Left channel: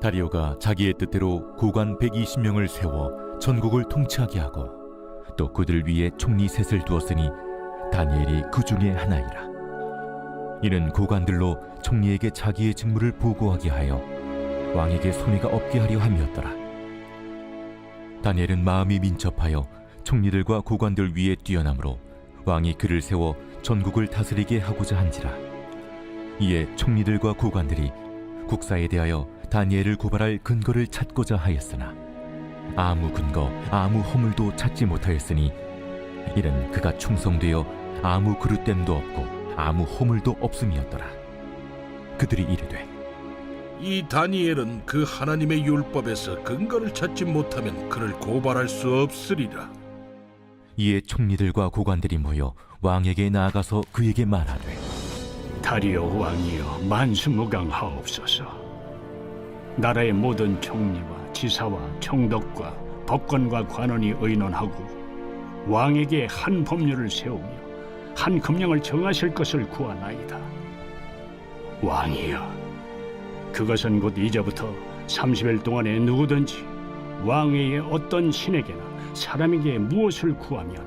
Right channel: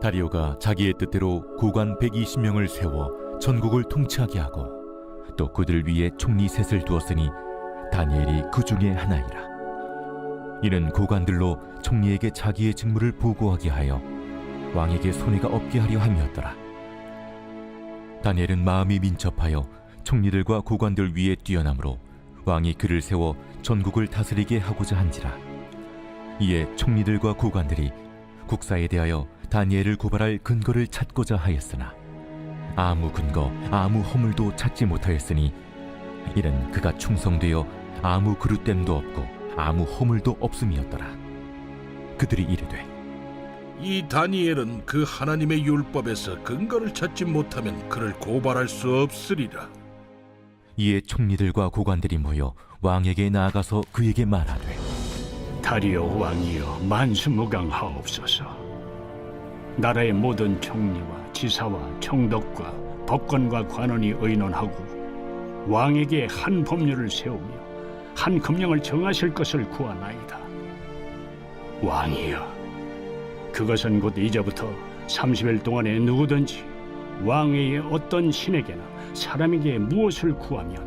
다리오가 자기의 뜻대로 고관 120명을 세워 전국을 통치하게 하고 또 그들 위에 총리 셋을 두었으니 다니엘이 그 중에 하나이라. 이는 고관들로 총리에게 자기의 직무를 보고하게 하여 왕에게 손해가 없게 하려 함이었더라. 다니엘은 마음이 민첩하여 총리들과 고관들 위에 뛰어나므로 왕이 그를 세워 전국을 다스리게 하고자 한지라. 이에 총리들과 고관들이 국사에 대하여 다니엘을 고발할 근거를 찾고자 하였으나 아무 근거 아무 허물도 찾지 못하였으니 이는 그가 충성되어 아무 그릇됨도 없고 아무 허물도 없음이었더라. 그들이 이르되 이 다니엘은 그 하나님의 율법에서 근거를 찾지 못하면 그를 고발할 수 없으리라. 이에 총리들과 고관들이 모여 왕에게 나아가서 그에게 말하되 다리오 왕이여 만수무강하옵소서. 나라의 모든 총리와 지사와 총독과 법관과 관원이 의논하고 왕에게 한 법률을 세우며 한 금령을 정하실 것을 구하나이다. 왕이여, 그것은 곧 이제부터 30일 동안에 누구든지 왕외의 어떤 신에게나 사람에게 무엇을 구하면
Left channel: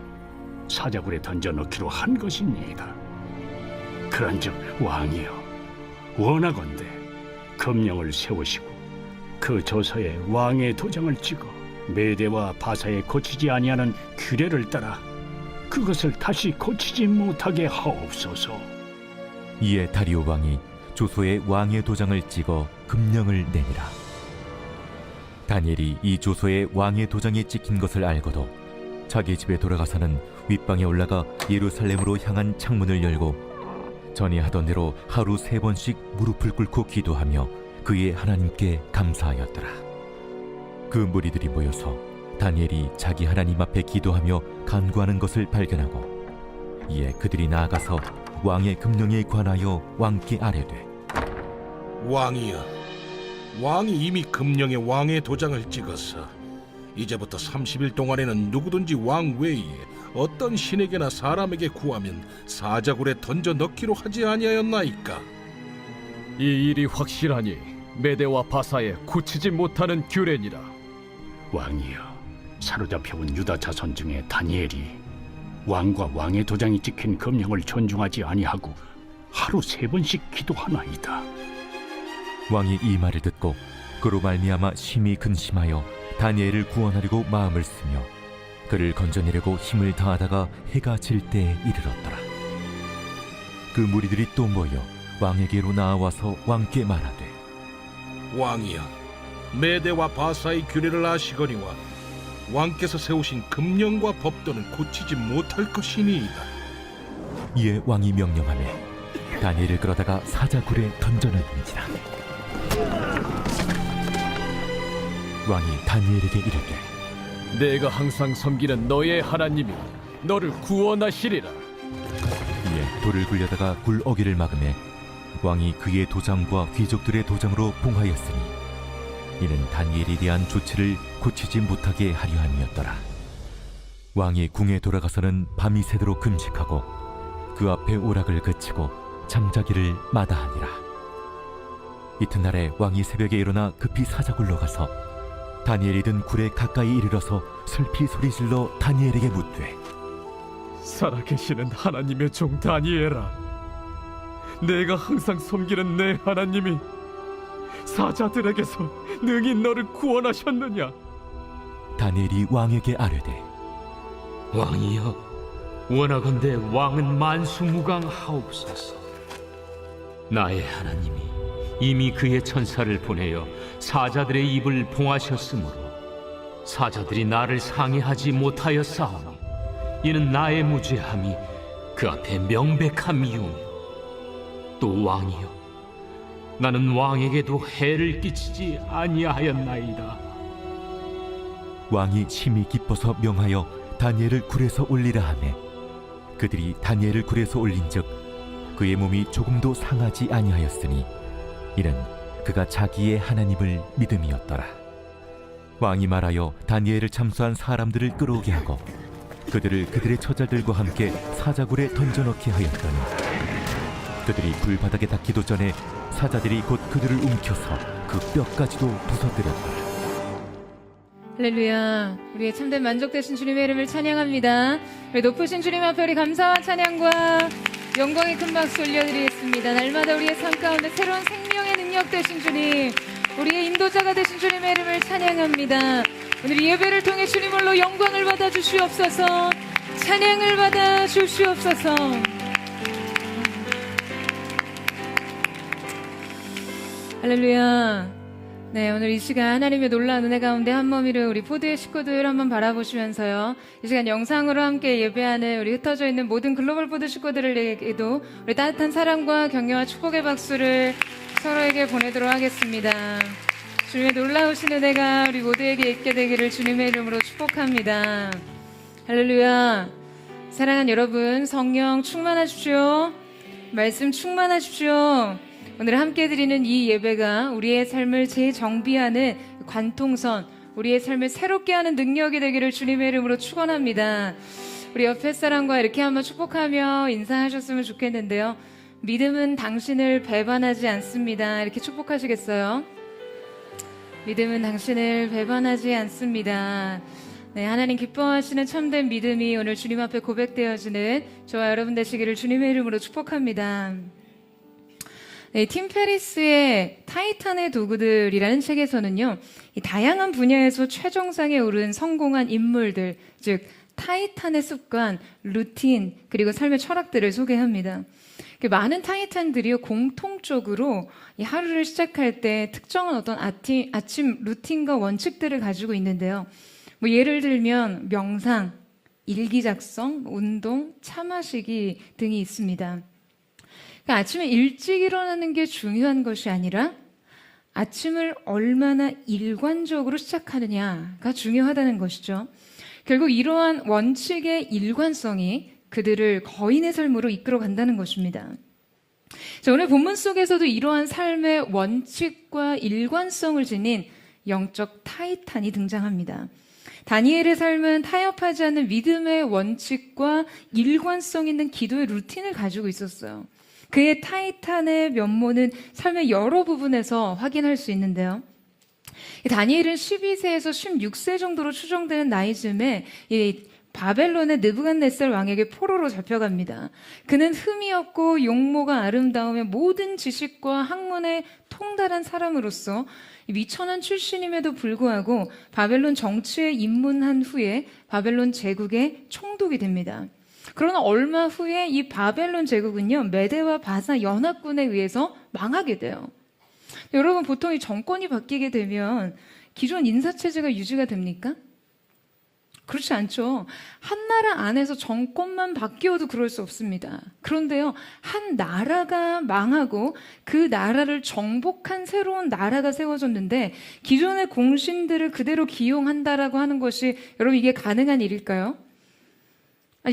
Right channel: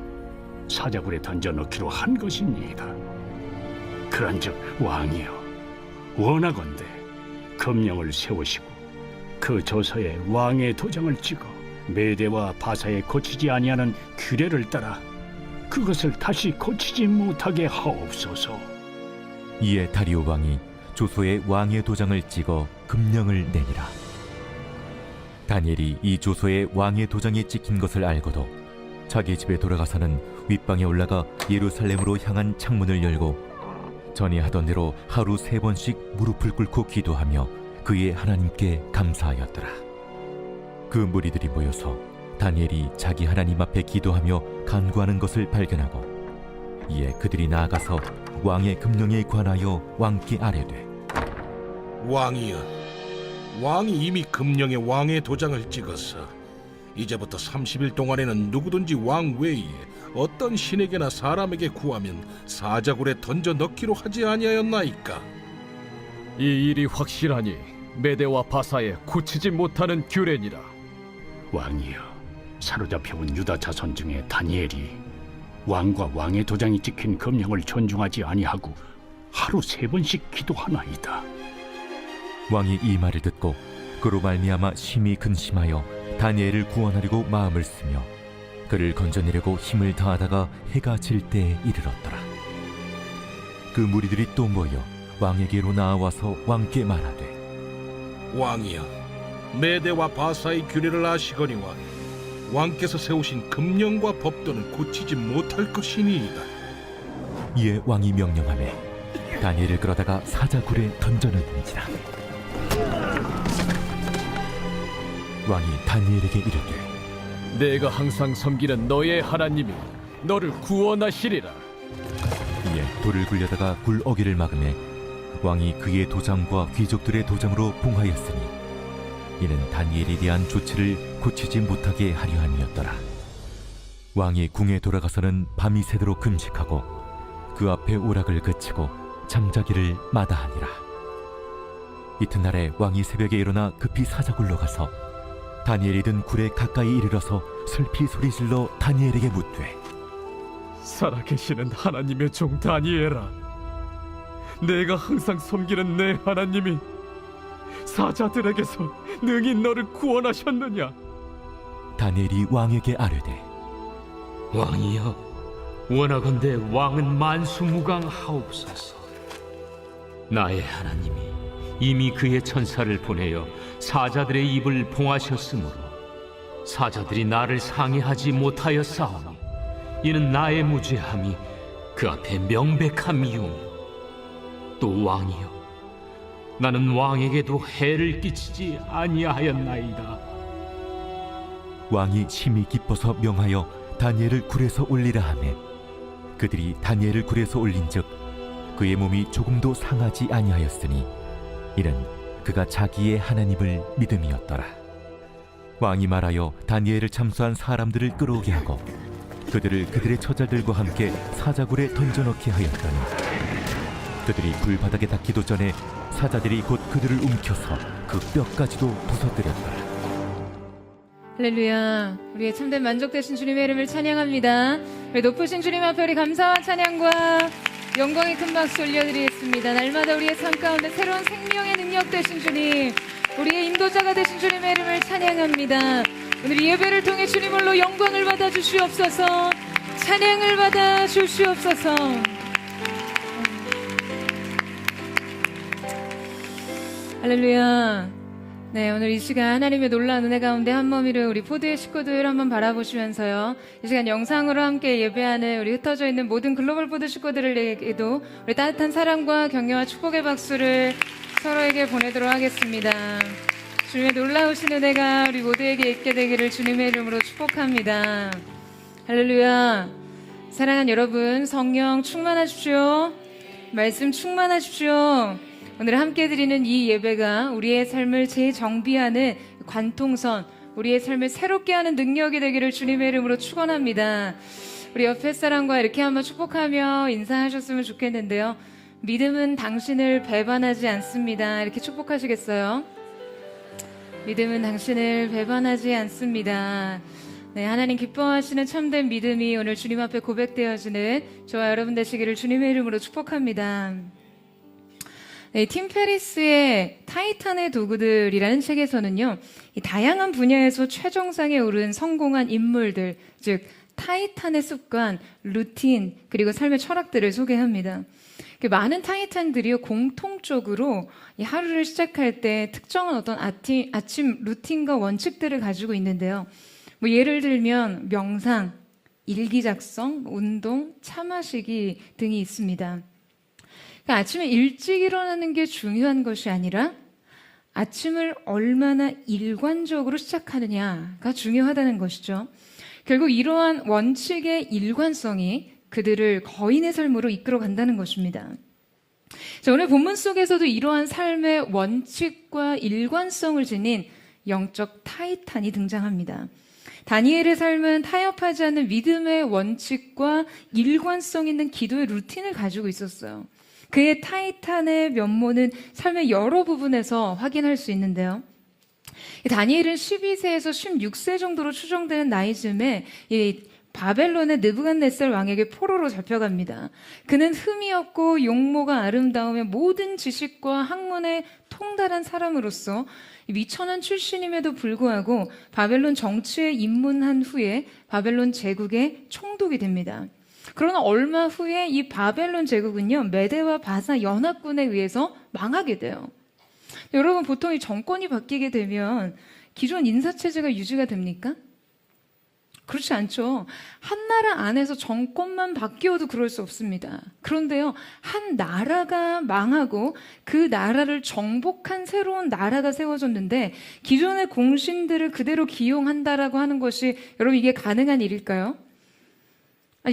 사자굴에 던져넣기로 한 것이니이다. 그런즉 왕이여, 원하건대 금령을 세우시고 그 조서에 왕의 도장을 찍어 메대와 바사에 고치지 아니하는 규례를 따라 그것을 다시 고치지 못하게 하옵소서. 이에 다리오 왕이 조서에 왕의 도장을 찍어 금령을 내니라. 다니엘이 이 조서에 왕의 도장이 찍힌 것을 알고도 자기 집에 돌아가서는 윗방에 올라가 예루살렘으로 향한 창문을 열고 전에 하던 대로 하루 3번씩 무릎을 꿇고 기도하며 그의 하나님께 감사하였더라. 그 무리들이 모여서 다니엘이 자기 하나님 앞에 기도하며 간구하는 것을 발견하고 이에 그들이 나아가서 왕의 금령에 관하여 왕께 아뢰되 왕이여, 왕이 이미 금령에 왕의 도장을 찍어서 이제부터 30일 동안에는 누구든지 왕 외에 어떤 신에게나 사람에게 구하면 사자굴에 던져 넣기로 하지 아니하였나이까? 이 일이 확실하니 메대와 바사에 고치지 못하는 규례니라. 왕이여, 사로잡혀온 유다 자손 중에 다니엘이 왕과 왕의 도장이 찍힌 금령을 존중하지 아니하고 하루 3번씩 기도하나이다. 왕이 이 말을 듣고 그로 말미암아 심히 근심하여 다니엘을 구원하려고 마음을 쓰며 그를 건져내려고 힘을 다하다가 해가 질 때에 이르렀더라. 그 무리들이 또 모여 왕에게로 나아와서 왕께 말하되 왕이여, 메대와 바사의 규례를 아시거니와 왕께서 세우신 금령과 법도는 고치지 못할 것이니이다. 이에 왕이 명령하매 다니엘을 끌어다가 사자굴에 던져넣은지라. 왕이 다니엘에게 이르되 내가 항상 섬기는 너의 하나님이 너를 구원하시리라. 이에 돌을 굴려다가 굴 어기를 막음에 왕이 그의 도장과 귀족들의 도장으로 봉하였으니 이는 다니엘에 대한 조치를 고치지 못하게 하려 함이었더라. 왕이 궁에 돌아가서는 밤이 새도록 금식하고 그 앞에 오락을 그치고 잠자기를 마다하니라. 이튿날에 왕이 새벽에 일어나 급히 사자굴로 가서 다니엘이 든 굴에 가까이 이르러서 슬피 소리질러 다니엘에게 묻되 살아계시는 하나님의 종 다니엘아, 내가 항상 섬기는 내 하나님이 사자들에게서 능히 너를 구원하셨느냐? 다니엘이 왕에게 아뢰되 왕이여, 원하건대 왕은 만수무강하옵소서. 나의 하나님이 이미 그의 천사를 보내어 사자들의 입을 봉하셨으므로 사자들이 나를 상해하지 못하였사오니 이는 나의 무죄함이 그 앞에 명백함이오며 또 왕이여, 나는 왕에게도 해를 끼치지 아니하였나이다. 왕이 심히 기뻐서 명하여 다니엘을 굴에서 올리라 하매 그들이 다니엘을 굴에서 올린즉 그의 몸이 조금도 상하지 아니하였으니 이는 그가 자기의 하나님을 믿음이었더라. 왕이 말하여 다니엘을 참수한 사람들을 끌어오게 하고 그들을 그들의 처자들과 함께 사자굴에 던져넣게 하였더니 그들이 불바닥에 닿기도 전에 사자들이 곧 그들을 움켜서 그 뼈까지도 부서뜨렸더라. 할렐루야. 우리의 참된 만족되신 주님의 이름을 찬양합니다. 우리 높으신 주님 앞에 우리 감사와 찬양과 영광의 큰 박수 올려드리겠습니다. 날마다 우리의 삶 가운데 새로운 생명의 능력 되신 주님, 우리의 인도자가 되신 주님의 이름을 찬양합니다. 오늘 이 예배를 통해 주님으로 영광을 받아 주시옵소서, 찬양을 받아 주시옵소서. 할렐루야. 네, 오늘 이 시간 하나님의 놀라운 은혜 가운데 한몸이를 우리 포드의 식구들 한번 바라보시면서요, 이 시간 영상으로 함께 예배하는 우리 흩어져 있는 모든 글로벌 포드 식구들에게도 우리 따뜻한 사랑과 격려와 축복의 박수를 서로에게 보내도록 하겠습니다. 주님의 놀라우신 은혜가 우리 모두에게 있게 되기를 주님의 이름으로 축복합니다. 할렐루야. 사랑하는 여러분, 성령 충만하십시오. 말씀 충만하십시오. 오늘 함께 드리는 이 예배가 우리의 삶을 재정비하는 관통선, 우리의 삶을 새롭게 하는 능력이 되기를 주님의 이름으로 축원합니다. 우리 옆에 사람과 이렇게 한번 축복하며 인사하셨으면 좋겠는데요. 믿음은 당신을 배반하지 않습니다. 이렇게 축복하시겠어요? 믿음은 당신을 배반하지 않습니다. 네, 하나님 기뻐하시는 참된 믿음이 오늘 주님 앞에 고백되어지는 저와 여러분 되시기를 주님의 이름으로 축복합니다. 네, 팀 페리스의 타이탄의 도구들이라는 책에서는요, 이 다양한 분야에서 최정상에 오른 성공한 인물들, 즉 타이탄의 습관, 루틴, 그리고 삶의 철학들을 소개합니다. 많은 타이탄들이요, 공통적으로 이 하루를 시작할 때 특정한 어떤 아침 루틴과 원칙들을 가지고 있는데요. 뭐 예를 들면 명상, 일기 작성, 운동, 차 마시기 등이 있습니다. 그러니까 아침에 일찍 일어나는 게 중요한 것이 아니라 아침을 얼마나 일관적으로 시작하느냐가 중요하다는 것이죠. 결국 이러한 원칙의 일관성이 그들을 거인의 삶으로 이끌어 간다는 것입니다. 자, 오늘 본문 속에서도 이러한 삶의 원칙과 일관성을 지닌 영적 타이탄이 등장합니다. 다니엘의 삶은 타협하지 않는 믿음의 원칙과 일관성 있는 기도의 루틴을 가지고 있었어요. 그의 타이탄의 면모는 삶의 여러 부분에서 확인할 수 있는데요. 다니엘은 12세에서 16세 정도로 추정되는 나이쯤에 이 바벨론의 느부갓네살 왕에게 포로로 잡혀갑니다. 그는 흠이 없고 용모가 아름다우며 모든 지식과 학문에 통달한 사람으로서 미천한 출신임에도 불구하고 바벨론 정치에 입문한 후에 바벨론 제국의 총독이 됩니다. 그러나 얼마 후에 이 바벨론 제국은요, 메대와 바사 연합군에 의해서 망하게 돼요. 여러분, 보통 이 정권이 바뀌게 되면 기존 인사체제가 유지가 됩니까? 그렇지 않죠. 한 나라 안에서 정권만 바뀌어도 그럴 수 없습니다. 그런데요, 한 나라가 망하고 그 나라를 정복한 새로운 나라가 세워졌는데 기존의 공신들을 그대로 기용한다라고 하는 것이, 여러분, 이게 가능한 일일까요?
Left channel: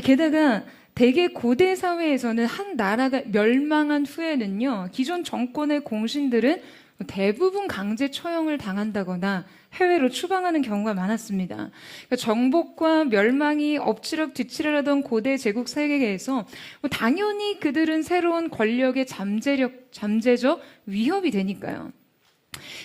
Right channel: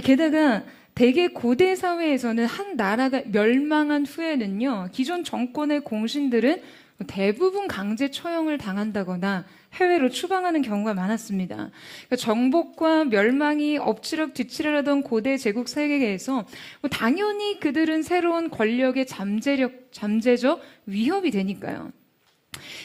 게다가 대개 고대 사회에서는 한 나라가 멸망한 후에는요, 기존 정권의 공신들은 대부분 강제 처형을 당한다거나 해외로 추방하는 경우가 많았습니다. 그러니까 정복과 멸망이 엎치락뒤치락하던 고대 제국 세계에서 당연히 그들은 새로운 권력의 잠재적 위협이 되니까요.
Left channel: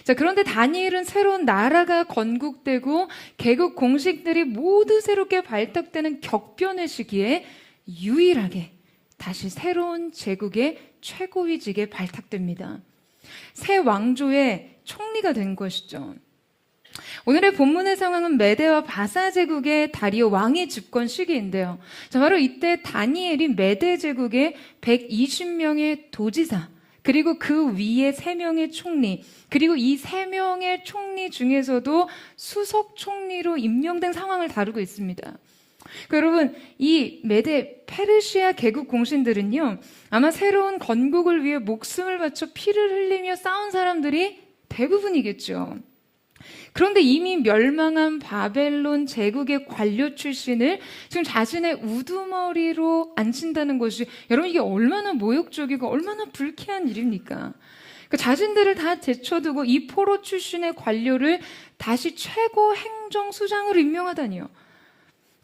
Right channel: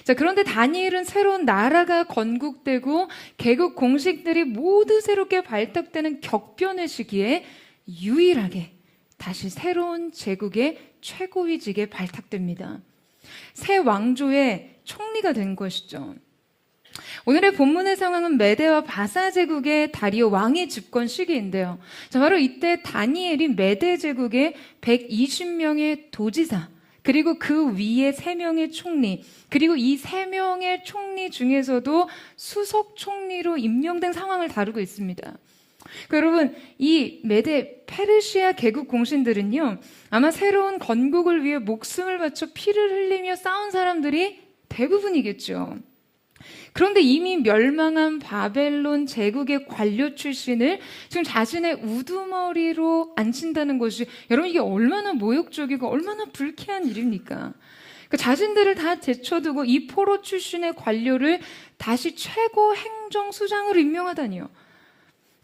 자, 그런데 다니엘은 새로운 나라가 건국되고 개국 공식들이 모두 새롭게 발탁되는 격변의 시기에 유일하게 다시 새로운 제국의 최고위직에 발탁됩니다. 새 왕조의 총리가 된 것이죠. 오늘의 본문의 상황은 메대와 바사 제국의 다리오 왕의 집권 시기인데요. 자, 바로 이때 다니엘이 메대 제국의 120명의 도지사, 그리고 그 위에 3명의 총리, 그리고 이 3명의 총리 중에서도 수석 총리로 임명된 상황을 다루고 있습니다. 여러분, 이 메대 페르시아 개국 공신들은요, 아마 새로운 건국을 위해 목숨을 바쳐 피를 흘리며 싸운 사람들이 대부분이겠죠. 그런데 이미 멸망한 바벨론 제국의 관료 출신을 지금 자신의 우두머리로 앉힌다는 것이, 여러분, 이게 얼마나 모욕적이고 얼마나 불쾌한 일입니까? 그러니까 자신들을 다 제쳐두고 이 포로 출신의 관료를 다시 최고 행정수장으로 임명하다니요.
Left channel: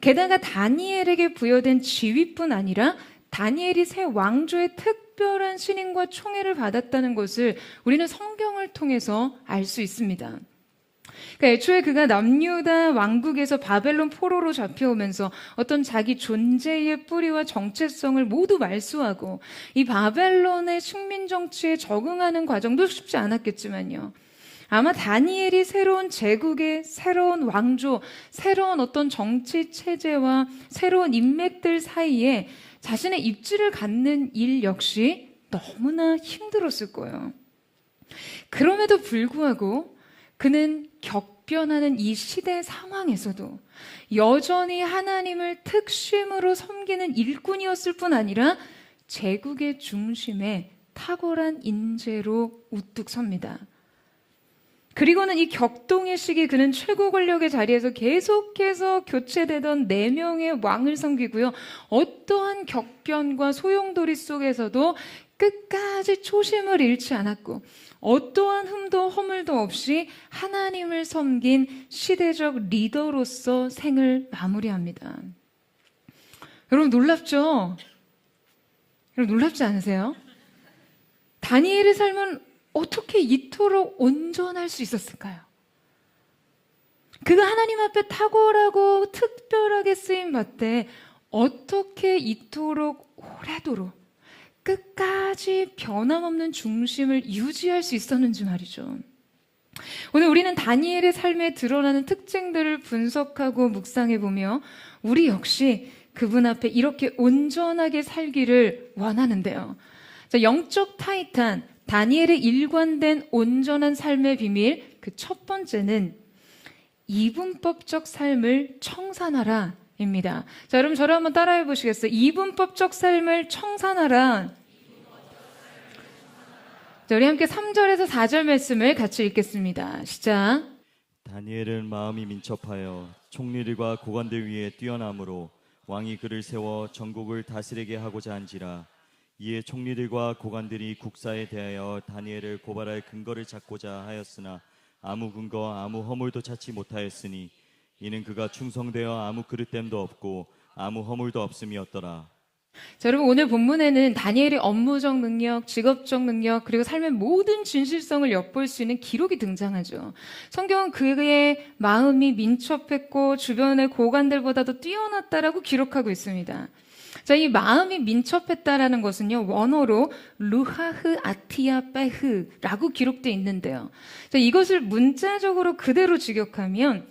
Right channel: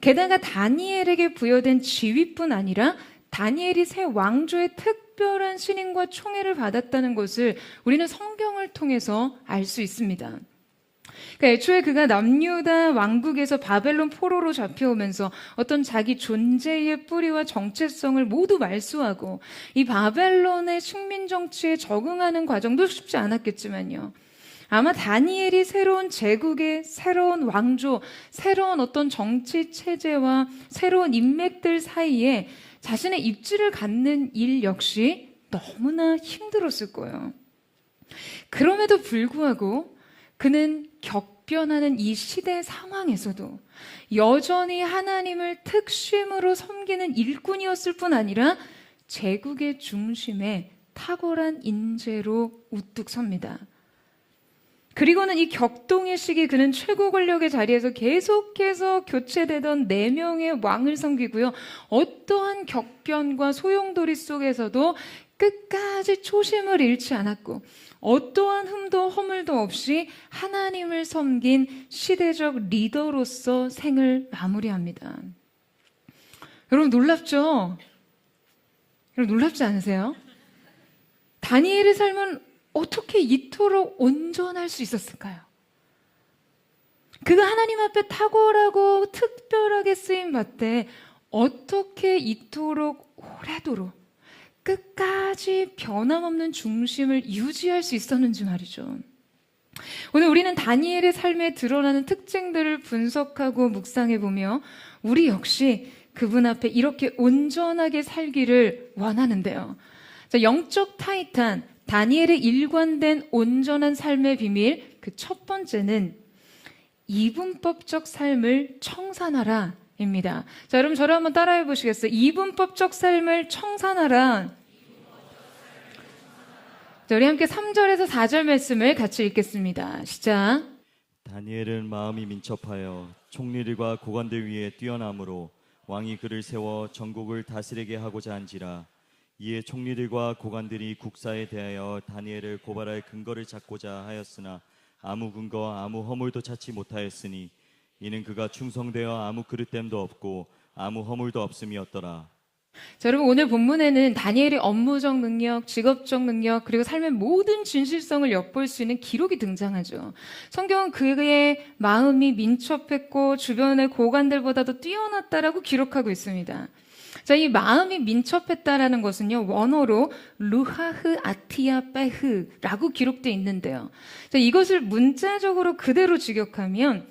게다가 다니엘에게 부여된 지위뿐 아니라 다니엘이 새 왕조의 특별한 신임과 총애를 받았다는 것을 우리는 성경을 통해서 알 수 있습니다. 그러니까 애초에 그가 남유다 왕국에서 바벨론 포로로 잡혀오면서 어떤 자기 존재의 뿌리와 정체성을 모두 말소하고 이 바벨론의 식민 정치에 적응하는 과정도 쉽지 않았겠지만요. 아마 다니엘이 새로운 제국의 새로운 왕조, 새로운 어떤 정치 체제와 새로운 인맥들 사이에 자신의 입지를 갖는 일 역시 너무나 힘들었을 거예요. 그럼에도 불구하고 그는 격변하는 이 시대 상황에서도 여전히 하나님을 특심으로 섬기는 일꾼이었을 뿐 아니라 제국의 중심에 탁월한 인재로 우뚝 섭니다. 그리고는 이 격동의 시기 그는 최고 권력의 자리에서 계속해서 교체되던 4명의 왕을 섬기고요. 어떠한 격변과 소용돌이 속에서도 끝까지 초심을 잃지 않았고 어떠한 흠도 허물도 없이 하나님을 섬긴 시대적 리더로서 생을 마무리합니다. 여러분 놀랍죠? 여러분 놀랍지 않으세요? 다니엘의 삶은 어떻게 이토록 온전할 수 있었을까요? 그가 하나님 앞에 탁월하고 특별하게 쓰임받되 어떻게 이토록 오래도록 끝까지 변함없는 중심을 유지할 수 있었는지 말이죠. 오늘 우리는 다니엘의 삶에 드러나는 특징들을 분석하고 묵상해보며 우리 역시 그분 앞에 이렇게 온전하게 살기를 원하는데요. 자, 영적 타이탄 다니엘의 일관된 온전한 삶의 비밀, 그 첫 번째는 이분법적 삶을 청산하라 입니다. 자, 여러분 저를 한번 따라해 보시겠어요? 이분법적 삶을 청산하라. 자, 우리 함께 3절에서 4절 말씀을 같이 읽겠습니다. 시작. 다니엘은 마음이 민첩하여 총리들과 고관들 위에 뛰어남으로 왕이 그를 세워 전국을 다스리게 하고자 한지라. 이에 총리들과 고관들이 국사에 대하여 다니엘을 고발할 근거를 찾고자 하였으나 아무 근거 아무 허물도 찾지 못하였으니 이는 그가 충성되어 아무 그릇됨도 없고 아무 허물도 없음이었더라. 자, 여러분 오늘 본문에는 다니엘의 업무적 능력, 직업적 능력, 그리고 삶의 모든 진실성을 엿볼 수 있는 기록이 등장하죠. 성경은 그의 마음이 민첩했고 주변의 고관들보다도 뛰어났다라고 기록하고 있습니다. 자, 이 마음이 민첩했다라는 것은요, 원어로 루하흐 아티아 빼흐라고 기록되어 있는데요. 자, 이것을 문자적으로 그대로 직역하면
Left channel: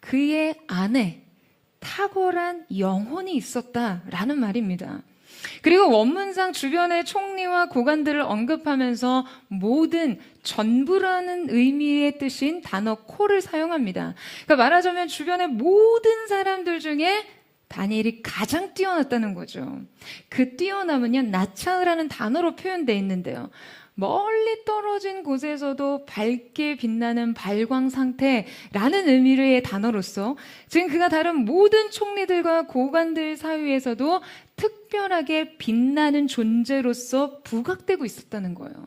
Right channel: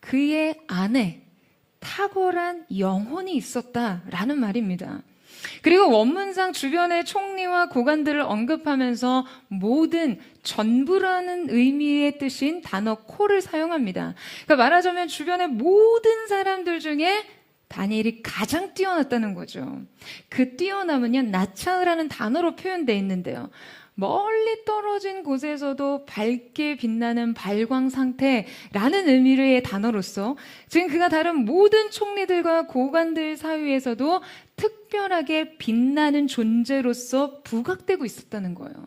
그의 안에 탁월한 영혼이 있었다라는 말입니다. 그리고 원문상 주변의 총리와 고관들을 언급하면서 모든 전부라는 의미의 뜻인 단어 콜을 사용합니다. 그러니까 말하자면 주변의 모든 사람들 중에 다니엘이 가장 뛰어났다는 거죠. 그 뛰어남은요, 나차흐라는 단어로 표현되어 있는데요. 멀리 떨어진 곳에서도 밝게 빛나는 발광 상태라는 의미의 단어로서 지금 그가 다른 모든 총리들과 고관들 사이에서도 특별하게 빛나는 존재로서 부각되고 있었다는 거예요.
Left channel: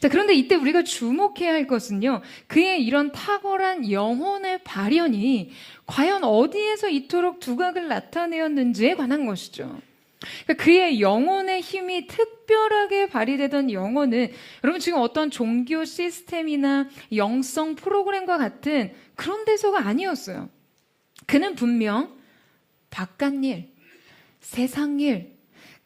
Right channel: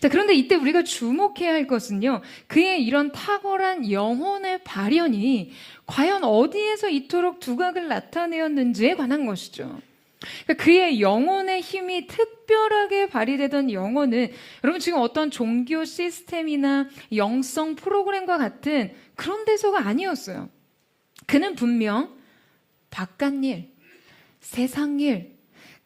자, 그런데 이때 우리가 주목해야 할 것은요, 그의 이런 탁월한 영혼의 발현이 과연 어디에서 이토록 두각을 나타내었는지에 관한 것이죠. 그러니까 그의 영혼의 힘이 특별하게 발휘되던 영혼은 여러분 지금 어떤 종교 시스템이나 영성 프로그램과 같은 그런 데서가 아니었어요. 그는 분명 바깥일, 세상일,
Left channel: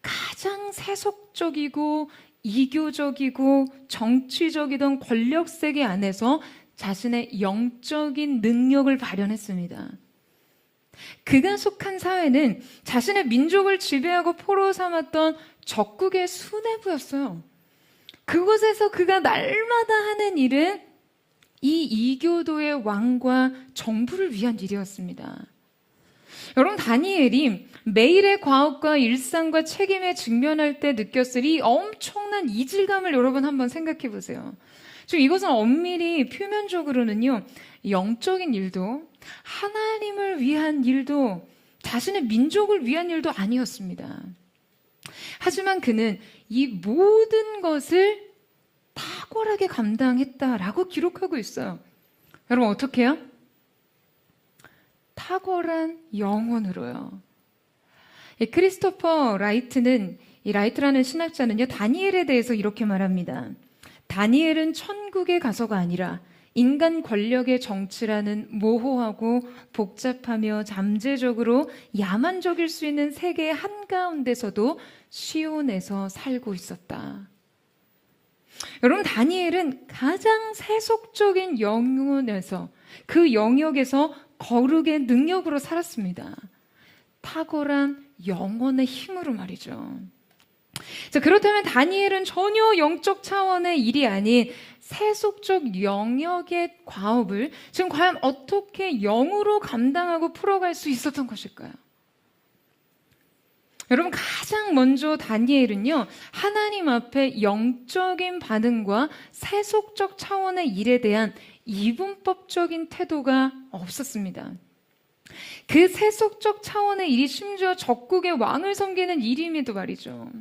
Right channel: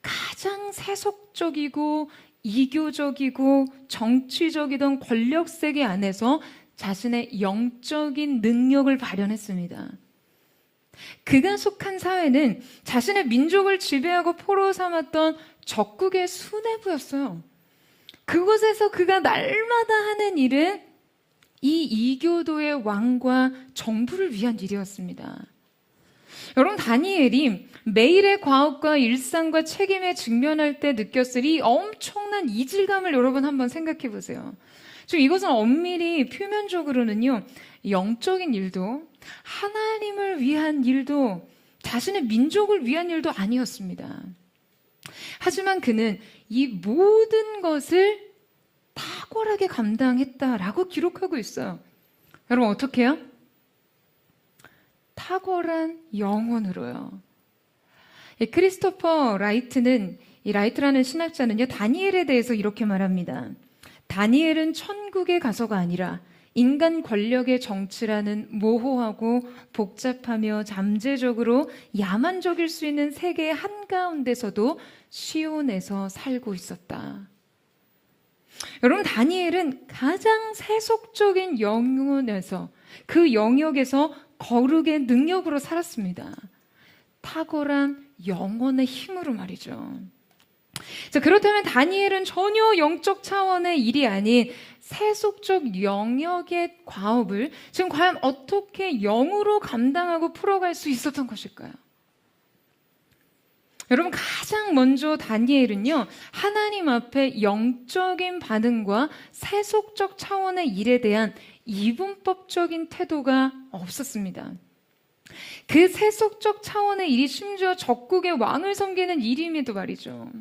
가장 세속적이고 이교적이고 정치적이던 권력세계 안에서 자신의 영적인 능력을 발현했습니다. 그가 속한 사회는 자신의 민족을 지배하고 포로 삼았던 적국의 수뇌부였어요. 그곳에서 그가 날마다 하는 일은 이 이교도의 왕과 정부를 위한 일이었습니다. 여러분, 다니엘이 매일의 과업과 일상과 책임에 직면할 때 느꼈을 이 엄청난 이질감을 여러분 한번 생각해 보세요. 지금 이것은 엄밀히 표면적으로는요, 영적인 일도 하나님을 위한 일도 자신의 민족을 위한 일도 아니었습니다. 하지만 그는 이 모든 것을 탁월하게 감당했다라고 기록하고 있어요. 여러분 어떻게 해요? 탁월한 영혼으로요. 이 크리스토퍼 라이트는, 이 라이트라는 신학자는요, 다니엘에 대해서 이렇게 말합니다. 다니엘은 천국의 가서가 아니라 인간 권력의 정치라는 모호하고 복잡하며 잠재적으로 야만적일 수 있는 세계의 한가운데서도 시온에서 살고 있었다. 여러분, 다니엘은 가장 세속적인 영혼에서, 그 영역에서 거룩의 능력으로 살았습니다. 탁월한 영혼의 힘으로 말이죠. 자, 그렇다면 다니엘은 전혀 영적 차원의 일이 아닌 세속적 영역의 과업을 지금 과연 어떻게 영으로 감당하고 풀어갈 수 있었던 것일까요? 여러분, 가장 먼저 다니엘은요, 하나님 앞에 영적인 반응과 세속적 차원의 일에 대한 이분법적인 태도가 없었습니다. 그 세속적 차원의 일이 심지어 적국의 왕을 섬기는 일임에도 말이죠.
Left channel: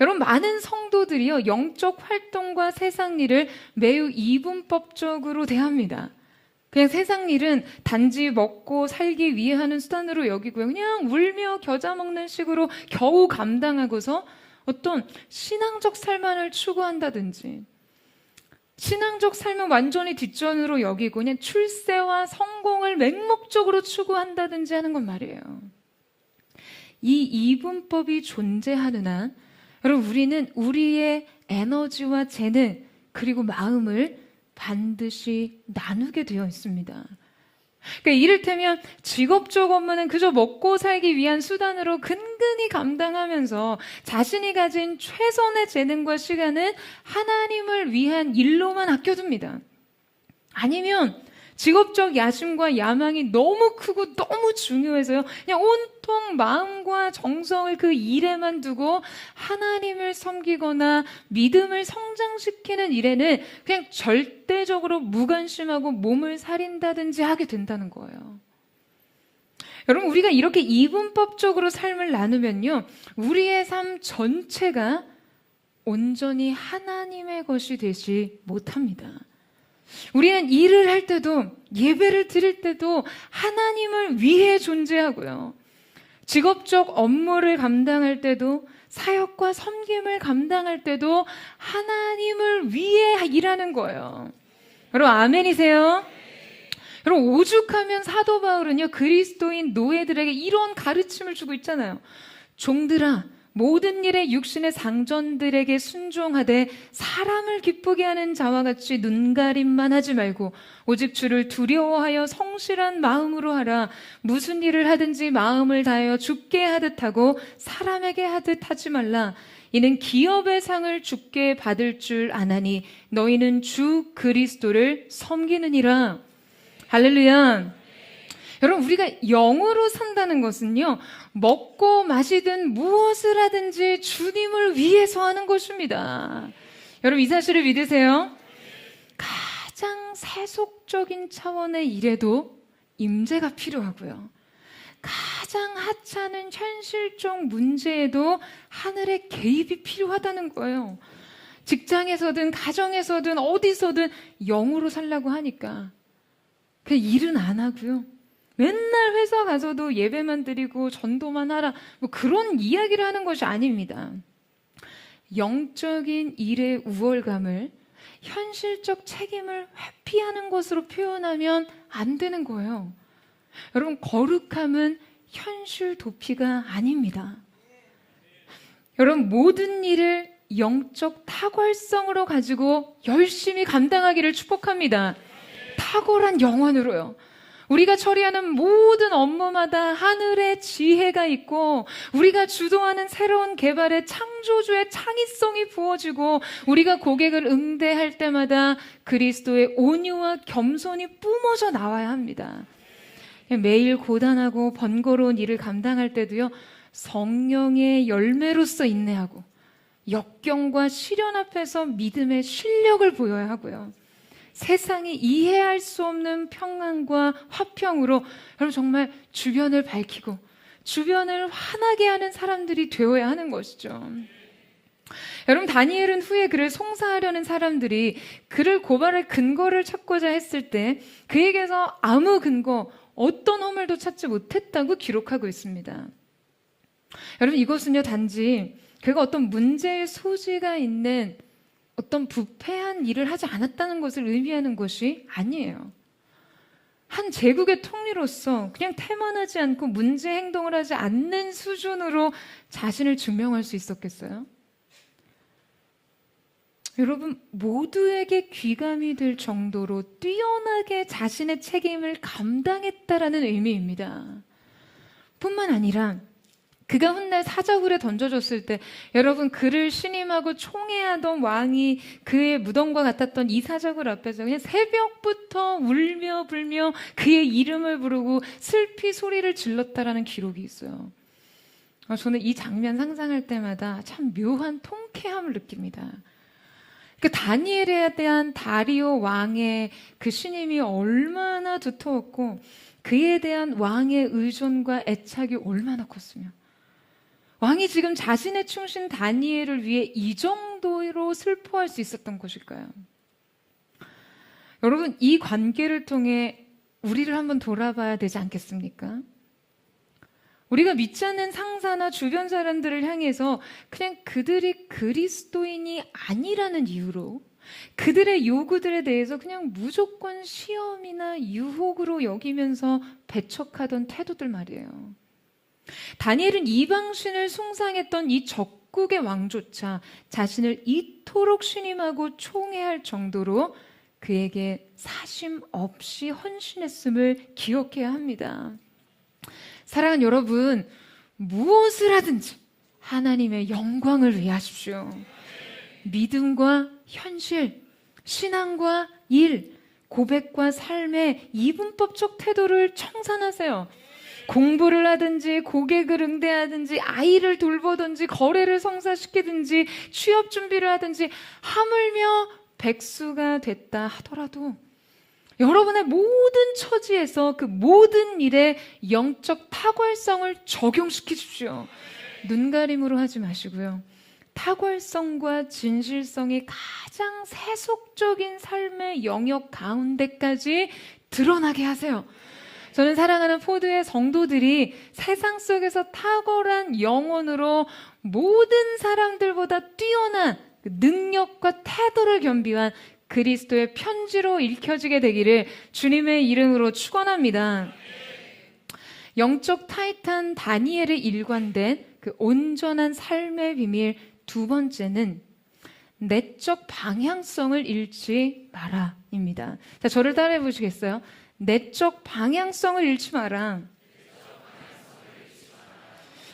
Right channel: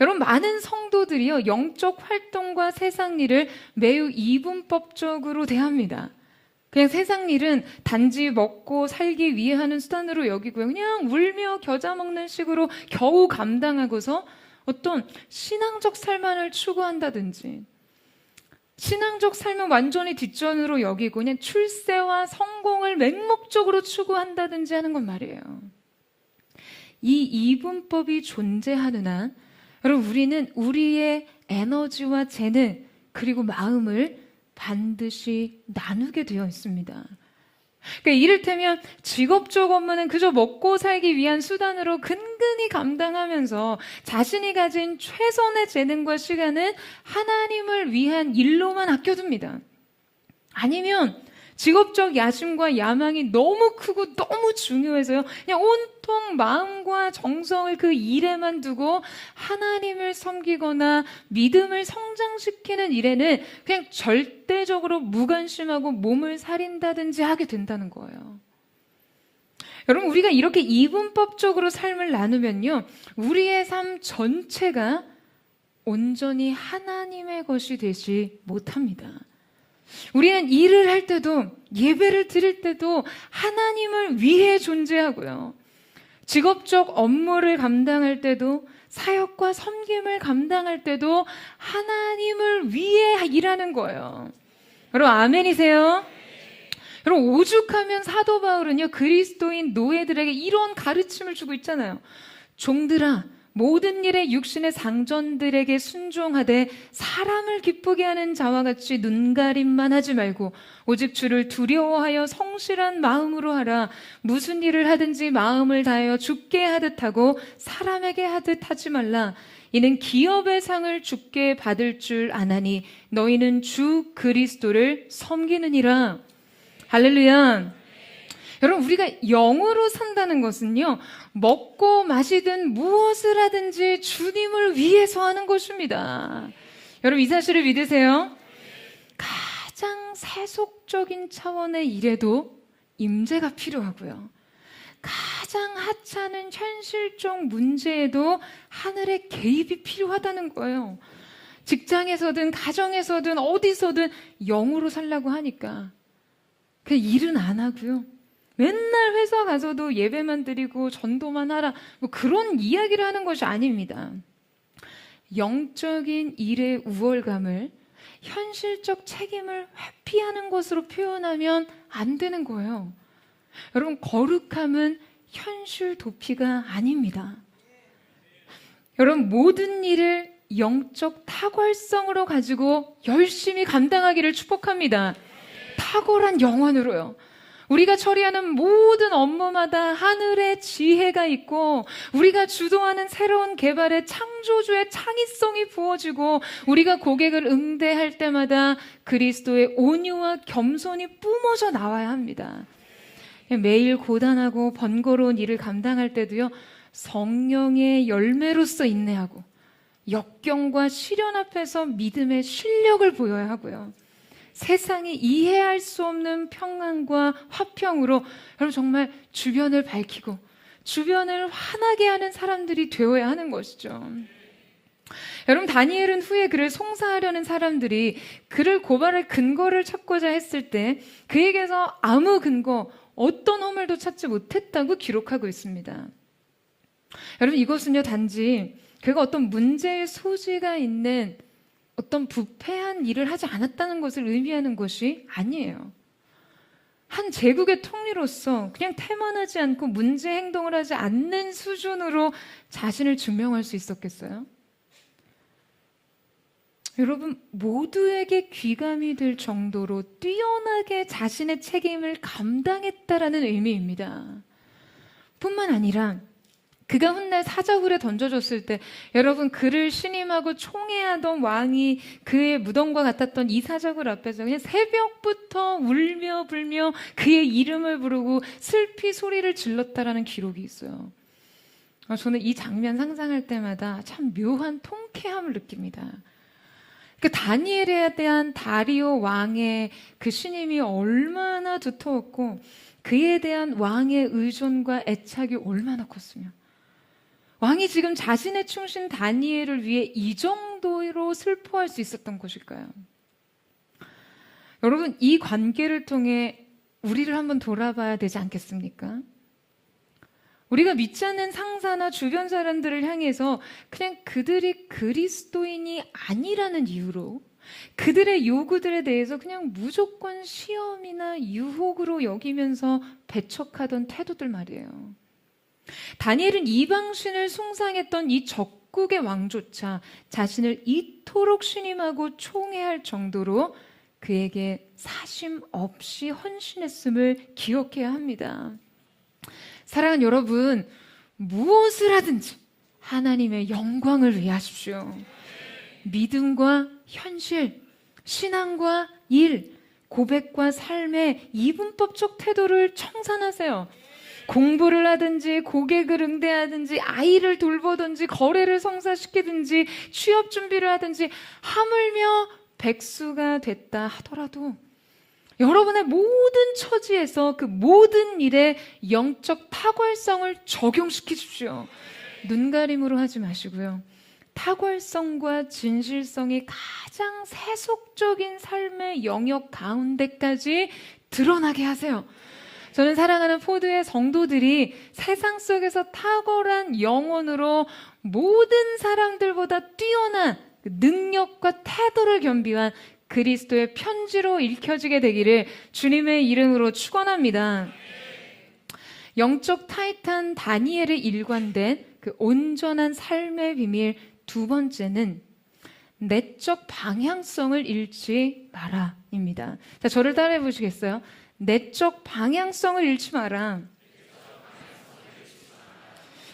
여러분, 많은 성도들이요, 영적 활동과 세상 일을 매우 이분법적으로 대합니다. 그냥 세상 일은 단지 먹고 살기 위해 하는 수단으로 여기고요. 그냥 울며 겨자 먹는 식으로 겨우 감당하고서 어떤 신앙적 삶만을 추구한다든지, 신앙적 삶은 완전히 뒷전으로 여기고 그냥 출세와 성공을 맹목적으로 추구한다든지 하는 건 말이에요. 이 이분법이 존재하느나 여러분, 우리는 우리의 에너지와 재능 그리고 마음을 반드시 나누게 되어 있습니다. 그러니까 이를테면 직업적 업무는 그저 먹고 살기 위한 수단으로 근근히 감당하면서 자신이 가진 최선의 재능과 시간은 하나님을 위한 일로만 아껴둡니다. 아니면 직업적 야심과 야망이 너무 크고 너무 중요해서요, 그냥 온통 마음과 정성을 그 일에만 두고 하나님을 섬기거나 믿음을 성장시키는 일에는 그냥 절대적으로 무관심하고 몸을 사린다든지 하게 된다는 거예요. 여러분, 우리가 이렇게 이분법적으로 삶을 나누면요, 우리의 삶 전체가 온전히 하나님의 것이 되지 못합니다. 우리는 일을 할 때도, 예배를 드릴 때도 하나님을 위해 존재하고요. 직업적 업무를 감당할 때도, 사역과 섬김을 감당할 때도 하나님을 위해 일하는 거예요. 여러분, 아멘이세요? 여러분, 오죽하면 사도 바울은요, 그리스도인 노예들에게 이런 가르침을 주고 있잖아요. 종들아, 모든 일에 육신의 상전들에게 순종하되 사람을 기쁘게 하는 자와 같이 눈가림만 하지 말고 오직 주를 두려워하여 성실한 마음으로 하라. 무슨 일을 하든지 마음을 다하여 주께 하듯 하고 사람에게 하듯 하지 말라. 이는 기업의 상을 주께 받을 줄 아나니 너희는 주 그리스도를 섬기느니라. 할렐루야. 여러분, 우리가 영으로 산다는 것은요, 먹고 마시든 무엇을 하든지 주님을 위해서 하는 것입니다. 여러분, 이 사실을 믿으세요? 가장 세속적인 차원의 일에도 임재가 필요하고요. 가장 하찮은 현실적 문제에도 하늘의 개입이 필요하다는 거예요. 직장에서든 가정에서든 어디서든 영으로 살라고 하니까 그 일은 안 하고요. 맨날 회사 가서도 예배만 드리고 전도만 하라, 뭐 그런 이야기를 하는 것이 아닙니다. 영적인 일의 우월감을 현실적 책임을 회피하는 것으로 표현하면 안 되는 거예요. 여러분, 거룩함은 현실 도피가 아닙니다. 여러분, 모든 일을 영적 탁월성으로 가지고 열심히 감당하기를 축복합니다. 탁월한 영혼으로요. 우리가 처리하는 모든 업무마다 하늘의 지혜가 있고 우리가 주도하는 새로운 개발의 창조주의 창의성이 부어지고 우리가 고객을 응대할 때마다 그리스도의 온유와 겸손이 뿜어져 나와야 합니다. 매일 고단하고 번거로운 일을 감당할 때도요, 성령의 열매로서 인내하고 역경과 시련 앞에서 믿음의 실력을 보여야 하고요. 세상이 이해할 수 없는 평안과 화평으로 여러분 정말 주변을 밝히고 주변을 환하게 하는 사람들이 되어야 하는 것이죠. 여러분, 다니엘은 후에 그를 송사하려는 사람들이 그를 고발할 근거를 찾고자 했을 때 그에게서 아무 근거, 어떤 허물도 찾지 못했다고 기록하고 있습니다. 여러분, 이것은요, 단지 그가 어떤 문제의 소지가 있는 어떤 부패한 일을 하지 않았다는 것을 의미하는 것이 아니에요. 한 제국의 통리로서 그냥 태만하지 않고 문제 행동을 하지 않는 수준으로 자신을 증명할 수 있었겠어요? 여러분, 모두에게 귀감이 될 정도로 뛰어나게 자신의 책임을 감당했다라는 의미입니다. 뿐만 아니라 그가 훗날 사자굴에 던져졌을 때 여러분, 그를 신임하고 총애하던 왕이 그의 무덤과 같았던 이 사자굴 앞에서 그냥 새벽부터 울며 불며 그의 이름을 부르고 슬피 소리를 질렀다라는 기록이 있어요. 저는 이 장면 상상할 때마다 참 묘한 통쾌함을 느낍니다. 그 다니엘에 대한 다리오 왕의 그 신임이 얼마나 두터웠고 그에 대한 왕의 의존과 애착이 얼마나 컸으며 왕이 지금 자신의 충신 다니엘을 위해 이 정도로 슬퍼할 수 있었던 것일까요? 여러분, 이 관계를 통해 우리를 한번 돌아봐야 되지 않겠습니까? 우리가 믿지 않는 상사나 주변 사람들을 향해서 그냥 그들이 그리스도인이 아니라는 이유로 그들의 요구들에 대해서 그냥 무조건 시험이나 유혹으로 여기면서 배척하던 태도들 말이에요. 다니엘은 이방신을 숭상했던 이 적국의 왕조차 자신을 이토록 신임하고 총애할 정도로 그에게 사심 없이 헌신했음을 기억해야 합니다. 사랑하는 여러분, 무엇을 하든지 하나님의 영광을 위해 하십시오. 믿음과 현실, 신앙과 일, 고백과 삶의 이분법적 태도를 청산하세요. 공부를 하든지 고객을 응대하든지 아이를 돌보든지 거래를 성사시키든지 취업 준비를 하든지 하물며 백수가 됐다 하더라도 여러분의 모든 처지에서 그 모든 일에 영적 탁월성을 적용시키십시오. 눈가림으로 하지 마시고요. 탁월성과 진실성이 가장 세속적인 삶의 영역 가운데까지 드러나게 하세요. 저는 사랑하는 포드의 성도들이 세상 속에서 탁월한 영혼으로 모든 사람들보다 뛰어난 능력과 태도를 겸비한 그리스도의 편지로 읽혀지게 되기를 주님의 이름으로 축원합니다. 영적 타이탄 다니엘의 일관된 그 온전한 삶의 비밀 두 번째는 내적 방향성을 잃지 마라입니다. 자, 저를 따라해 보시겠어요? 내적 방향성을 잃지 마라.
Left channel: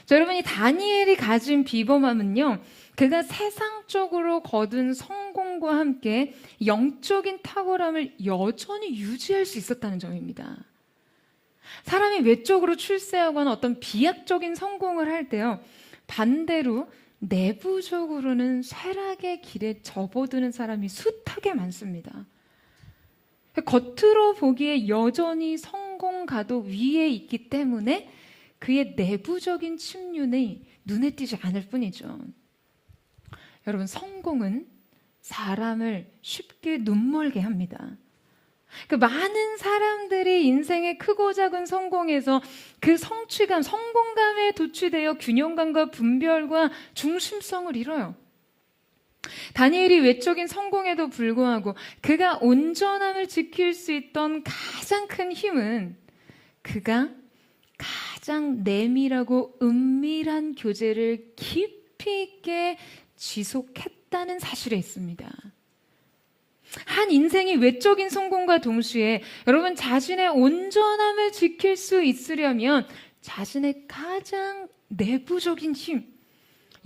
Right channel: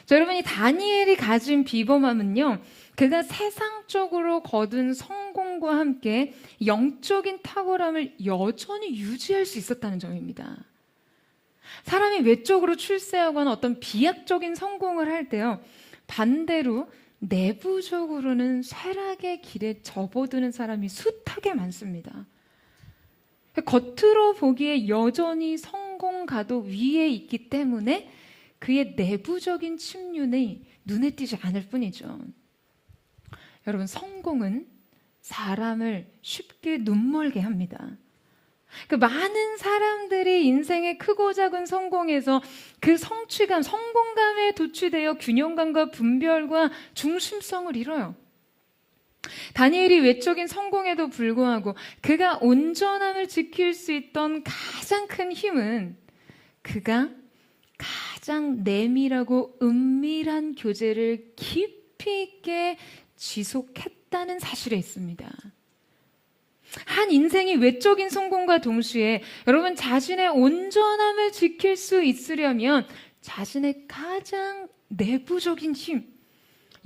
자, 여러분, 이 다니엘이 가진 비범함은요, 그가 세상적으로 거둔 성공과 함께 영적인 탁월함을 여전히 유지할 수 있었다는 점입니다. 사람이 외적으로 출세하거나 어떤 비약적인 성공을 할 때요, 반대로 내부적으로는 쇠락의 길에 접어드는 사람이 숱하게 많습니다. 겉으로 보기에 여전히 성공가도 위에 있기 때문에 그의 내부적인 침륜이 눈에 띄지 않을 뿐이죠. 여러분, 성공은 사람을 쉽게 눈멀게 합니다. 그 많은 사람들이 인생의 크고 작은 성공에서 그 성취감, 성공감에 도취되어 균형감과 분별과 중심성을 잃어요. 다니엘이 외적인 성공에도 불구하고 그가 온전함을 지킬 수 있던 가장 큰 힘은 그가 가장 내밀하고 은밀한 교제를 깊이 있게 지속했다는 사실에 있습니다. 한 인생이 외적인 성공과 동시에 여러분 자신의 온전함을 지킬 수 있으려면 자신의 가장 내부적인 힘,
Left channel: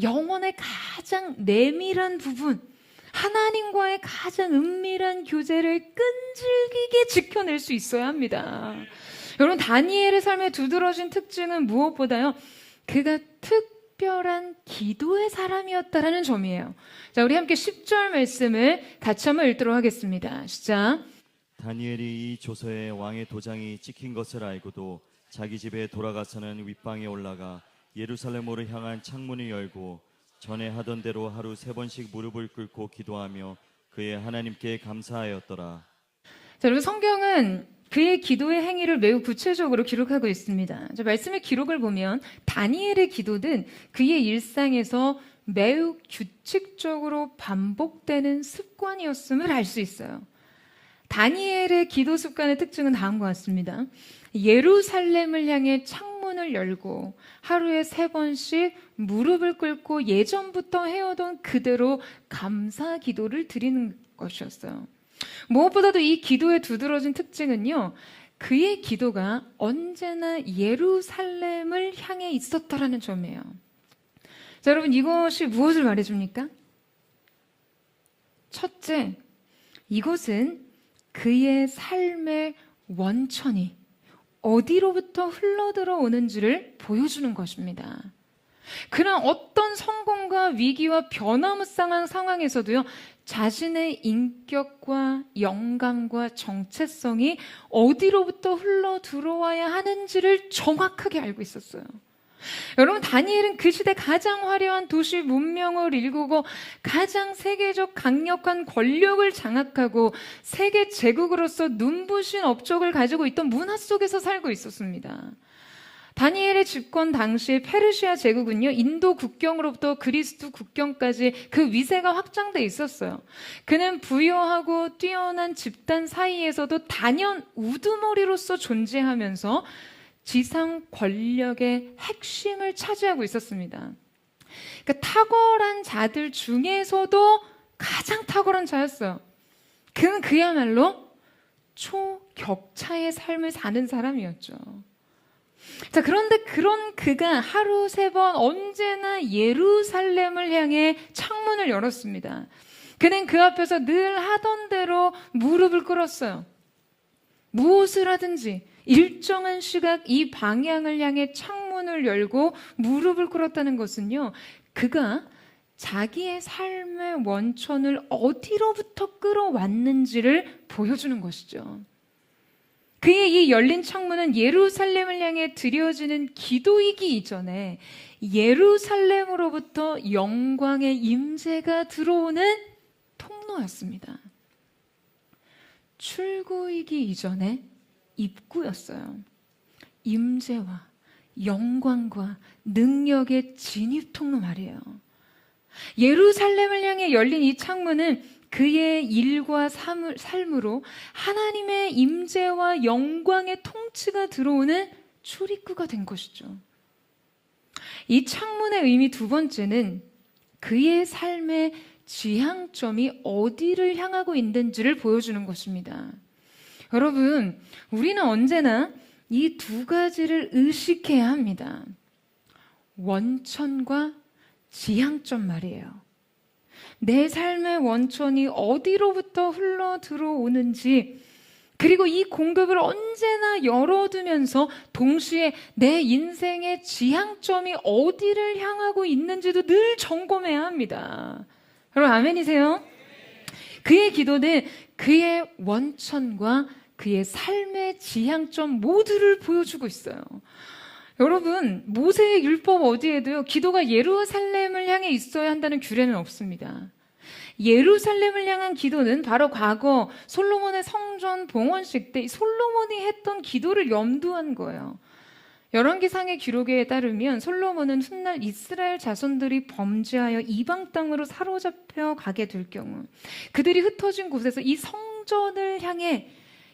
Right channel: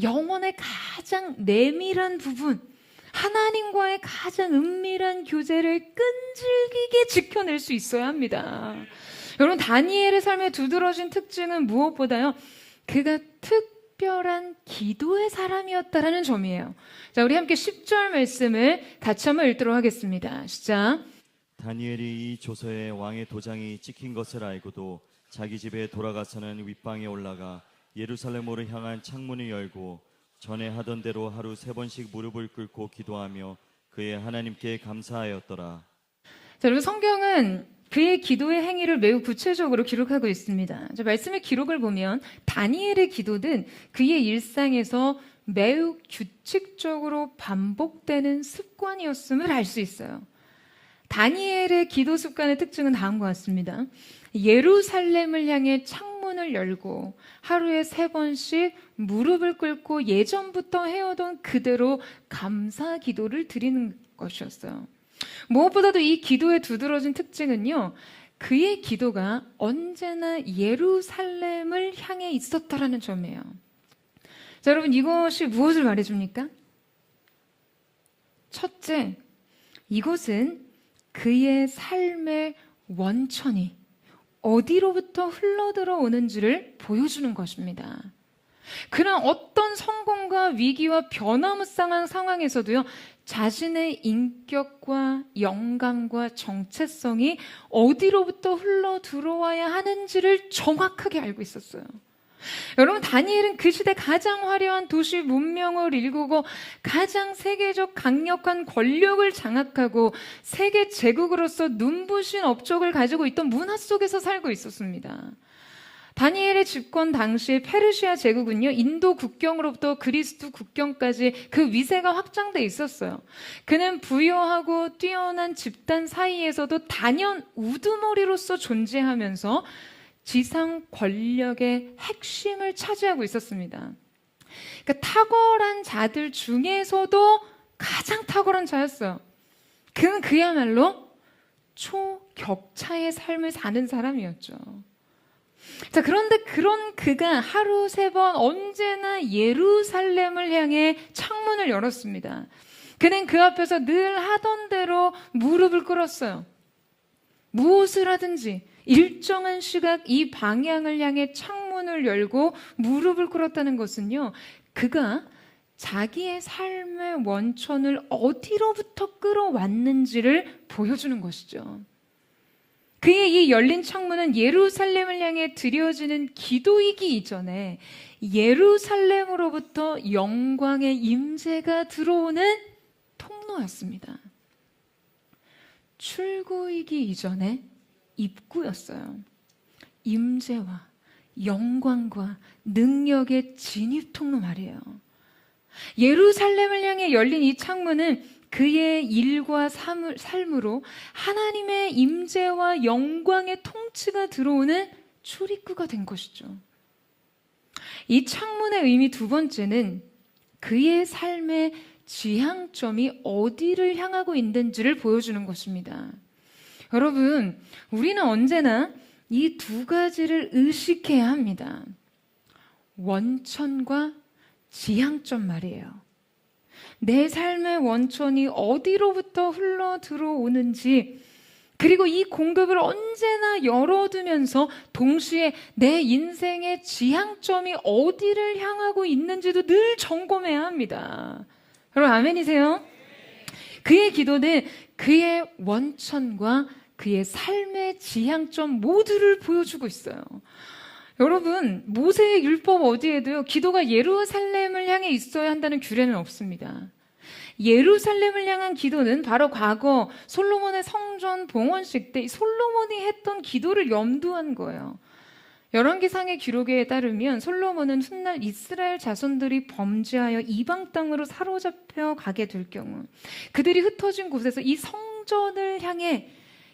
영혼의 가장 내밀한 부분, 하나님과의 가장 은밀한 교제를 끈질기게 지켜낼 수 있어야 합니다. 여러분, 다니엘의 삶에 두드러진 특징은 무엇보다요, 그가 특별한 기도의 사람이었다라는 점이에요. 자, 우리 함께 10절 말씀을 같이 한번 읽도록 하겠습니다. 시작. 다니엘이 이 조서에 왕의 도장이 찍힌 것을 알고도 자기 집에 돌아가서는 윗방에 올라가 예루살렘으로 향한 창문을 열고 전에 하던 대로 하루 3번씩 무릎을 꿇고 기도하며 그의 하나님께 감사하였더라. 자, 여러분, 성경은 그의 기도의 행위를 매우 구체적으로 기록하고 있습니다. 말씀의 기록을 보면 다니엘의 기도는 그의 일상에서 매우 규칙적으로 반복되는 습관이었음을 알 수 있어요. 다니엘의 기도 습관의 특징은 다음과 같습니다. 예루살렘을 향해 창문을 열고 하루에 3번씩 무릎을 꿇고 예전부터 해오던 그대로 감사 기도를 드리는 것이었어요. 무엇보다도 이 기도의 두드러진 특징은요, 그의 기도가 언제나 예루살렘을 향해 있었다라는 점이에요. 자, 여러분, 이것이 무엇을 말해줍니까? 첫째, 이것은 그의 삶의 원천이 어디로부터 흘러들어 오는지를 보여주는 것입니다. 그는 어떤 성공과 위기와 변화무쌍한 상황에서도요, 자신의 인격과 영감과 정체성이 어디로부터 흘러 들어와야 하는지를 정확하게 알고 있었어요. 여러분, 다니엘은 그 시대 가장 화려한 도시 문명을 일구고 가장 세계적 강력한 권력을 장악하고 세계 제국으로서 눈부신 업적을 가지고 있던 문화 속에서 살고 있었습니다. 다니엘의 집권 당시에 페르시아 제국은요, 인도 국경으로부터 그리스 국경까지 그 위세가 확장돼 있었어요. 그는 부유하고 뛰어난 집단 사이에서도 단연 우두머리로서 존재하면서 지상 권력의 핵심을 차지하고 있었습니다. 그러니까 탁월한 자들 중에서도 가장 탁월한 자였어요. 그는 그야말로 초격차의 삶을 사는 사람이었죠. 자, 그런데 그런 그가 하루 3번 언제나 예루살렘을 향해 창문을 열었습니다. 그는 그 앞에서 늘 하던 대로 무릎을 꿇었어요. 무엇을 하든지 일정한 시각 이 방향을 향해 창문을 열고 무릎을 꿇었다는 것은요, 그가 자기의 삶의 원천을 어디로부터 끌어왔는지를 보여주는 것이죠. 그의 이 열린 창문은 예루살렘을 향해 드려지는 기도이기 이전에 예루살렘으로부터 영광의 임재가 들어오는 통로였습니다. 출구이기 이전에 입구였어요. 임재와 영광과 능력의 진입 통로 말이에요. 예루살렘을 향해 열린 이 창문은 그의 일과 삶으로 하나님의 임재와 영광의 통치가 들어오는 출입구가 된 것이죠. 이 창문의 의미 두 번째는 그의 삶의 지향점이 어디를 향하고 있는지를 보여주는 것입니다. 여러분, 우리는 언제나 이 두 가지를 의식해야 합니다. 원천과 지향점 말이에요. 내 삶의 원천이 어디로부터 흘러 들어오는지, 그리고 이 공급을 언제나 열어두면서 동시에 내 인생의 지향점이 어디를 향하고 있는지도 늘 점검해야 합니다. 여러분, 아멘이세요? 그의 기도는 그의 원천과 그의 삶의 지향점 모두를 보여주고 있어요. 여러분, 모세의 율법 어디에도요, 기도가 예루살렘을 향해 있어야 한다는 규례는 없습니다. 예루살렘을 향한 기도는 바로 과거 솔로몬의 성전 봉헌식 때 솔로몬이 했던 기도를 염두한 거예요. 열왕기상의 기록에 따르면 솔로몬은 훗날 이스라엘 자손들이 범죄하여 이방 땅으로 사로잡혀 가게 될 경우 그들이 흩어진 곳에서 이 성전을 향해,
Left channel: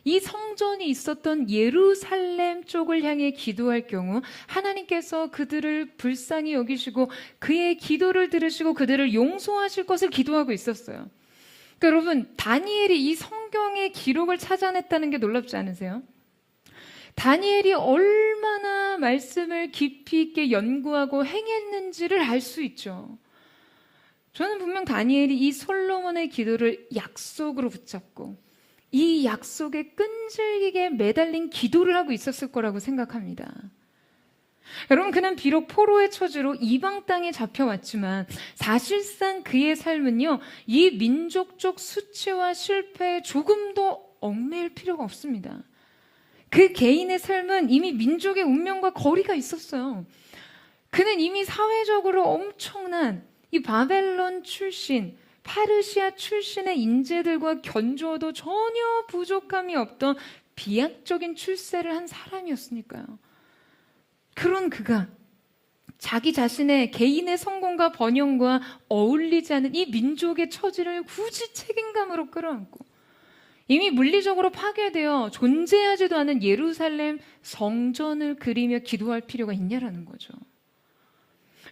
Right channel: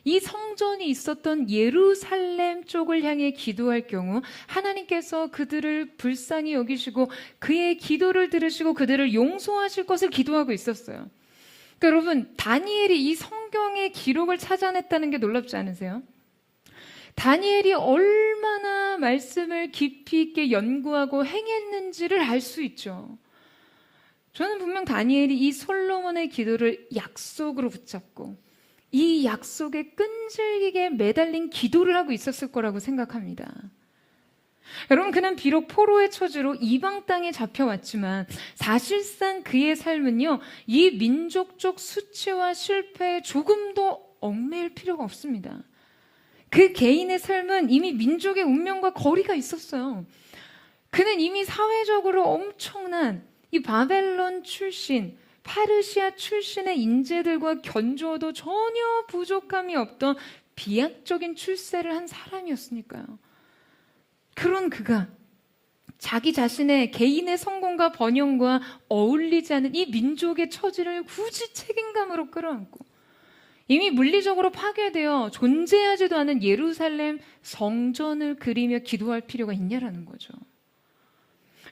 이 성전이 있었던 예루살렘 쪽을 향해 기도할 경우 하나님께서 그들을 불쌍히 여기시고 그의 기도를 들으시고 그들을 용서하실 것을 기도하고 있었어요. 그러니까 여러분, 다니엘이 이 성경의 기록을 찾아냈다는 게 놀랍지 않으세요? 다니엘이 얼마나 말씀을 깊이 있게 연구하고 행했는지를 알 수 있죠. 저는 분명 다니엘이 이 솔로몬의 기도를 약속으로 붙잡고 이 약속에 끈질기게 매달린 기도를 하고 있었을 거라고 생각합니다. 여러분, 그는 비록 포로의 처지로 이방 땅에 잡혀왔지만 사실상 그의 삶은요, 이 민족적 수치와 실패에 조금도 얽매일 필요가 없습니다. 그 개인의 삶은 이미 민족의 운명과 거리가 있었어요. 그는 이미 사회적으로 엄청난 이 바벨론 출신, 페르시아 출신의 인재들과 견주어도 전혀 부족함이 없던 비약적인 출세를 한 사람이었으니까요. 그런 그가 자기 자신의 개인의 성공과 번영과 어울리지 않은 이 민족의 처지를 굳이 책임감으로 끌어안고 이미 물리적으로 파괴되어 존재하지도 않은 예루살렘 성전을 그리며 기도할 필요가 있냐라는 거죠.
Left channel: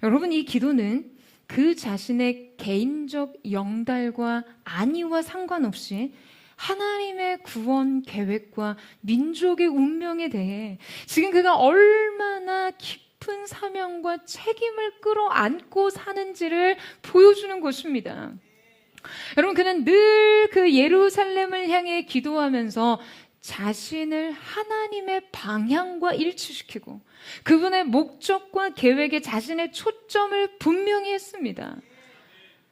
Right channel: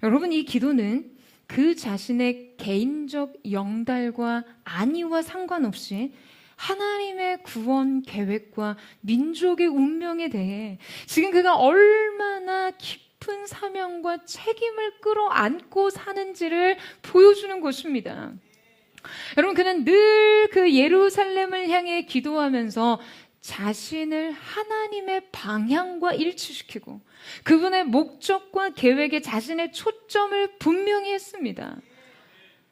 여러분, 이 기도는 그 자신의 개인적 영달과 안위와 상관없이 하나님의 구원 계획과 민족의 운명에 대해 지금 그가 얼마나 깊은 사명과 책임을 끌어안고 사는지를 보여주는 것입니다. 여러분, 그는 늘 그 예루살렘을 향해 기도하면서 자신을 하나님의 방향과 일치시키고 그분의 목적과 계획에 자신의 초점을 분명히 했습니다.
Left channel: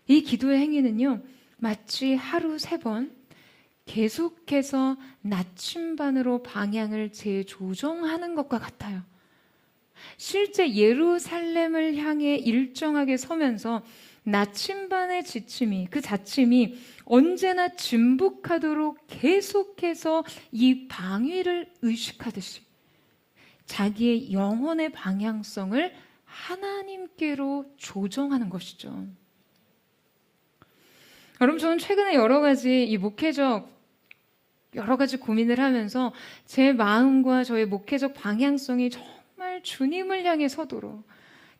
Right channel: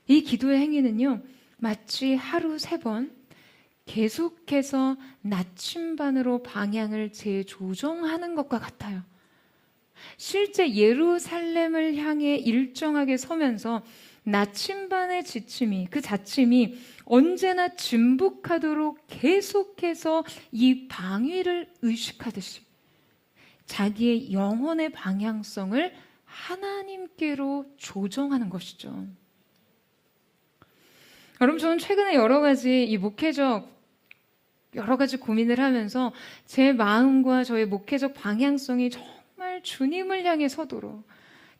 이 기도의 행위는요, 마치 하루 3번 계속해서 나침반으로 방향을 재조정하는 것과 같아요. 실제 예루살렘을 향해 일정하게 서면서 나침반의 지침이, 그 자침이 언제나 진북하도록 계속해서 이 방위를 의식하듯이 자기의 영혼의 방향성을 하나님께로 조정하는 것이죠. 여러분, 저는 최근에 여러 가지 고민을 하면서 제 마음과 저의 목회적 방향성이 정말 주님을 향해 서도록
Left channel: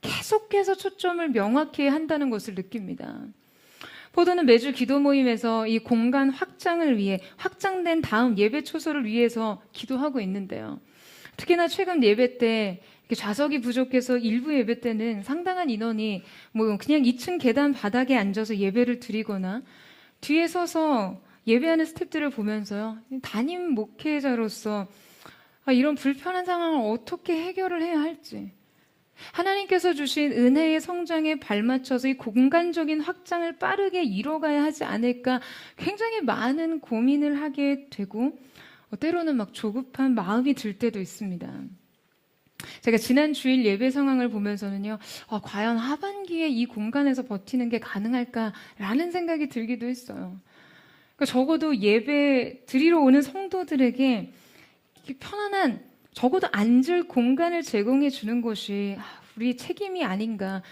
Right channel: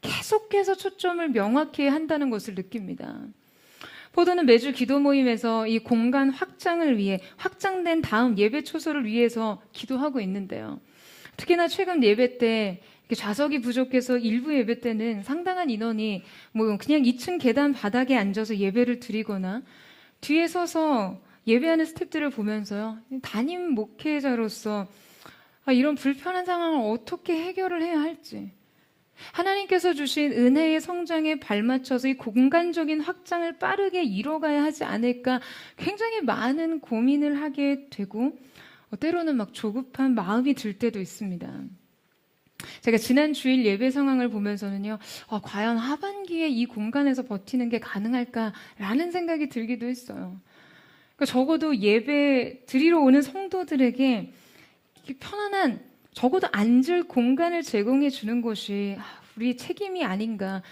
계속해서 초점을 명확히 한다는 것을 느낍니다. 포도는 매주 기도 모임에서 이 공간 확장을 위해 확장된 다음 예배 초소를 위해서 기도하고 있는데요. 특히나 최근 예배 때 좌석이 부족해서 일부 예배 때는 상당한 인원이 그냥 2층 계단 바닥에 앉아서 예배를 드리거나 뒤에 서서 예배하는 스태프들을 보면서요, 담임 목회자로서 이런 불편한 상황을 어떻게 해결을 해야 할지, 하나님께서 주신 은혜의 성장에 발맞춰서 이 공간적인 확장을 빠르게 이뤄가야 하지 않을까 굉장히 많은 고민을 하게 되고 때로는 막 조급한 마음이 들 때도 있습니다. 제가 지난 주일 예배 상황을 보면서는요, 과연 하반기에 이 공간에서 버티는 게 가능할까라는 생각이 들기도 했어요. 그러니까 적어도 예배 드리러 오는 성도들에게 편안한, 적어도 앉을 공간을 제공해 주는 것이 우리 책임이 아닌가,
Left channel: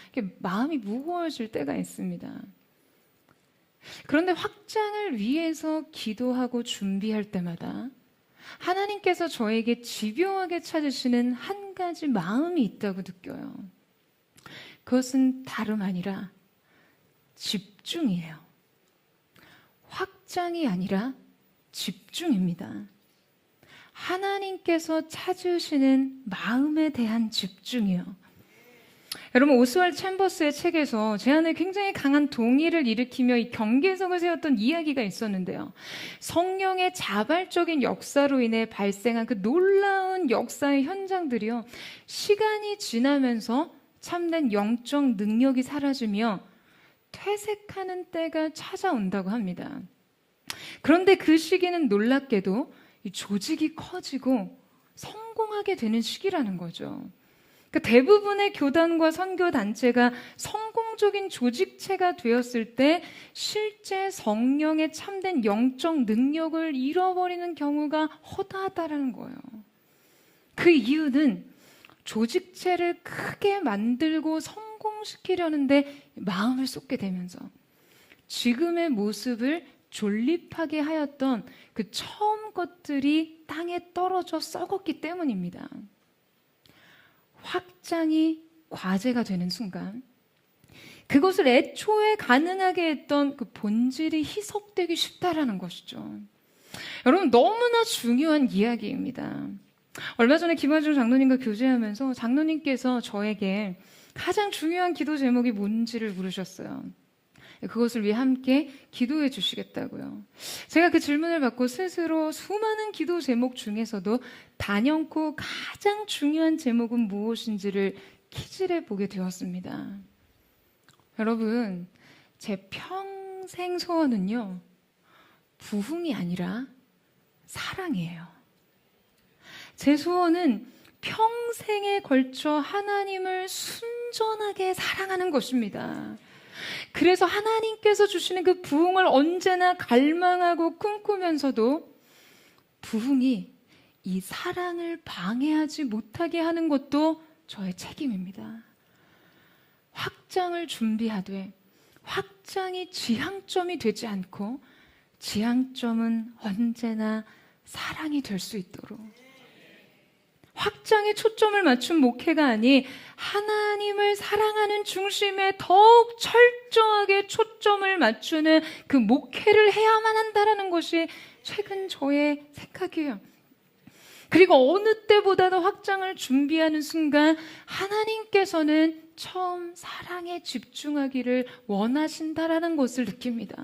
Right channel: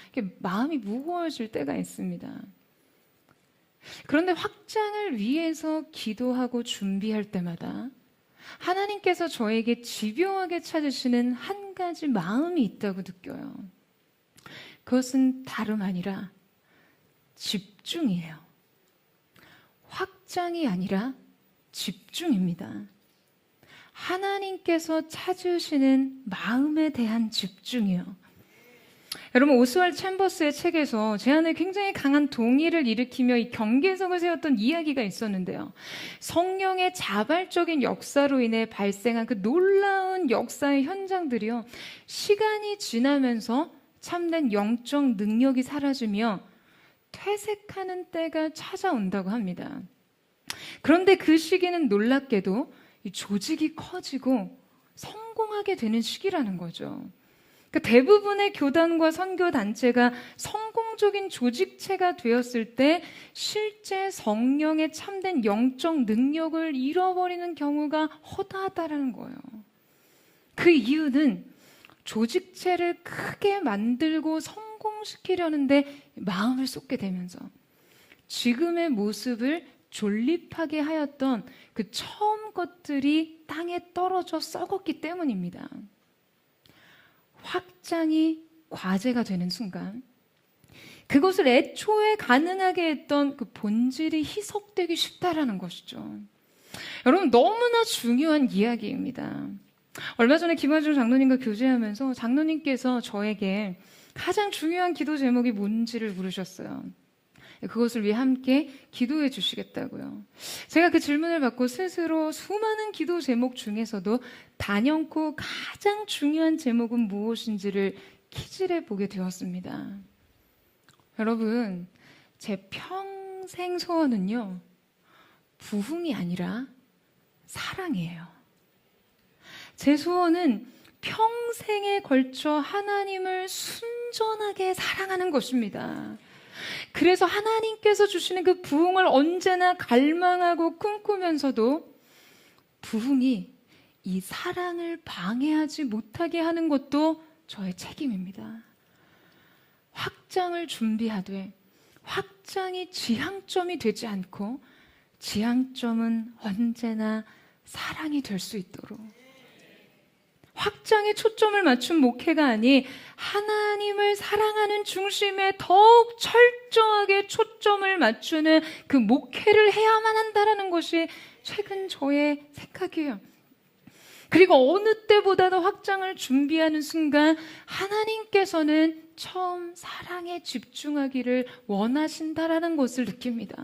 마음이 무거워질 때가 있습니다. 그런데 확장을 위해서 기도하고 준비할 때마다 하나님께서 저에게 집요하게 찾으시는 한 가지 마음이 있다고 느껴요. 그것은 다름 아니라 집중이에요. 확장이 아니라 집중입니다. 하나님께서 찾으시는 마음에 대한 집중이요. 여러분, 오스왈드 챔버스의 책에서 제 안에 굉장히 강한 동의를 일으키며 이 경계석을 세웠던 이야기가 있었는데요. 성령의 자발적인 역사로 인해 발생한 그 놀라운 역사의 현장들이요, 시간이 지나면서 참된 영적 능력이 사라지며 퇴색하는 때가 찾아온다고 합니다. 그런데 그 시기는 놀랍게도 이 조직이 커지고 성공하게 되는 시기라는 거죠. 대부분의 교단과 선교단체가 성공적인 조직체가 되었을 때 실제 성령의 참된 영적 능력을 잃어버리는 경우가 허다하다는 거예요. 그 이유는 조직체를 크게 만들고 성공시키려는데 마음을 쏟게 되면서 지금의 모습을 존립하게 하였던 그 처음 것들이 땅에 떨어져 썩었기 때문입니다. 확장이 과제가 되는 순간 그것을 애초에 가능하게 했던 그 본질이 희석되기 쉽다라는 것이죠. 여러분, 너무나 중요한 이야기입니다. 얼마 전에 김환중 장로님과 교제하면서 장로님께서 저에게 가장 중요한 기도 제목이 뭔지를 물으셨어요. 그것을 위해 함께 기도해 주시겠다고요. 제가 그 질문을 받고 스스로 수많은 기도 제목 중에서도 단연코 가장 중요한 제목은 무엇인지를 키질해 보게 되었습니다. 여러분, 제 평생 소원은요, 부흥이 아니라 사랑이에요. 제 소원은 평생에 걸쳐 하나님을 순전하게 사랑하는 것입니다. 그래서 하나님께서 주시는 그 부흥을 언제나 갈망하고 꿈꾸면서도 부흥이 이 사랑을 방해하지 못하게 하는 것도 저의 책임입니다. 확장을 준비하되 확장이 지향점이 되지 않고 지향점은 언제나 사랑이 될 수 있도록 확장에 초점을 맞춘 목회가 아닌 하나님을 사랑하는 중심에 더욱 철저하게 초점을 맞추는 그 목회를 해야만 한다는 것이 최근 저의 생각이에요. 그리고 어느 때보다도 확장을 준비하는 순간 하나님께서는 처음 사랑에 집중하기를 원하신다라는 것을 느낍니다.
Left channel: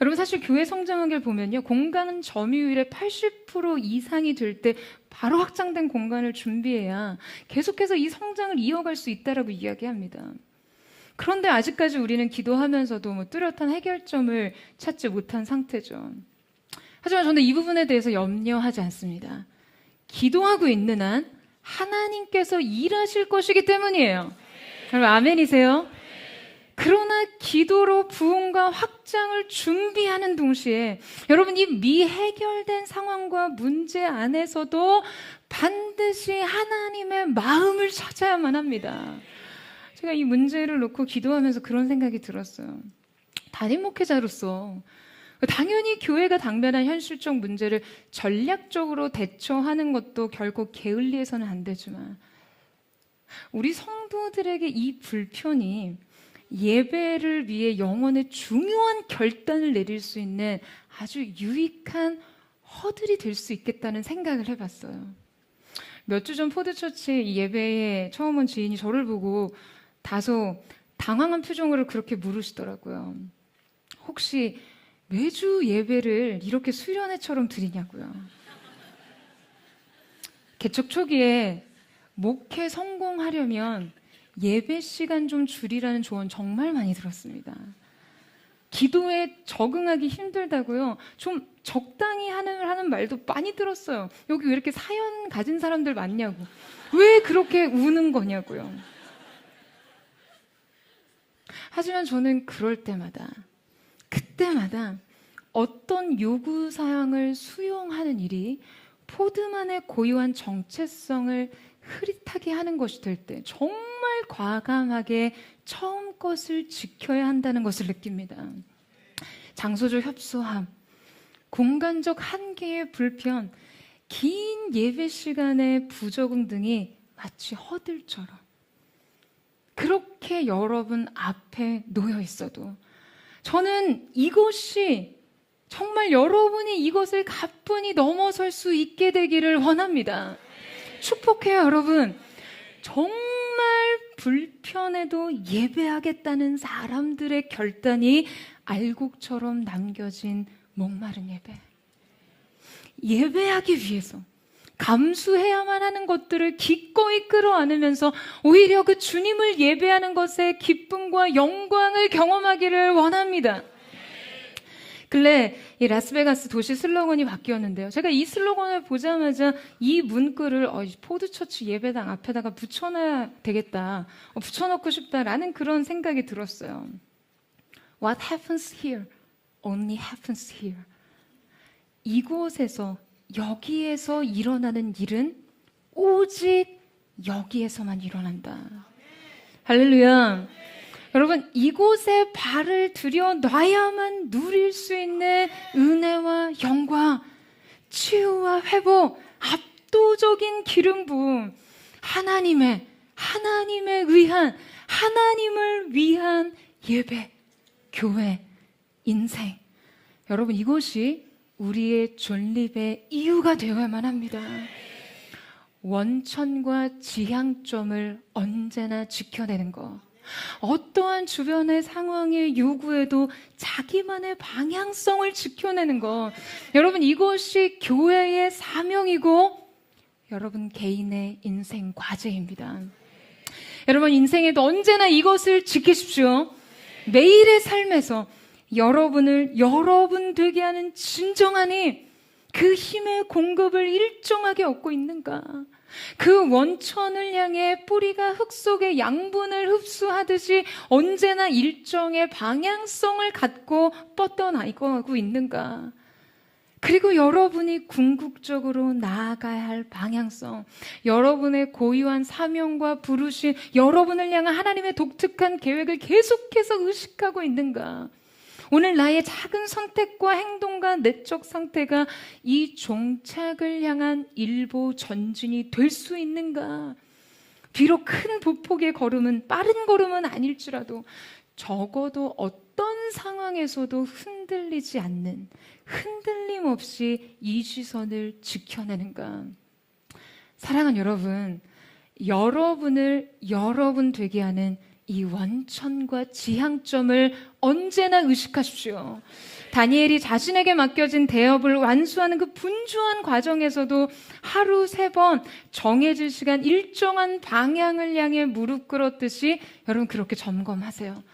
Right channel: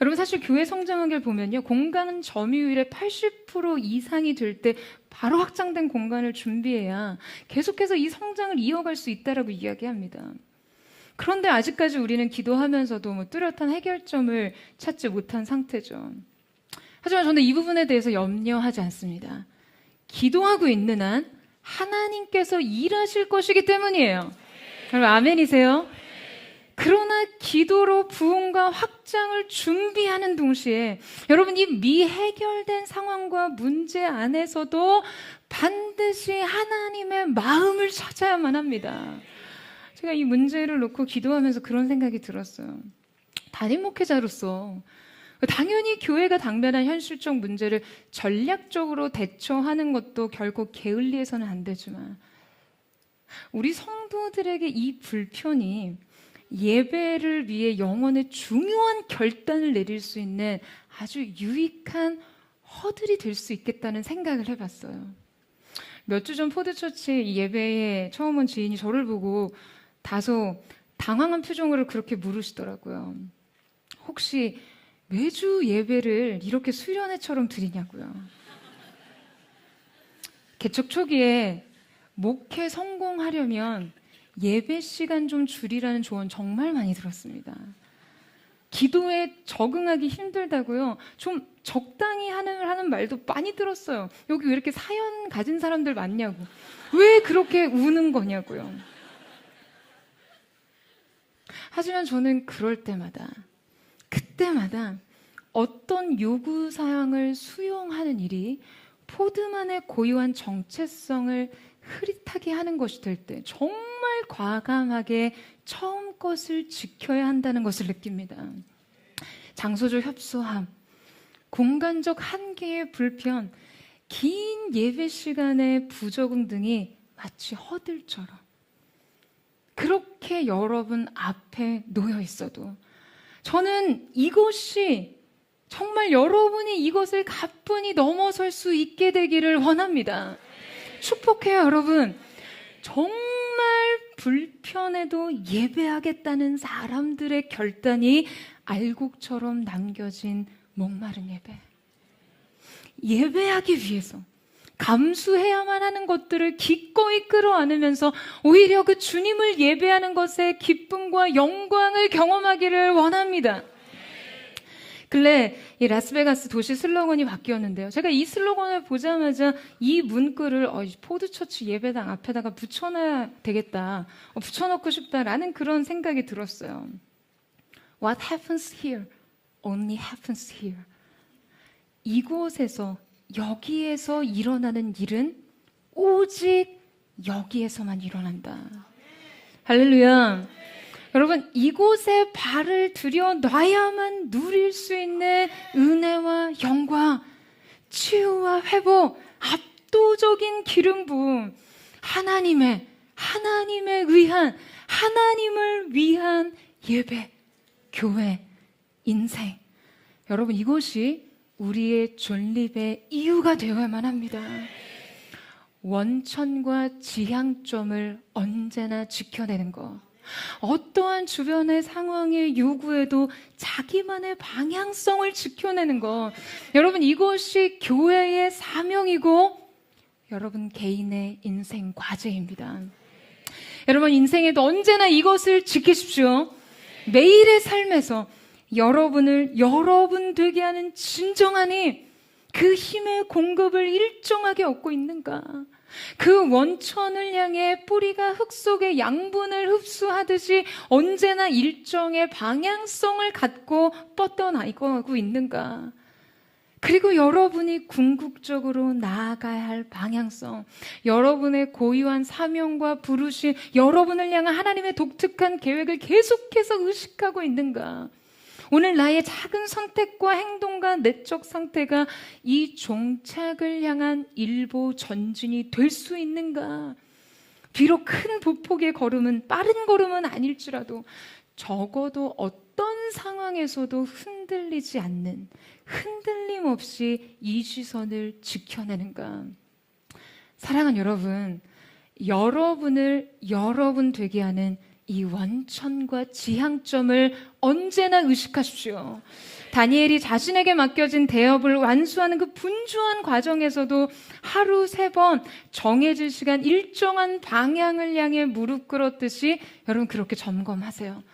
여러분 사실 교회 성장하기를 보면요. 공간 점유율의 80% 이상이 될 때 바로 확장된 공간을 준비해야 계속해서 이 성장을 이어갈 수 있다라고 이야기합니다. 그런데 아직까지 우리는 기도하면서도 뚜렷한 해결점을 찾지 못한 상태죠. 하지만 저는 이 부분에 대해서 염려하지 않습니다. 기도하고 있는 한 하나님께서 일하실 것이기 때문이에요. 여러분 아멘이세요? 그러나 기도로 부흥과 확장을 준비하는 동시에 여러분 이 미해결된 상황과 문제 안에서도 반드시 하나님의 마음을 찾아야만 합니다. 제가 이 문제를 놓고 기도하면서 그런 생각이 들었어요. 담임 목회자로서 당연히 교회가 당면한 현실적 문제를 전략적으로 대처하는 것도 결코 게을리해서는 안 되지만 우리 성도들에게 이 불편이 예배를 위해 영혼의 중요한 결단을 내릴 수 있는 아주 유익한 허들이 될 수 있겠다는 생각을 해봤어요. 몇 주 전 포드처치 예배에 처음 온 지인이 저를 보고 다소 당황한 표정으로 그렇게 물으시더라고요. 혹시 매주 예배를 이렇게 수련회처럼 드리냐고요. 개척 초기에 목회 성공하려면 예배 시간 좀 줄이라는 조언 정말 많이 들었습니다. 기도에 적응하기 힘들다고요. 좀 적당히 하는 말도 많이 들었어요. 여기 왜 이렇게 사연 가진 사람들 많냐고. 왜 그렇게 우는 거냐고요. 하지만 저는 그럴 때마다 그때마다 어떤 요구사항을 수용하는 일이 포드만의 고유한 정체성을 흐릿하게 하는 것이 될 때 정말 과감하게 처음 것을 지켜야 한다는 것을 느낍니다. 장소적 협소함, 공간적 한계의 불편, 긴 예배 시간의 부적응 등이 마치 허들처럼 그렇게 여러분 앞에 놓여 있어도 저는 이것이 정말 여러분이 이것을 가뿐히 넘어설 수 있게 되기를 원합니다. 축복해요, 여러분. 정말 불편해도 예배하겠다는 사람들의 결단이 알곡처럼 남겨진 목마른 예배. 예배하기 위해서 감수해야만 하는 것들을 기꺼이 끌어안으면서 오히려 그 주님을 예배하는 것의 기쁨과 영광을 경험하기를 원합니다. 근래 이 라스베가스 도시 슬로건이 바뀌었는데요. 제가 이 슬로건을 보자마자 이 문구를 포드처치 예배당 앞에다가 붙여놔야 되겠다. 붙여놓고 싶다라는 그런 생각이 들었어요. What happens here only happens here. 이곳에서 여기에서 일어나는 일은 오직 여기에서만 일어난다. 할렐루야. 여러분 이곳에 발을 들여놔야만 누릴 수 있는 은혜와 영광, 치유와 회복, 압도적인 기름 부음, 하나님을 위한 예배, 교회, 인생. 여러분 이것이 우리의 존립의 이유가 되어야만 합니다. 원천과 지향점을 언제나 지켜내는 것. 어떠한 주변의 상황의 요구에도 자기만의 방향성을 지켜내는 것. 여러분 이것이 교회의 사명이고 여러분 개인의 인생 과제입니다. 여러분 인생에도 언제나 이것을 지키십시오. 매일의 삶에서 여러분을 여러분 되게 하는 진정한 힘, 그 힘의 공급을 일정하게 얻고 있는가? 그 원천을 향해 뿌리가 흙 속의 양분을 흡수하듯이 언제나 일정의 방향성을 갖고 뻗어나가고 있는가? 그리고 여러분이 궁극적으로 나아가야 할 방향성, 여러분의 고유한 사명과 부르심, 여러분을 향한 하나님의 독특한 계획을 계속해서 의식하고 있는가? 오늘 나의 작은 선택과 행동과 내적 상태가 이 종착을 향한 일보 전진이 될 수 있는가? 비록 큰 보폭의 걸음은, 빠른 걸음은 아닐지라도 적어도 어떤 상황에서도 흔들리지 않는, 흔들림 없이 이 시선을 지켜내는가? 사랑하는 여러분, 여러분을 여러분 되게 하는 이 원천과 지향점을 언제나 의식하십시오. 다니엘이 자신에게 맡겨진 대업을 완수하는 그 분주한 과정에서도 하루 3번 정해진 시간 일정한 방향을 향해 무릎 꿇었듯이 여러분 그렇게 점검하세요.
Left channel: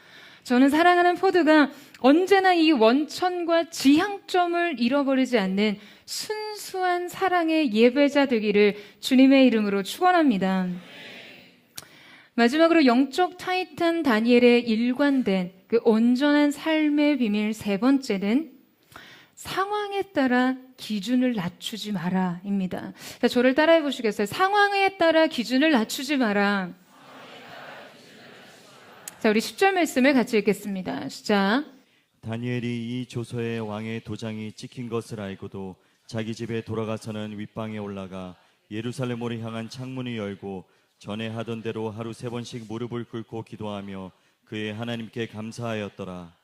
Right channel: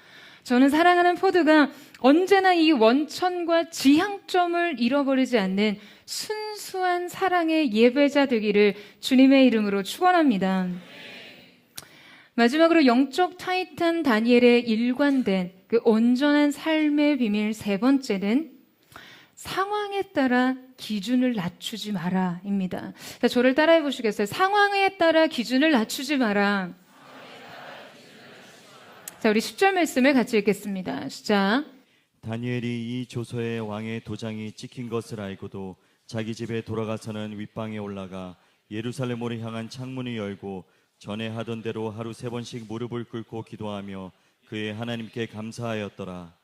저는 사랑하는 포드가 언제나 이 원천과 지향점을 잃어버리지 않는 순수한 사랑의 예배자 되기를 주님의 이름으로 축원합니다. 마지막으로 영적 타이탄 다니엘의 일관된 그 온전한 삶의 비밀 3번째는 상황에 따라 기준을 낮추지 마라입니다. 자, 저를 따라해 보시겠어요? 상황에 따라 기준을 낮추지 마라. 자, 우리 10절 말씀을 같이 읽겠습니다. 시작. 다니엘이 이 조서에 왕의 도장이 찍힌 것을 알고도 자기 집에 돌아가서는 윗방에 올라가 예루살렘으로 향한 창문을 열고 전에 하던 대로 하루 3번씩 무릎을 꿇고 기도하며 그의 하나님께 감사하였더라.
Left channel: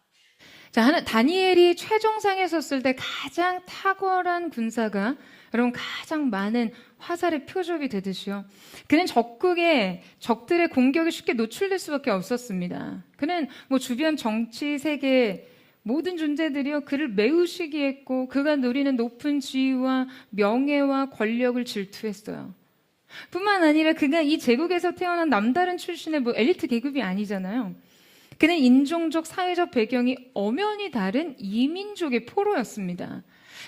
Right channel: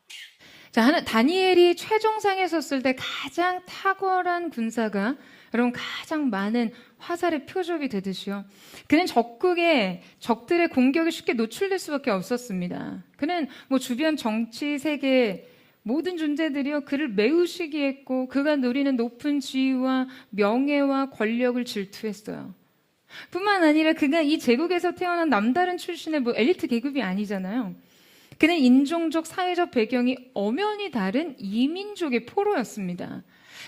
자, 다니엘이 최정상에 섰을 때 가장 탁월한 군사가 여러분 가장 많은 화살의 표적이 되듯이요. 그는 적들의 공격에 쉽게 노출될 수밖에 없었습니다. 그는 주변 정치 세계 모든 존재들이요 그를 매우 시기했고 그가 누리는 높은 지위와 명예와 권력을 질투했어요. 뿐만 아니라 그가 이 제국에서 태어난 남다른 출신의 엘리트 계급이 아니잖아요. 그는 인종적, 사회적 배경이 엄연히 다른 이민족의 포로였습니다.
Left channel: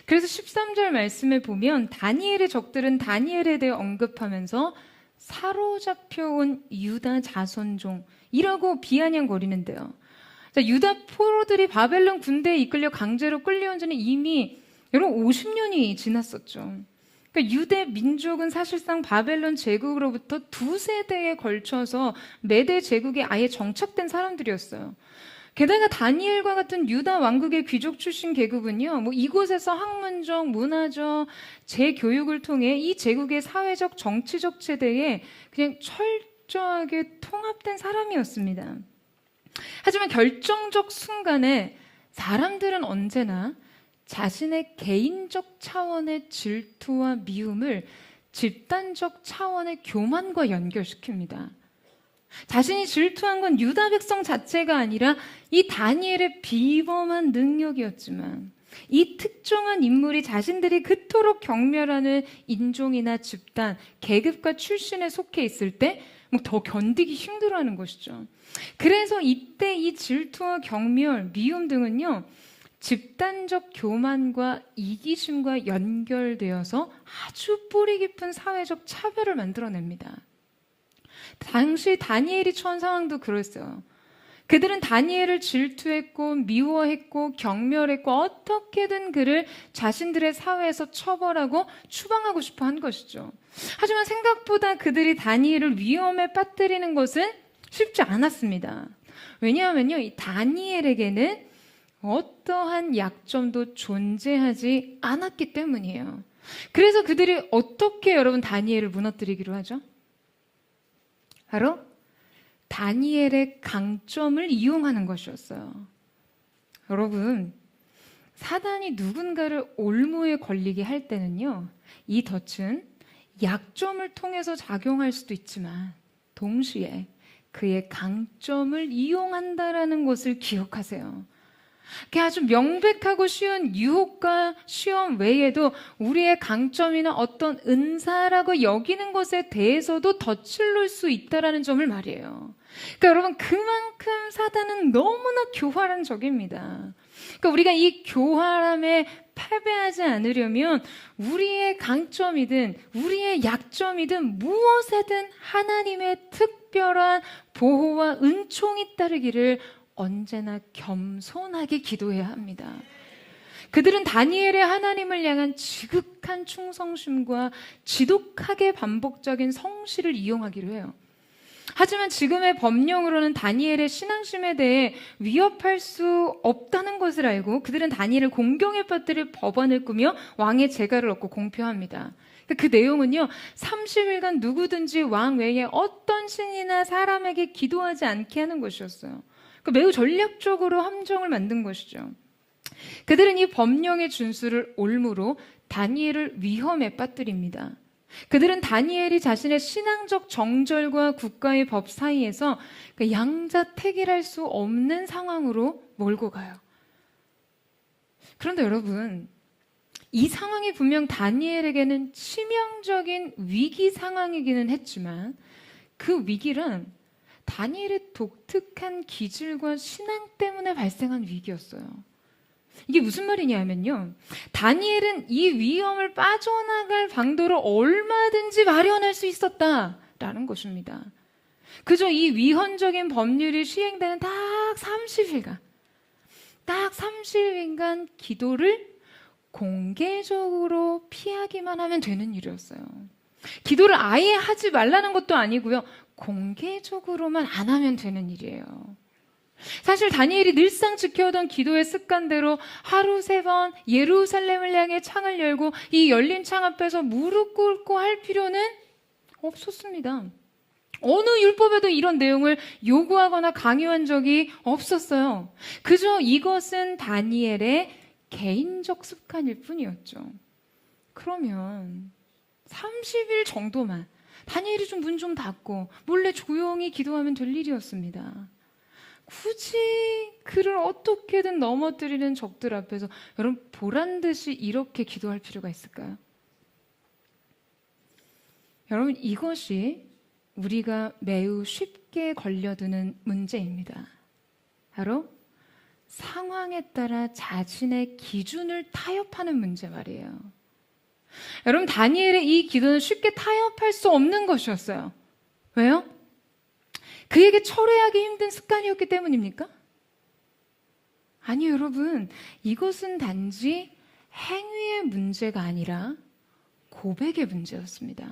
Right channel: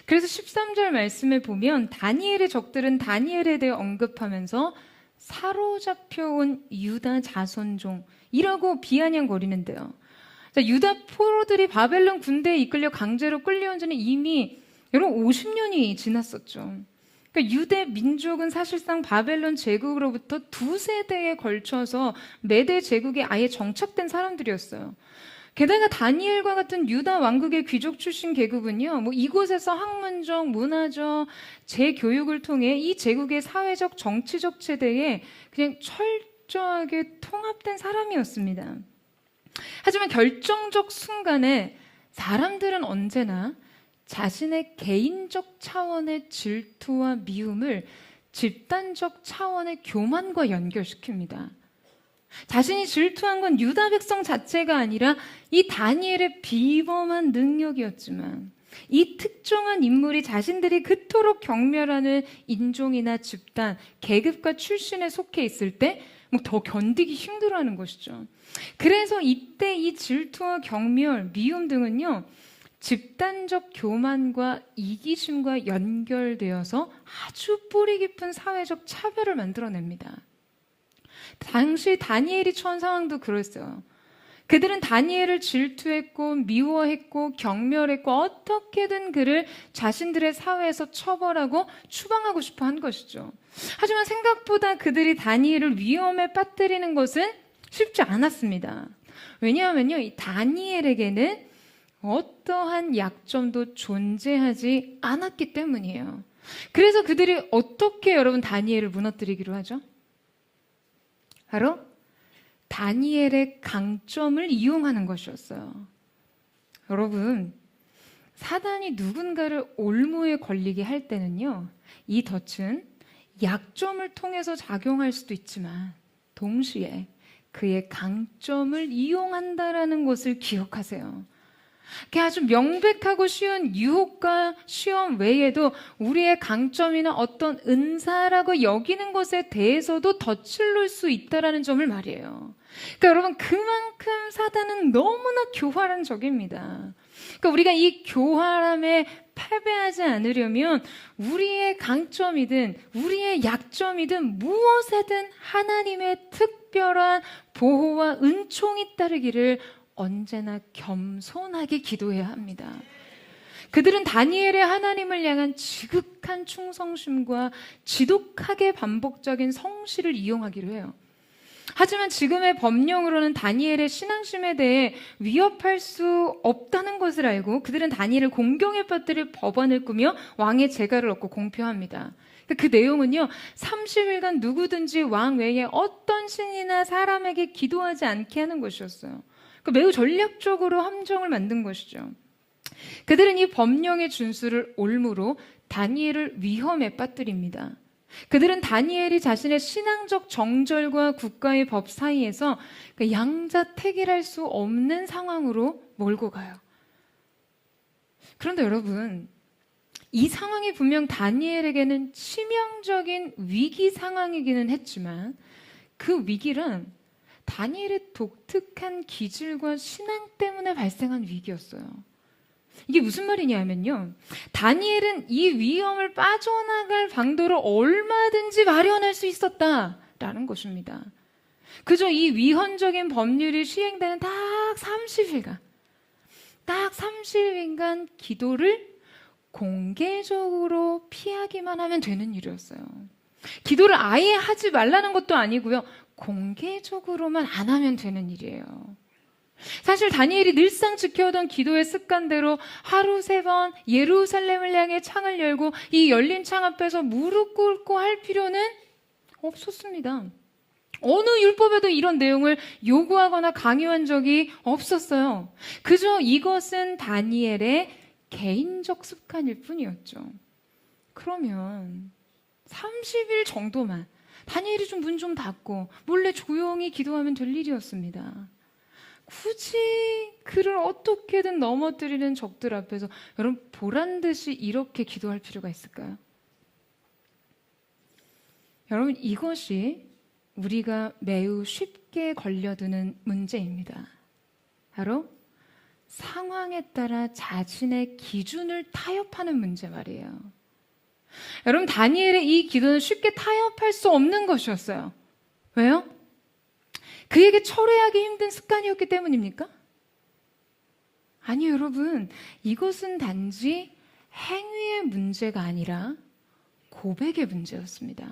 그래서 13절 말씀을 보면 다니엘의 적들은 다니엘에 대해 언급하면서 사로잡혀온 유다 자손종이라고 비아냥거리는데요. 유다 포로들이 바벨론 군대에 이끌려 강제로 끌려온 지는 이미 여러분 50년이 지났었죠. 그러니까 유대 민족은 사실상 바벨론 제국으로부터 2세대에 걸쳐서 메대 제국에 아예 정착된 사람들이었어요. 게다가 다니엘과 같은 유다 왕국의 귀족 출신 계급은요, 이곳에서 학문적, 문화적, 재교육을 통해 이 제국의 사회적, 정치적 체제에 그냥 철저하게 통합된 사람이었습니다. 하지만 결정적 순간에 사람들은 언제나 자신의 개인적 차원의 질투와 미움을 집단적 차원의 교만과 연결시킵니다. 자신이 질투한 건 유다 백성 자체가 아니라 이 다니엘의 비범한 능력이었지만 이 특정한 인물이 자신들이 그토록 경멸하는 인종이나 집단, 계급과 출신에 속해 있을 때 더 견디기 힘들어하는 것이죠. 그래서 이때 이 질투와 경멸, 미움 등은요 집단적 교만과 이기심과 연결되어서 아주 뿌리 깊은 사회적 차별을 만들어냅니다. 당시 다니엘이 처한 상황도 그랬어요. 그들은 다니엘을 질투했고 미워했고 경멸했고 어떻게든 그를 자신들의 사회에서 처벌하고 추방하고 싶어 한 것이죠. 하지만 생각보다 그들이 다니엘을 위험에 빠뜨리는 것은 쉽지 않았습니다. 왜냐하면요, 이 다니엘에게는 어떠한 약점도 존재하지 않았기 때문이에요. 그래서 그들이 어떻게 여러분 다니엘을 무너뜨리기로 하죠? 바로 다니엘의 강점을 이용하는 것이었어요. 여러분, 사단이 누군가를 올무에 걸리게 할 때는요, 이 덫은 약점을 통해서 작용할 수도 있지만 동시에 그의 강점을 이용한다라는 것을 기억하세요. 그 아주 명백하고 쉬운 유혹과 시험 외에도 우리의 강점이나 어떤 은사라고 여기는 것에 대해서도 덫을 놓을 수 있다는 점을 말이에요. 그러니까 여러분, 그만큼 사단은 너무나 교활한 적입니다. 그러니까 우리가 이 교활함에 패배하지 않으려면 우리의 강점이든 우리의 약점이든 무엇에든 하나님의 특별한 보호와 은총이 따르기를 언제나 겸손하게 기도해야 합니다. 그들은 다니엘의 하나님을 향한 지극한 충성심과 지독하게 반복적인 성실을 이용하기로 해요. 하지만 지금의 법령으로는 다니엘의 신앙심에 대해 위협할 수 없다는 것을 알고 그들은 다니엘을 공경에 빠뜨릴 법안을 꾸며 왕의 재가를 얻고 공표합니다. 그 내용은요, 30일간 누구든지 왕 외에 어떤 신이나 사람에게 기도하지 않게 하는 것이었어요. 매우 전략적으로 함정을 만든 것이죠. 그들은 이 법령의 준수를 올무로 다니엘을 위험에 빠뜨립니다. 그들은 다니엘이 자신의 신앙적 정절과 국가의 법 사이에서 양자택일할 수 없는 상황으로 몰고 가요. 그런데 여러분, 이 상황이 분명 다니엘에게는 치명적인 위기 상황이기는 했지만 그 위기란 다니엘의 독특한 기질과 신앙 때문에 발생한 위기였어요. 이게 무슨 말이냐면요, 다니엘은 이 위험을 빠져나갈 방도를 얼마든지 마련할 수 있었다라는 것입니다. 그저 이 위헌적인 법률이 시행되는 딱 30일간 기도를 공개적으로 피하기만 하면 되는 일이었어요. 기도를 아예 하지 말라는 것도 아니고요, 공개적으로만 안 하면 되는 일이에요. 사실 다니엘이 늘상 지켜오던 기도의 습관대로 하루 3번 예루살렘을 향해 창을 열고 이 열린 창 앞에서 무릎 꿇고 할 필요는 없었습니다. 어느 율법에도 이런 내용을 요구하거나 강요한 적이 없었어요. 그저 이것은 다니엘의 개인적 습관일 뿐이었죠. 그러면 30일 정도만 다니엘이 좀 문 좀 닫고 몰래 조용히 기도하면 될 일이었습니다. 굳이 그를 어떻게든 넘어뜨리는 적들 앞에서 여러분 보란듯이 이렇게 기도할 필요가 있을까요? 여러분, 이것이 우리가 매우 쉽게 걸려드는 문제입니다. 바로 상황에 따라 자신의 기준을 타협하는 문제 말이에요. 여러분, 다니엘의 이 기도는 쉽게 타협할 수 없는 것이었어요. 왜요? 그에게 철회하기 힘든 습관이었기 때문입니까? 아니요, 여러분. 이것은 단지 행위의 문제가 아니라 고백의 문제였습니다.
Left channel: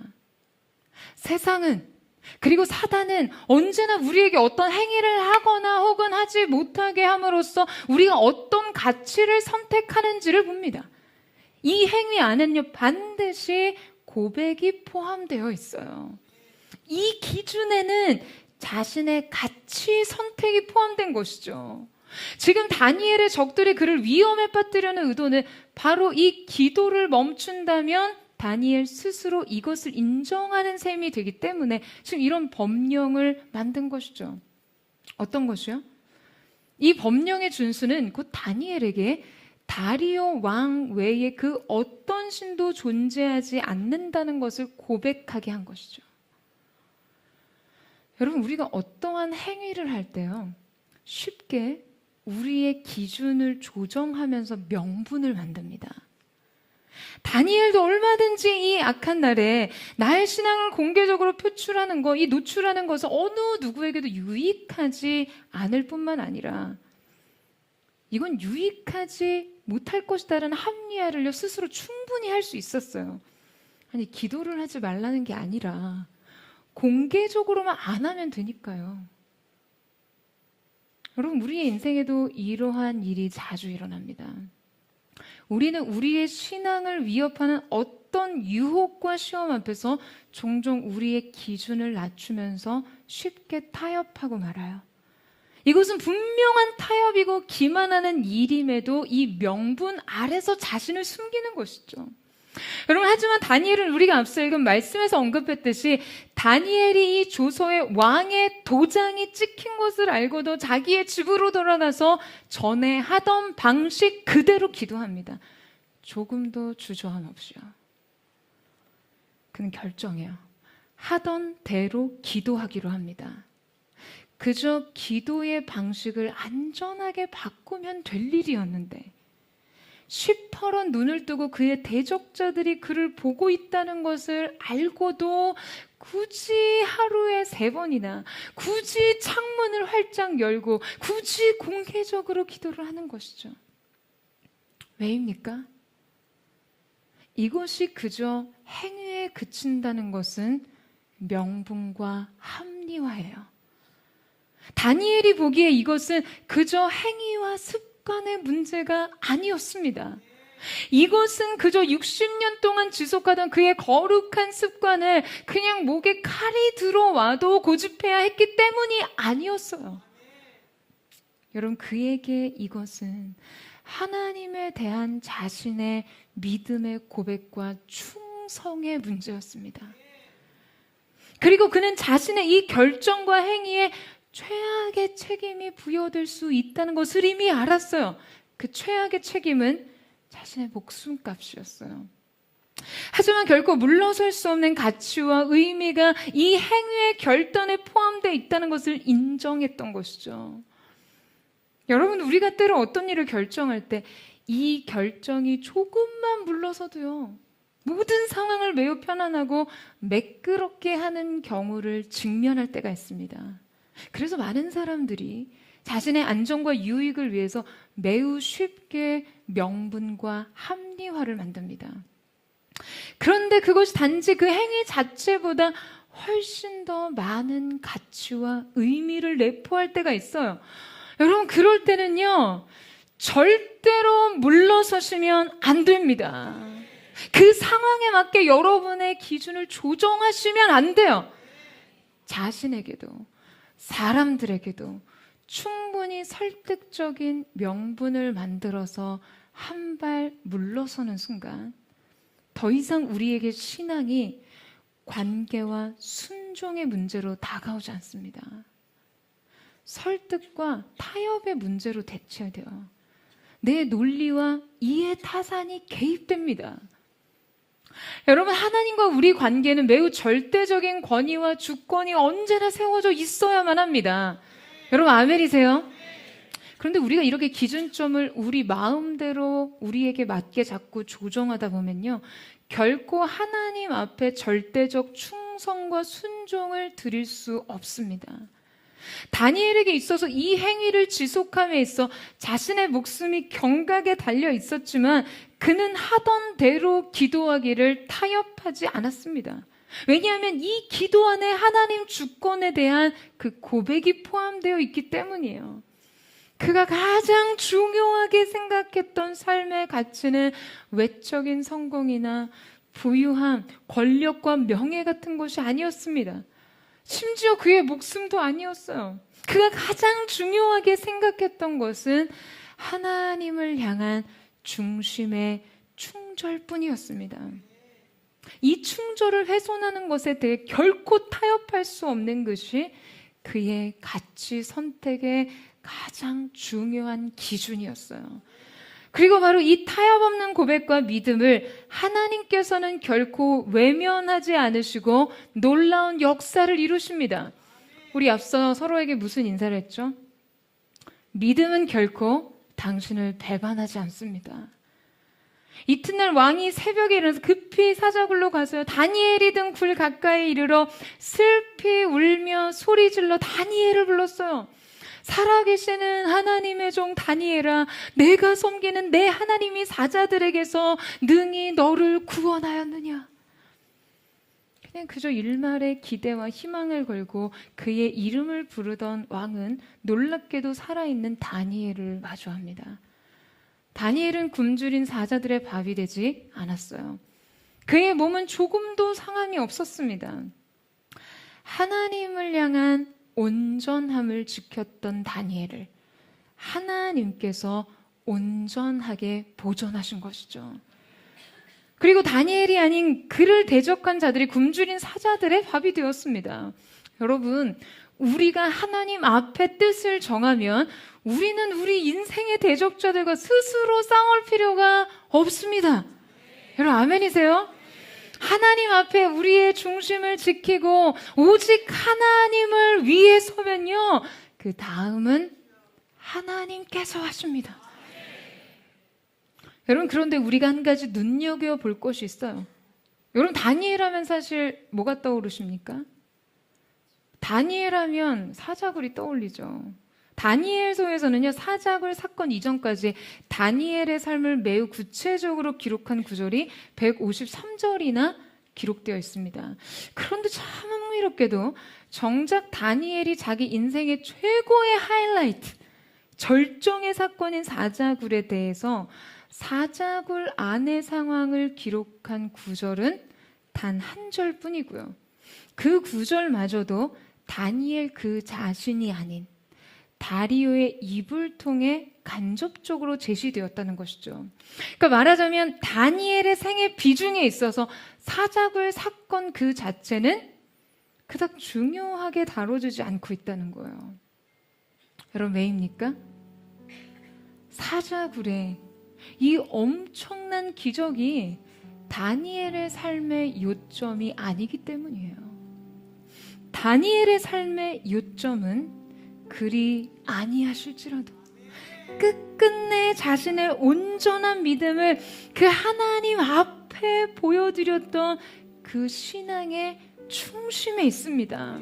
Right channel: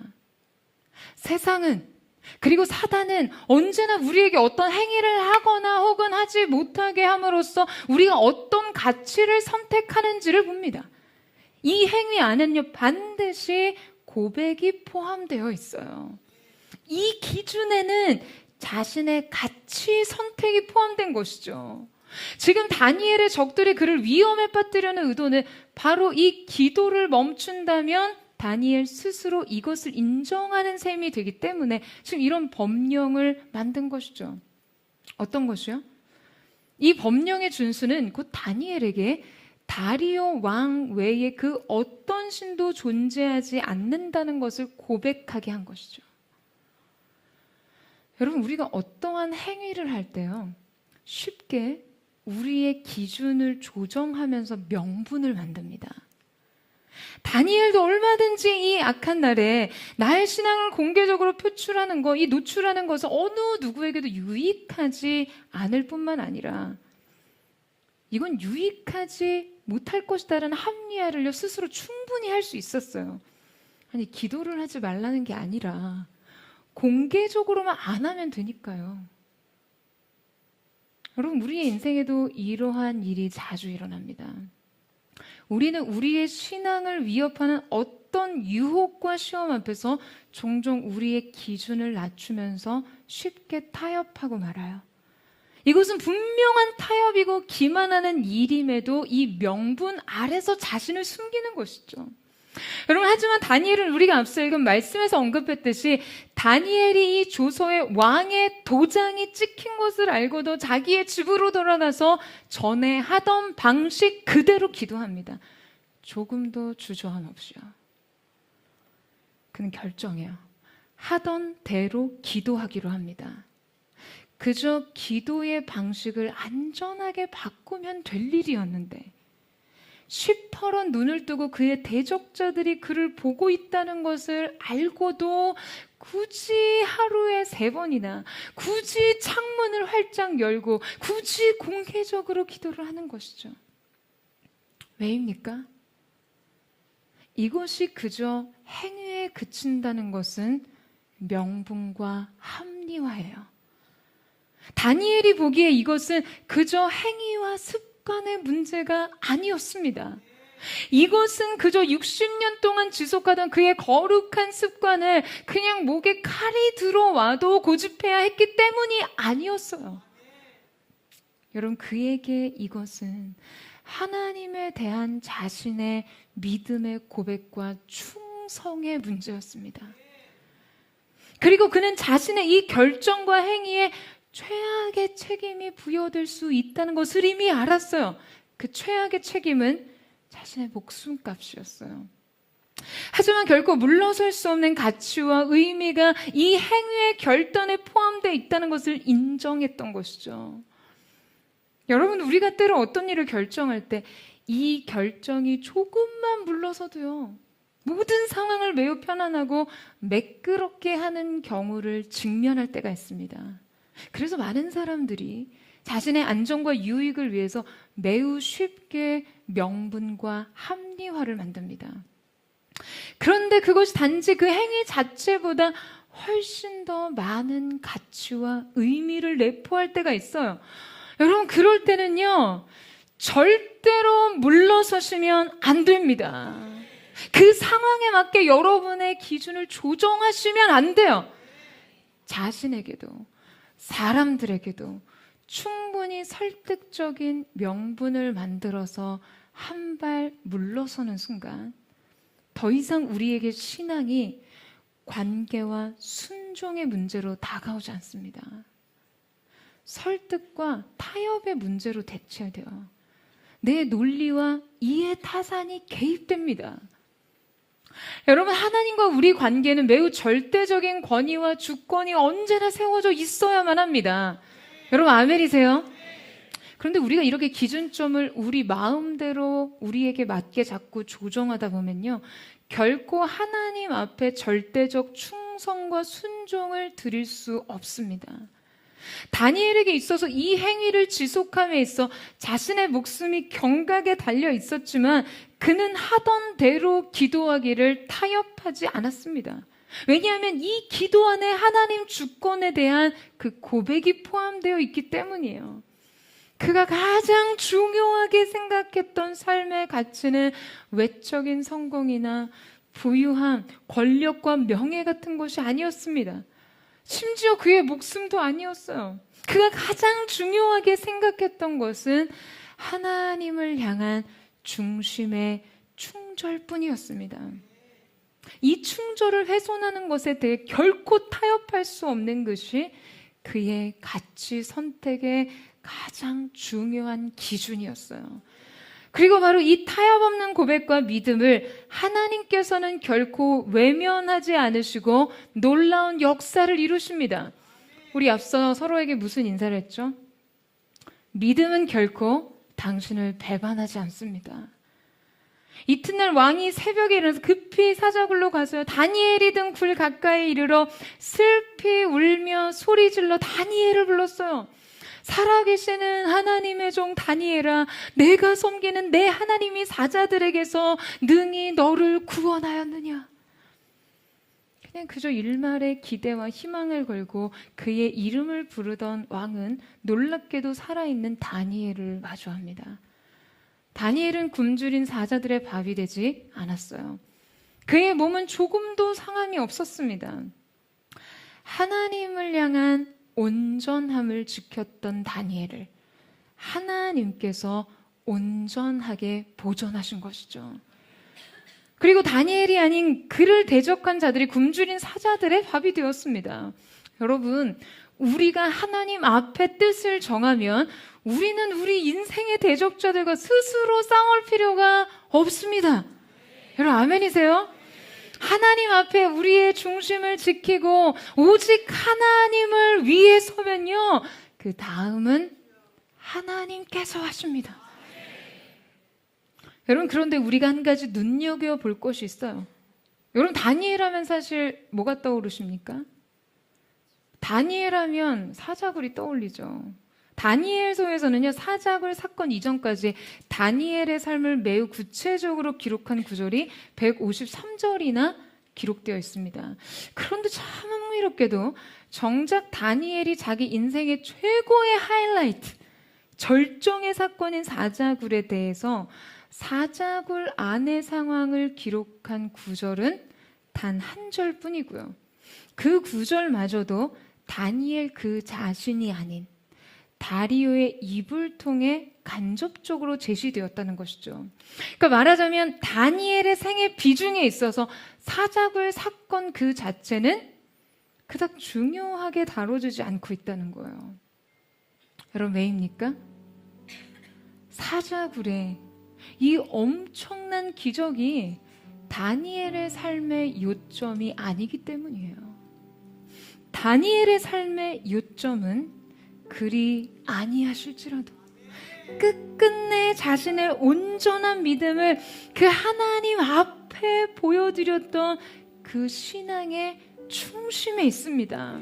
세상은, 그리고 사단은 언제나 우리에게 어떤 행위를 하거나 혹은 하지 못하게 함으로써 우리가 어떤 가치를 선택하는지를 봅니다. 이 행위 안에는요, 반드시 고백이 포함되어 있어요. 이 기준에는 자신의 가치 선택이 포함된 것이죠. 지금 다니엘의 적들이 그를 위험에 빠뜨리려는 의도는 바로 이 기도를 멈춘다면 다니엘 스스로 이것을 인정하는 셈이 되기 때문에 지금 이런 법령을 만든 것이죠. 어떤 것이요? 이 법령의 준수는 곧 다니엘에게 다리오 왕 외에 그 어떤 신도 존재하지 않는다는 것을 고백하게 한 것이죠. 여러분, 우리가 어떠한 행위를 할 때요, 쉽게 우리의 기준을 조정하면서 명분을 만듭니다. 다니엘도 얼마든지 이 악한 날에 나의 신앙을 공개적으로 표출하는 것, 이 노출하는 것은 어느 누구에게도 유익하지 않을 뿐만 아니라 이건 유익하지 못할 것이다라는 합리화를 스스로 충분히 할 수 있었어요. 아니, 기도를 하지 말라는 게 아니라 공개적으로만 안 하면 되니까요. 여러분, 우리의 인생에도 이러한 일이 자주 일어납니다. 우리는 우리의 신앙을 위협하는 어떤 유혹과 시험 앞에서 종종 우리의 기준을 낮추면서 쉽게 타협하고 말아요. 이것은 분명한 타협이고 기만하는 일임에도 이 명분 아래서 자신을 숨기는 것이죠. 여러분, 하지만 다니엘은 우리가 앞서 읽은 말씀에서 언급했듯이 다니엘이 이 조서에 왕의 도장이 찍힌 것을 알고도 자기의 집으로 돌아가서 전에 하던 방식 그대로 기도합니다. 조금도 주저함 없이요. 그는 결정해요. 하던 대로 기도하기로 합니다. 그저 기도의 방식을 안전하게 바꾸면 될 일이었는데 시퍼런 눈을 뜨고 그의 대적자들이 그를 보고 있다는 것을 알고도 굳이 하루에 3번이나 굳이 창문을 활짝 열고 굳이 공개적으로 기도를 하는 것이죠. 왜입니까? 이것이 그저 행위에 그친다는 것은 명분과 합리화예요. 다니엘이 보기에 이것은 그저 행위와 습관의 문제가 아니었습니다. 이것은 그저 60년 동안 지속하던 그의 거룩한 습관을 그냥 목에 칼이 들어와도 고집해야 했기 때문이 아니었어요. 여러분, 그에게 이것은 하나님에 대한 자신의 믿음의 고백과 충성의 문제였습니다. 그리고 그는 자신의 이 결정과 행위에 최악의 책임이 부여될 수 있다는 것을 이미 알았어요. 그 최악의 책임은 자신의 목숨값이었어요. 하지만 결코 물러설 수 없는 가치와 의미가 이 행위의 결단에 포함되어 있다는 것을 인정했던 것이죠. 여러분, 우리가 때로 어떤 일을 결정할 때 이 결정이 조금만 물러서도요, 모든 상황을 매우 편안하고 매끄럽게 하는 경우를 직면할 때가 있습니다. 그래서 많은 사람들이 자신의 안전과 유익을 위해서 매우 쉽게 명분과 합리화를 만듭니다. 그런데 그것이 단지 그 행위 자체보다 훨씬 더 많은 가치와 의미를 내포할 때가 있어요. 여러분, 그럴 때는요, 절대로 물러서시면 안 됩니다. 그 상황에 맞게 여러분의 기준을 조정하시면 안 돼요. 자신에게도 사람들에게도 충분히 설득적인 명분을 만들어서 한 발 물러서는 순간 더 이상 우리에게 신앙이 관계와 순종의 문제로 다가오지 않습니다. 설득과 타협의 문제로 대체돼요. 내 논리와 이해 타산이 개입됩니다. 여러분, 하나님과 우리 관계는 매우 절대적인 권위와 주권이 언제나 세워져 있어야만 합니다. 여러분, 아멘이세요? 그런데 우리가 이렇게 기준점을 우리 마음대로 우리에게 맞게 자꾸 조정하다 보면요, 결코 하나님 앞에 절대적 충성과 순종을 드릴 수 없습니다. 다니엘에게 있어서 이 행위를 지속함에 있어 자신의 목숨이 경각에 달려 있었지만 그는 하던 대로 기도하기를 타협하지 않았습니다. 왜냐하면 이 기도 안에 하나님 주권에 대한 그 고백이 포함되어 있기 때문이에요. 그가 가장 중요하게 생각했던 삶의 가치는 외적인 성공이나 부유함, 권력과 명예 같은 것이 아니었습니다. 심지어 그의 목숨도 아니었어요. 그가 가장 중요하게 생각했던 것은 하나님을 향한 중심의 충절뿐이었습니다. 이 충절을 훼손하는 것에 대해 결코 타협할 수 없는 것이 그의 가치 선택의 가장 중요한 기준이었어요. 그리고 바로 이 타협 없는 고백과 믿음을 하나님께서는 결코 외면하지 않으시고 놀라운 역사를 이루십니다. 우리 앞서 서로에게 무슨 인사를 했죠? 믿음은 결코 당신을 배반하지 않습니다. 이튿날 왕이 새벽에 일어나서 급히 사자굴로 가서 다니엘이 든 굴 가까이 이르러 슬피 울며 소리질러 다니엘을 불렀어요. 살아계시는 하나님의 종 다니엘아, 내가 섬기는 내 하나님이 사자들에게서 능히 너를 구원하였느냐. 그냥 그저 일말의 기대와 희망을 걸고 그의 이름을 부르던 왕은 놀랍게도 살아있는 다니엘을 마주합니다. 다니엘은 굶주린 사자들의 밥이 되지 않았어요. 그의 몸은 조금도 상함이 없었습니다. 하나님을 향한 온전함을 지켰던 다니엘을 하나님께서 온전하게 보존하신 것이죠. 그리고 다니엘이 아닌 그를 대적한 자들이 굶주린 사자들의 밥이 되었습니다. 여러분, 우리가 하나님 앞에 뜻을 정하면 우리는 우리 인생의 대적자들과 스스로 싸울 필요가 없습니다. 여러분, 아멘이세요? 하나님 앞에 우리의 중심을 지키고 오직 하나님을 위해 서면요, 그 다음은 하나님께서 하십니다. 여러분, 그런데 우리가 한 가지 눈여겨볼 것이 있어요. 여러분, 다니엘 하면 사실 뭐가 떠오르십니까? 다니엘 하면 사자굴이 떠올리죠. 다니엘서에서는요, 사자굴 사건 이전까지 다니엘의 삶을 매우 구체적으로 기록한 구절이 153절이나 기록되어 있습니다. 그런데 참 흥미롭게도 정작 다니엘이 자기 인생의 최고의 하이라이트, 절정의 사건인 사자굴에 대해서 사자굴 안의 상황을 기록한 구절은 단 한 절뿐이고요. 그 구절마저도 다니엘 그 자신이 아닌 다리오의 입을 통해 간접적으로 제시되었다는 것이죠. 그러니까 말하자면 다니엘의 생애 비중에 있어서 사자굴 사건 그 자체는 그닥 중요하게 다뤄지지 않고 있다는 거예요. 여러분 왜입니까? 사자굴에 이 엄청난 기적이 다니엘의 삶의 요점이 아니기 때문이에요. 다니엘의 삶의 요점은 그리 아니하실지라도 끝끝내 자신의 온전한 믿음을 그 하나님 앞에 보여드렸던 그 신앙의 충심에 있습니다.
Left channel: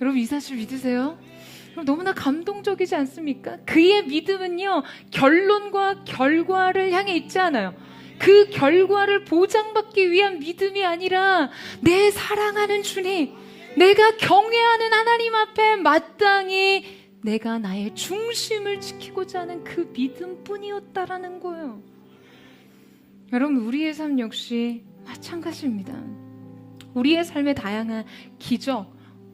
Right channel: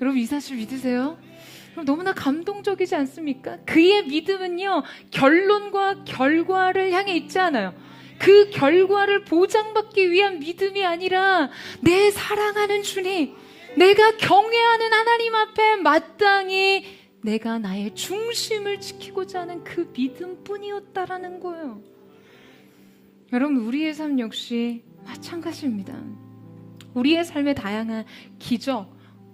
여러분 이 사실 믿으세요? 너무나 감동적이지 않습니까? 그의 믿음은요, 결론과 결과를 향해 있지 않아요. 그 결과를 보장받기 위한 믿음이 아니라 내 사랑하는 주님, 내가 경외하는 하나님 앞에 마땅히 내가 나의 중심을 지키고자 하는 그 믿음뿐이었다라는 거예요. 여러분 우리의 삶 역시 마찬가지입니다. 우리의 삶의 다양한 기적,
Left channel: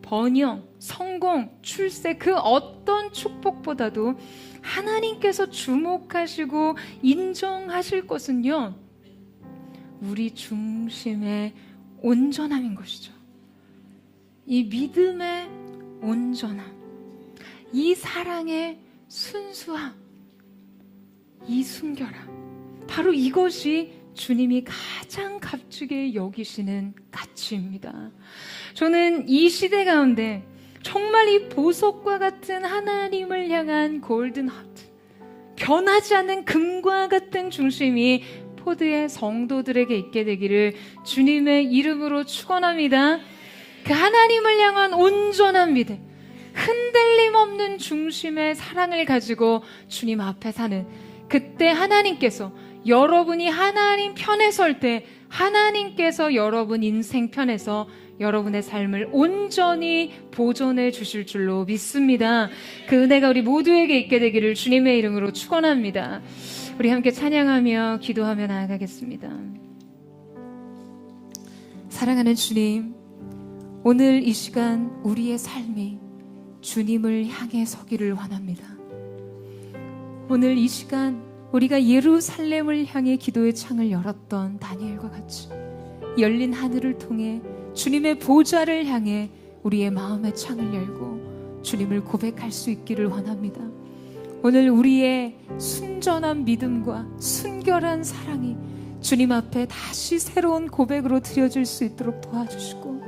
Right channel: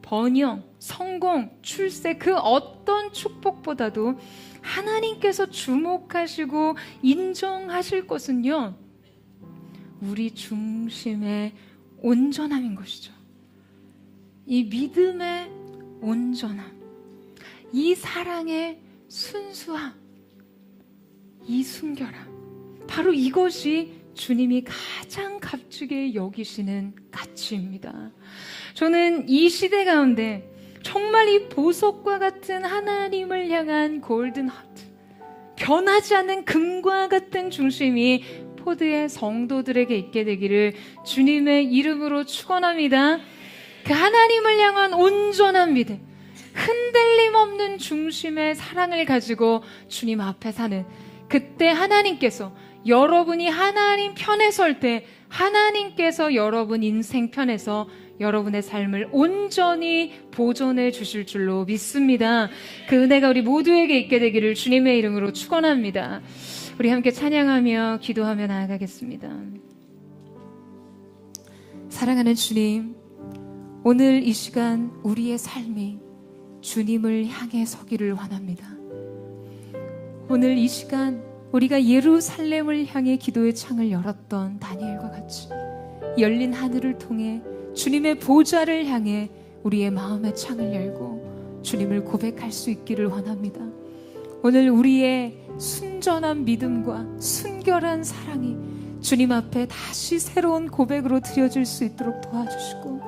번영, 성공, 출세 그 어떤 축복보다도 하나님께서 주목하시고 인정하실 것은요, 우리 중심의 온전함인 것이죠. 이 믿음의 온전함, 이 사랑의 순수함, 이 순결함, 바로 이것이 주님이 가장 값지게 여기시는 가치입니다. 저는 이 시대 가운데 정말 이 보석과 같은 하나님을 향한 골든 하트, 변하지 않는 금과 같은 중심이 포드의 성도들에게 있게 되기를 주님의 이름으로 축원합니다. 그 하나님을 향한 온전한 믿음, 흔들림 없는 중심의 사랑을 가지고 주님 앞에 사는 그때 하나님께서 여러분이 하나님 편에 설 때 하나님께서 여러분 인생 편에서 여러분의 삶을 온전히 보존해 주실 줄로 믿습니다. 그 은혜가 우리 모두에게 있게 되기를 주님의 이름으로 축원합니다. 우리 함께 찬양하며 기도하며 나아가겠습니다. 사랑하는 주님, 오늘 이 시간 우리의 삶이 주님을 향해 서기를 원합니다. 오늘 이 시간 우리가 예루살렘을 향해 기도의 창을 열었던 다니엘과 같이 열린 하늘을 통해 주님의 보좌를 향해 우리의 마음의 창을 열고 주님을 고백할 수 있기를 원합니다. 오늘 우리의 순전한 믿음과 순결한 사랑이 주님 앞에 다시 새로운 고백으로 드려질 수 있도록 도와주시고,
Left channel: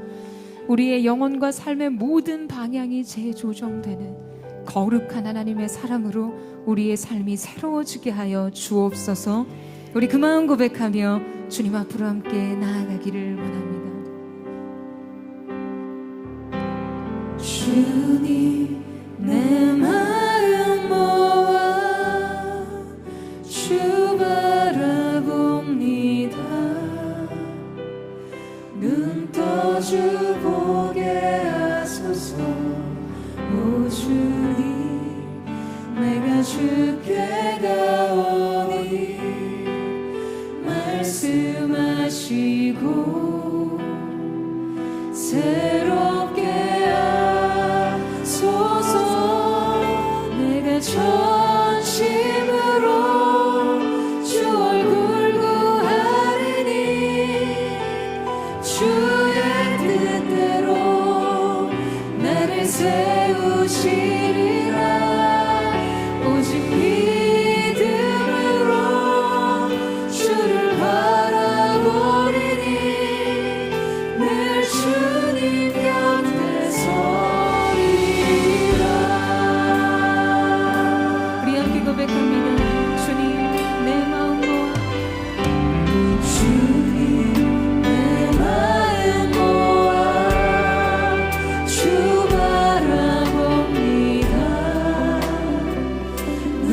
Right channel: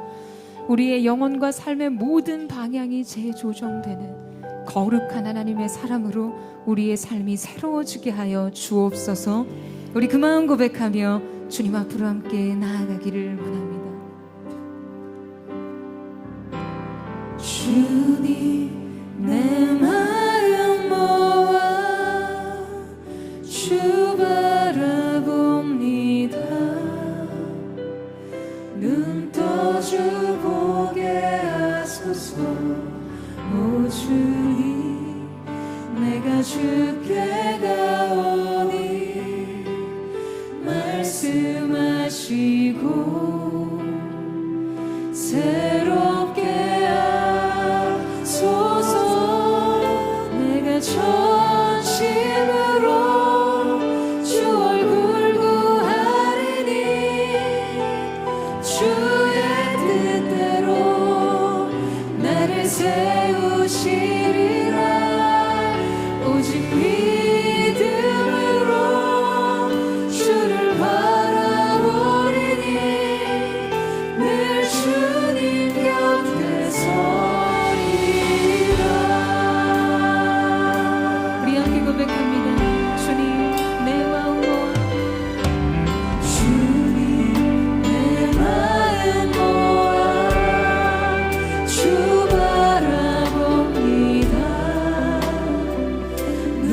우리의 영혼과 삶의 모든 방향이 재조정되는 거룩한 하나님의 사람으로 우리의 삶이 새로워지게 하여 주옵소서. 우리 그 마음 고백하며 주님 앞으로 함께 나아가기를 원합니다. 주님, 내 마음 모아 주 바라봅니다. 눈 떠 주 보게 하소서. 오 주님, 내가 주께 가오니 말씀하시고 새롭게 하소서. 내가 전심으로 주 얼굴 구하리니 주의 뜻대로 나를 세우시리라. 오직 믿음으로 주를 바라보리니 늘 주님 곁에 서리라. 우리 함께 고백합니다. 주님, 내 마음 주님, 내 마음 주 바라봅니다.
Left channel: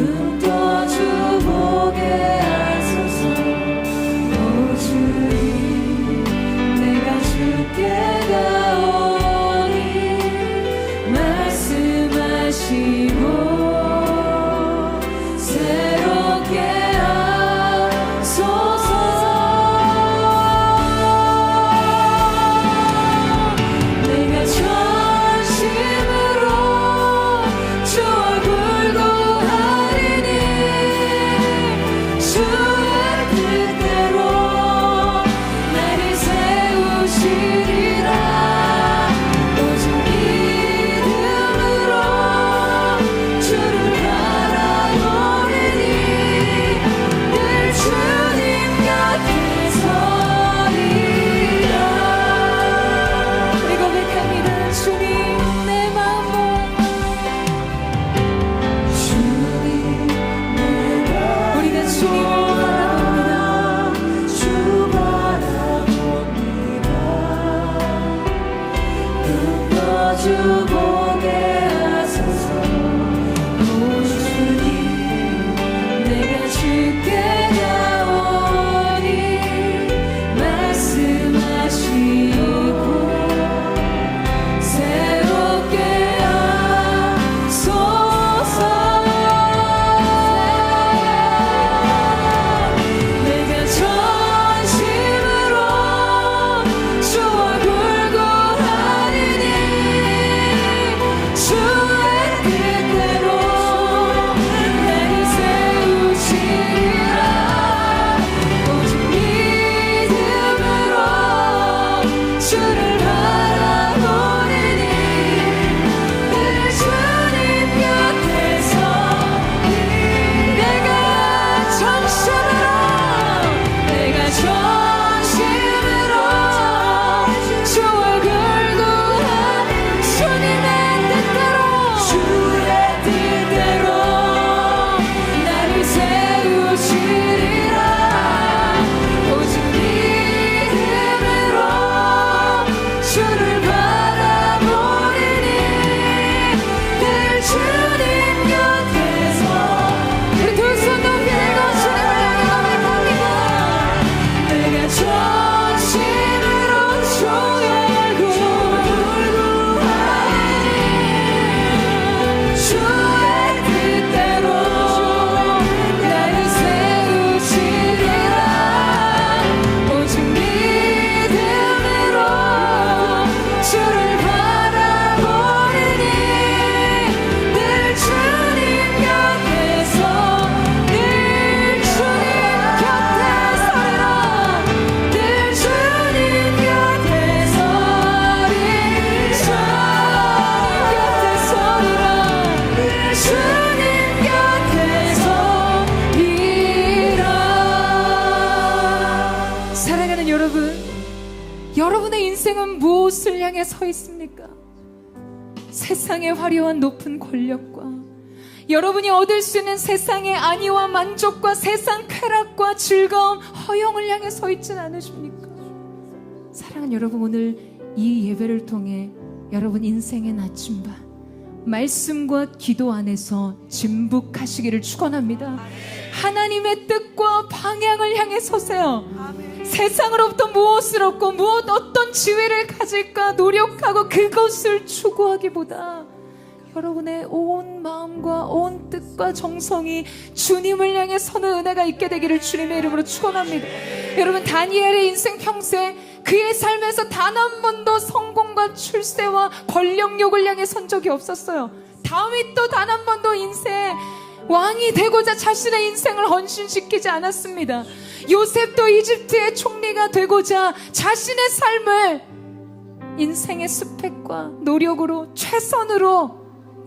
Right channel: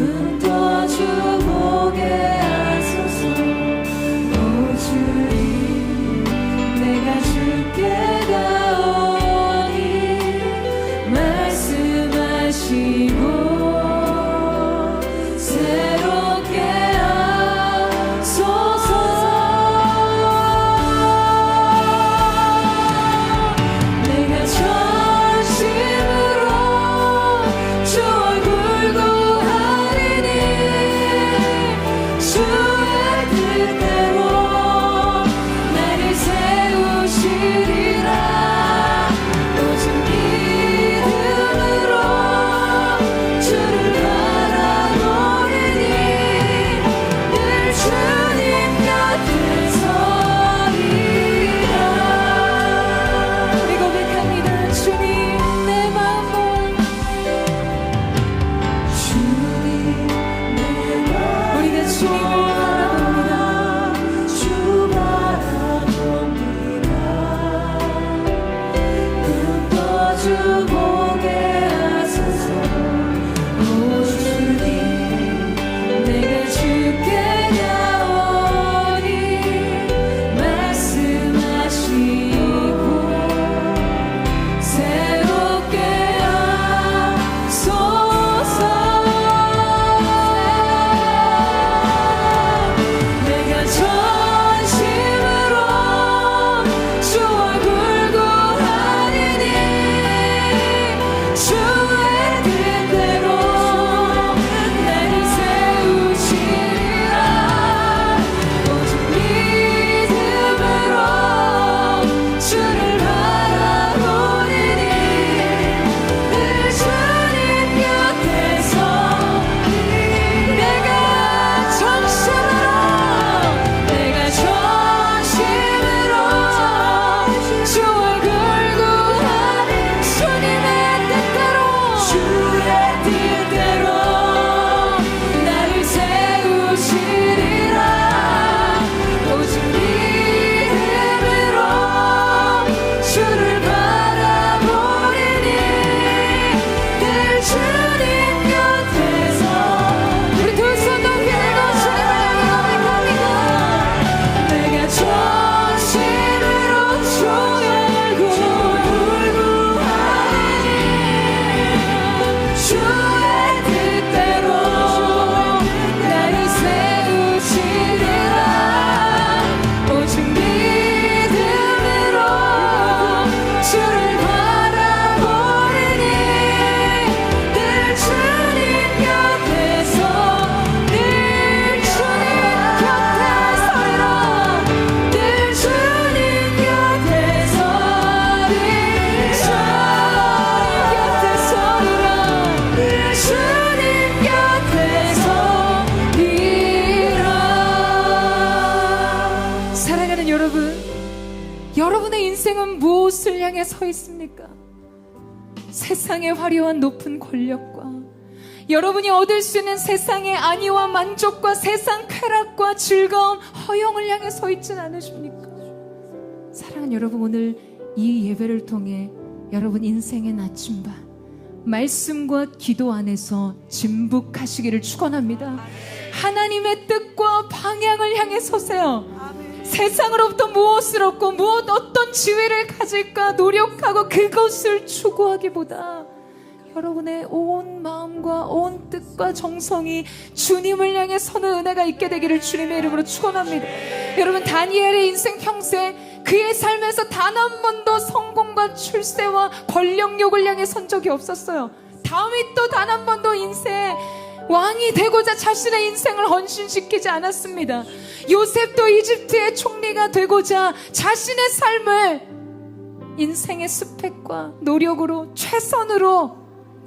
눈 떠주 보게 하소서. 오 주님 내가 주께 가오니 말씀하시고 새롭게 하소서. 내가 전심으로 주 얼굴 구하리니 주의 뜻대로 나를 세우시리라. 오직 믿음으로 주를 바라보리니 늘 주님 곁에 서리라. 우리 고백합니다. 주님 내 마음을 주님 내 마음 우리가 주님을 바라봅니다. 주 바라봅니다. 눈 떠주 보게 하소서. 오 주님 내가 주께 가오니 말씀하시고 새롭게 하소서. 내가 전심으로 주 얼굴 구하리니 주의 뜻대로 나를 세우시리라. 오직 믿음으로 주를 바라보리니 늘 주님 곁에서 내가 전심으로 주 얼굴 구하는 주의 뜻대로 나를 세우시리라. 오직 믿음으로 주를 바라보리니 늘 주님 곁에서 우리 두 손 높이 고백합니다. 내가 전심으로 주의 얼굴 구하리니 주의 뜻대로 나를 세우시리라. 오직 믿음으로 주를 바라보리니 늘 주님 곁에서 늘 주님 곁에서라. 늘 주님 곁에서 늘 주님 곁에서리라. 사랑하는 여러분, 여러분의 인생은 무엇을 향해 서 있습니까? 세상의 화려한 높은 권력과 여러분이 얻을 수 있는 세상의 안위와 만족과 세상 쾌락과 즐거움, 허영을 향해 서 있진 않으십니까? 사랑하는 여러분, 오늘 이 예배를 통해 여러분 인생의 나침반 말씀과 기도 안에서 증복하시기를 축원합니다. 하나님의 뜻과 방향을 향해 서세요. 세상으로부터 무엇을 얻고 어떤 지위를 가질까 노력하고 그것을 추구하기보다 여러분의 온 마음과 온 뜻과 정성이 주님을 향해 서는 은혜가 있게 되기를 주님의 이름으로 축원합니다. 여러분, 다니엘의 인생 평생 그의 삶에서 단 한 번도 성공과 출세와 권력욕을 향해 선 적이 없었어요. 다윗도 단 한 번도 인생 왕이 되고자 자신의 인생을 헌신시키지 않았습니다. 요셉도 이집트의 총리가 되고자 자신의 삶을 인생의 스펙과 노력으로 최선으로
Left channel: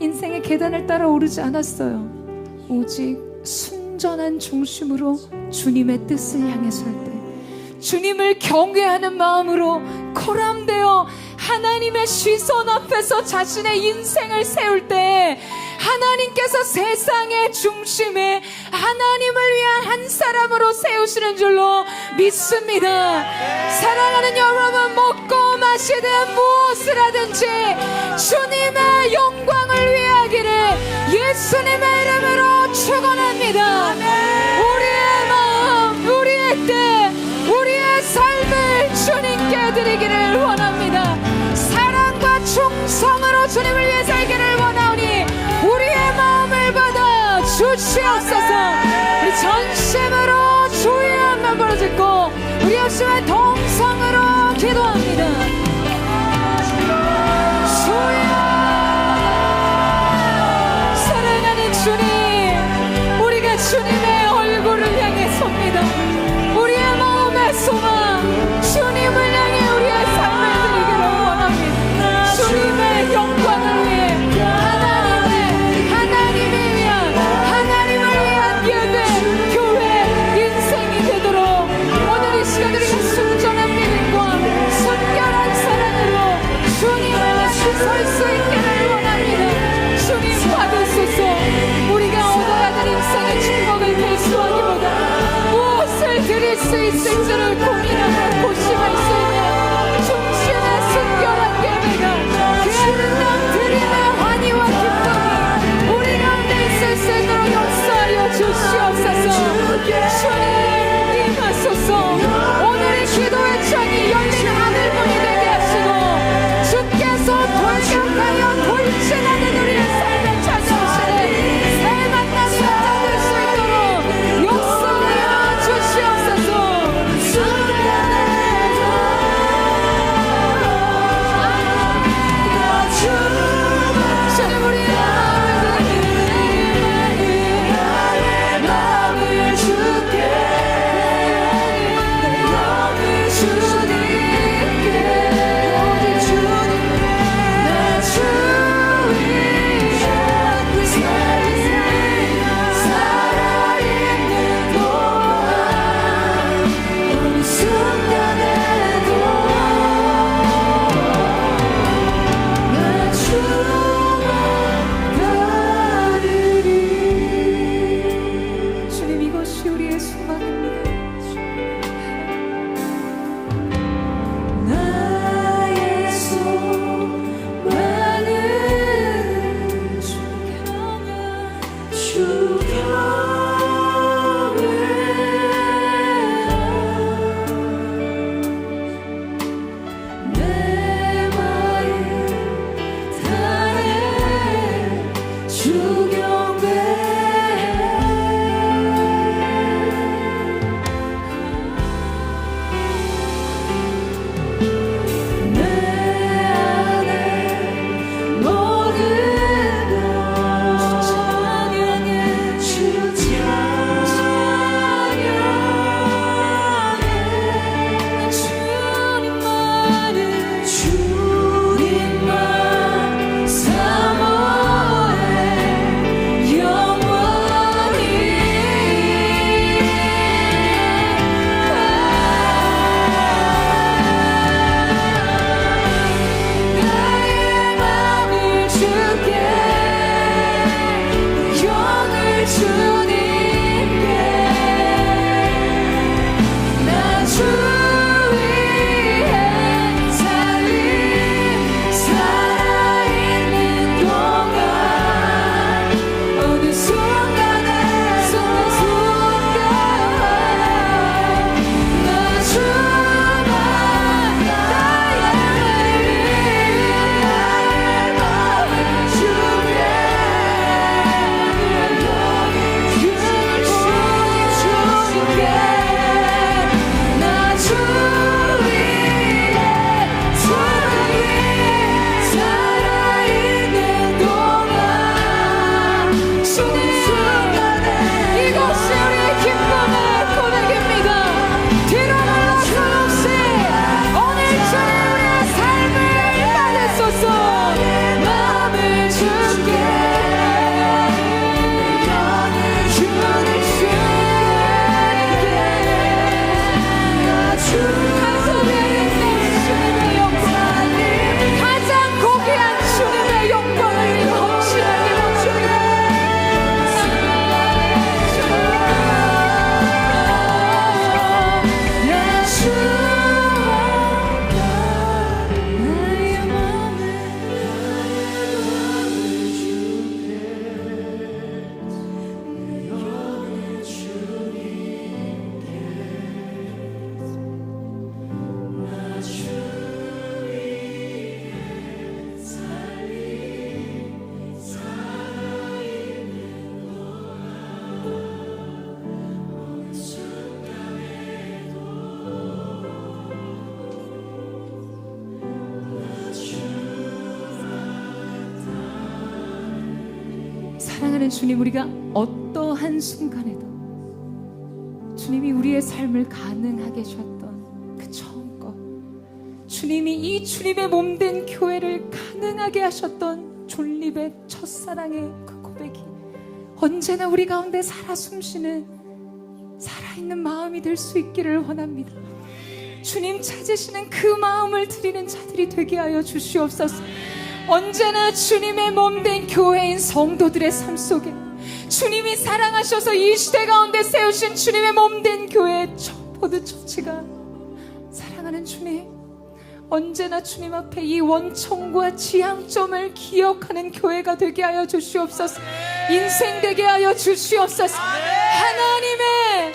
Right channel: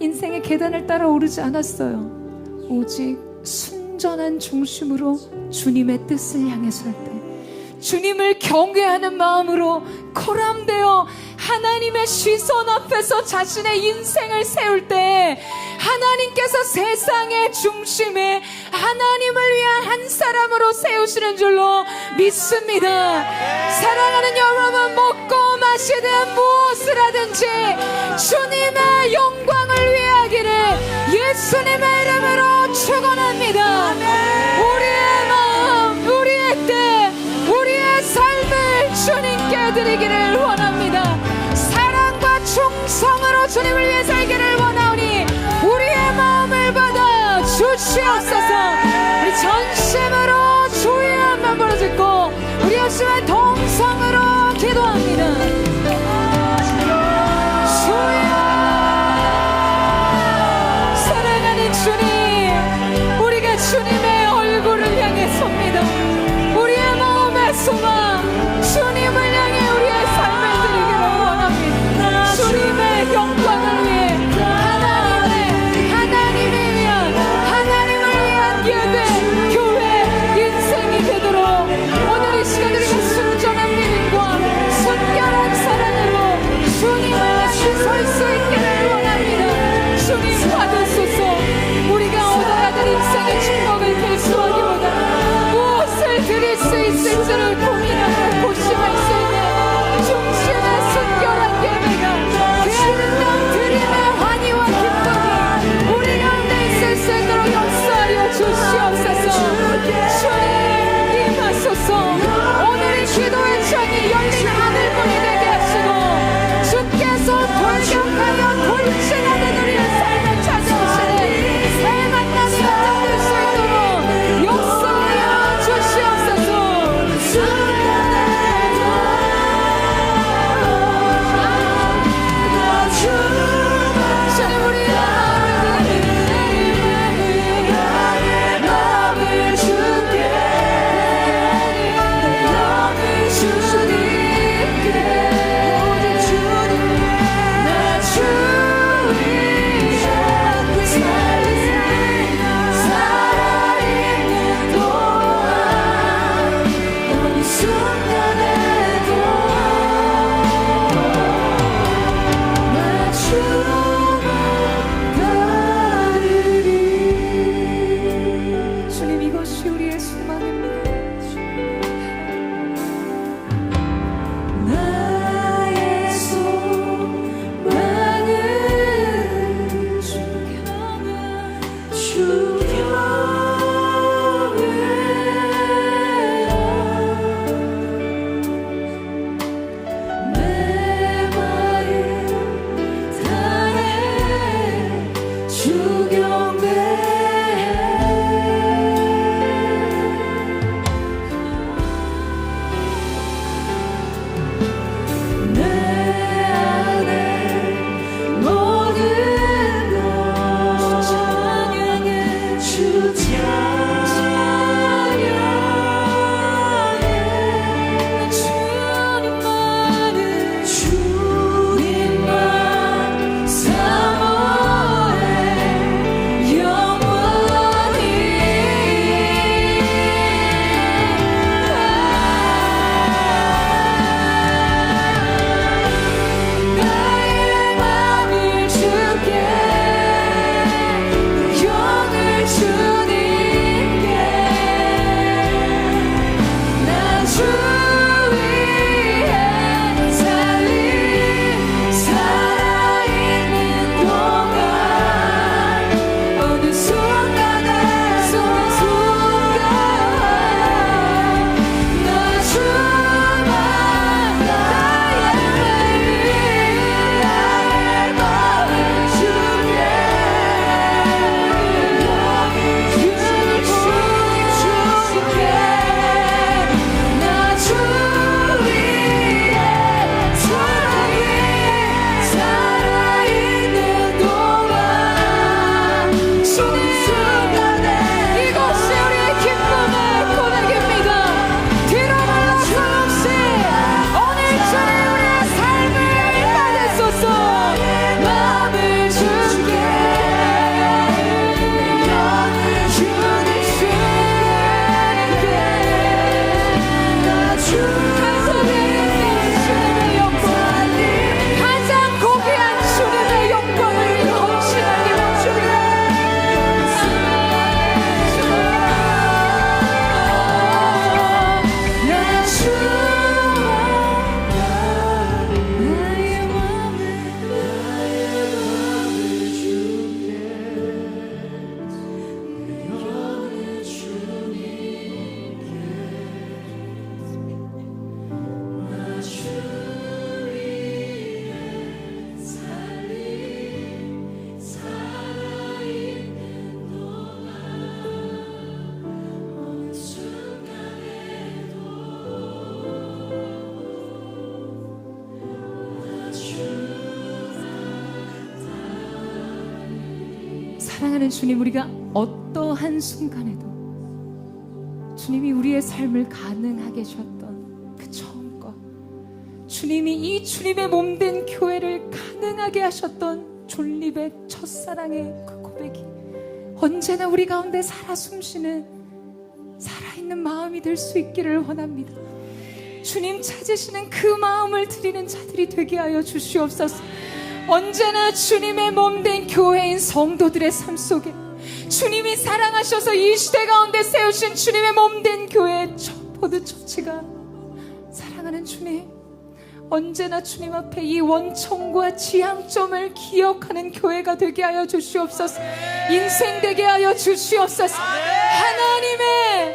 인생의 계단을 따라 오르지 않았어요. 오직 순전한 중심으로 주님의 뜻을 향해 설 때, 주님을 경외하는 마음으로 코람되어 하나님의 시선 앞에서 자신의 인생을 세울 때 하나님께서 세상의 중심에 하나님을 위한 한 사람으로 세우시는 줄로 믿습니다. 사랑하는 여러분, 먹고 원하시는 무엇을 하든지 주님의 영광을 위해 하기를 예수님의 이름으로 축원합니다. 우리의 마음, 우리의 뜻, 우리의 삶을 주님께 드리기를 원합니다. 사랑과 충성으로 주님을 위해 살기를 원하오니 우리의 마음을 받아 주시옵소서. 이 전심으로 주의 한번 부르짖고 우리 예수의 동성으로 기도합니다. 주여, 사랑하는 주님, 우리가 주님의 얼굴을 향해 섭니다. 우리의 마음의 소망, 주님을 향해 우리의 삶을 드리기를 원합니다. 주님의 영광을 위해 하나님을 위한 예배, 교회, 인생이 되도록 오늘 이 시간 우리가 순전한 믿음과 순결한 사랑으로 주님을 같이 설 수 있기를 원합니다. 주님 받으소서. 우리가 얻어야 될 인생의 즐거움을 결수하기보다 무엇을 드릴 수 있을지를 고민하고 고심할 수 있는 중심의 순결한 예배가 그 아름다운 드림의 환희와 기쁨이 우리 가운데 있을 수 있도록 역사하여 주시옵소서. 주님 임하소서. 오늘의 기도의 창이 열린 하늘문이 되게 하시고 주께서 돌격하여 돌진하는 우리의 삶을 찾아오시는 새 만남을 얻을 수 있도록 역사하여 주시옵소서. 주님, 이것이 우리의 소망입니다. 나의 소망은 내 마음 다해 주경배 주 사랑하는 주님, 우리가 어떠한 순간에도 주님이 우리의 삶을 가능하게 해주셨던 그 처음 것, 주님이 이 주님의 몸된 교회를 가능하게 하셨던 존립의 첫사랑의 그 고백이 언제나 우리 가운데 살아 숨쉬는 살아있는 마음이 될 수 있기를 원합니다. 주님 찾으시는 그 마음을 드리는 자들이 되게 하여 주시옵소서. 언제나 주님의 몸된 교회인 성도들의 삶 속에 주님이 사랑하셔서 이 시대 가운데 세우신 주님의 몸된 교회의 포도처치가 사랑하는 주님, 언제나 주님 앞에 이 원천과 지향점을 기억하는 교회가 되게 하여 주시옵소서. 인생 되게 하여 주시옵소서. 하나님을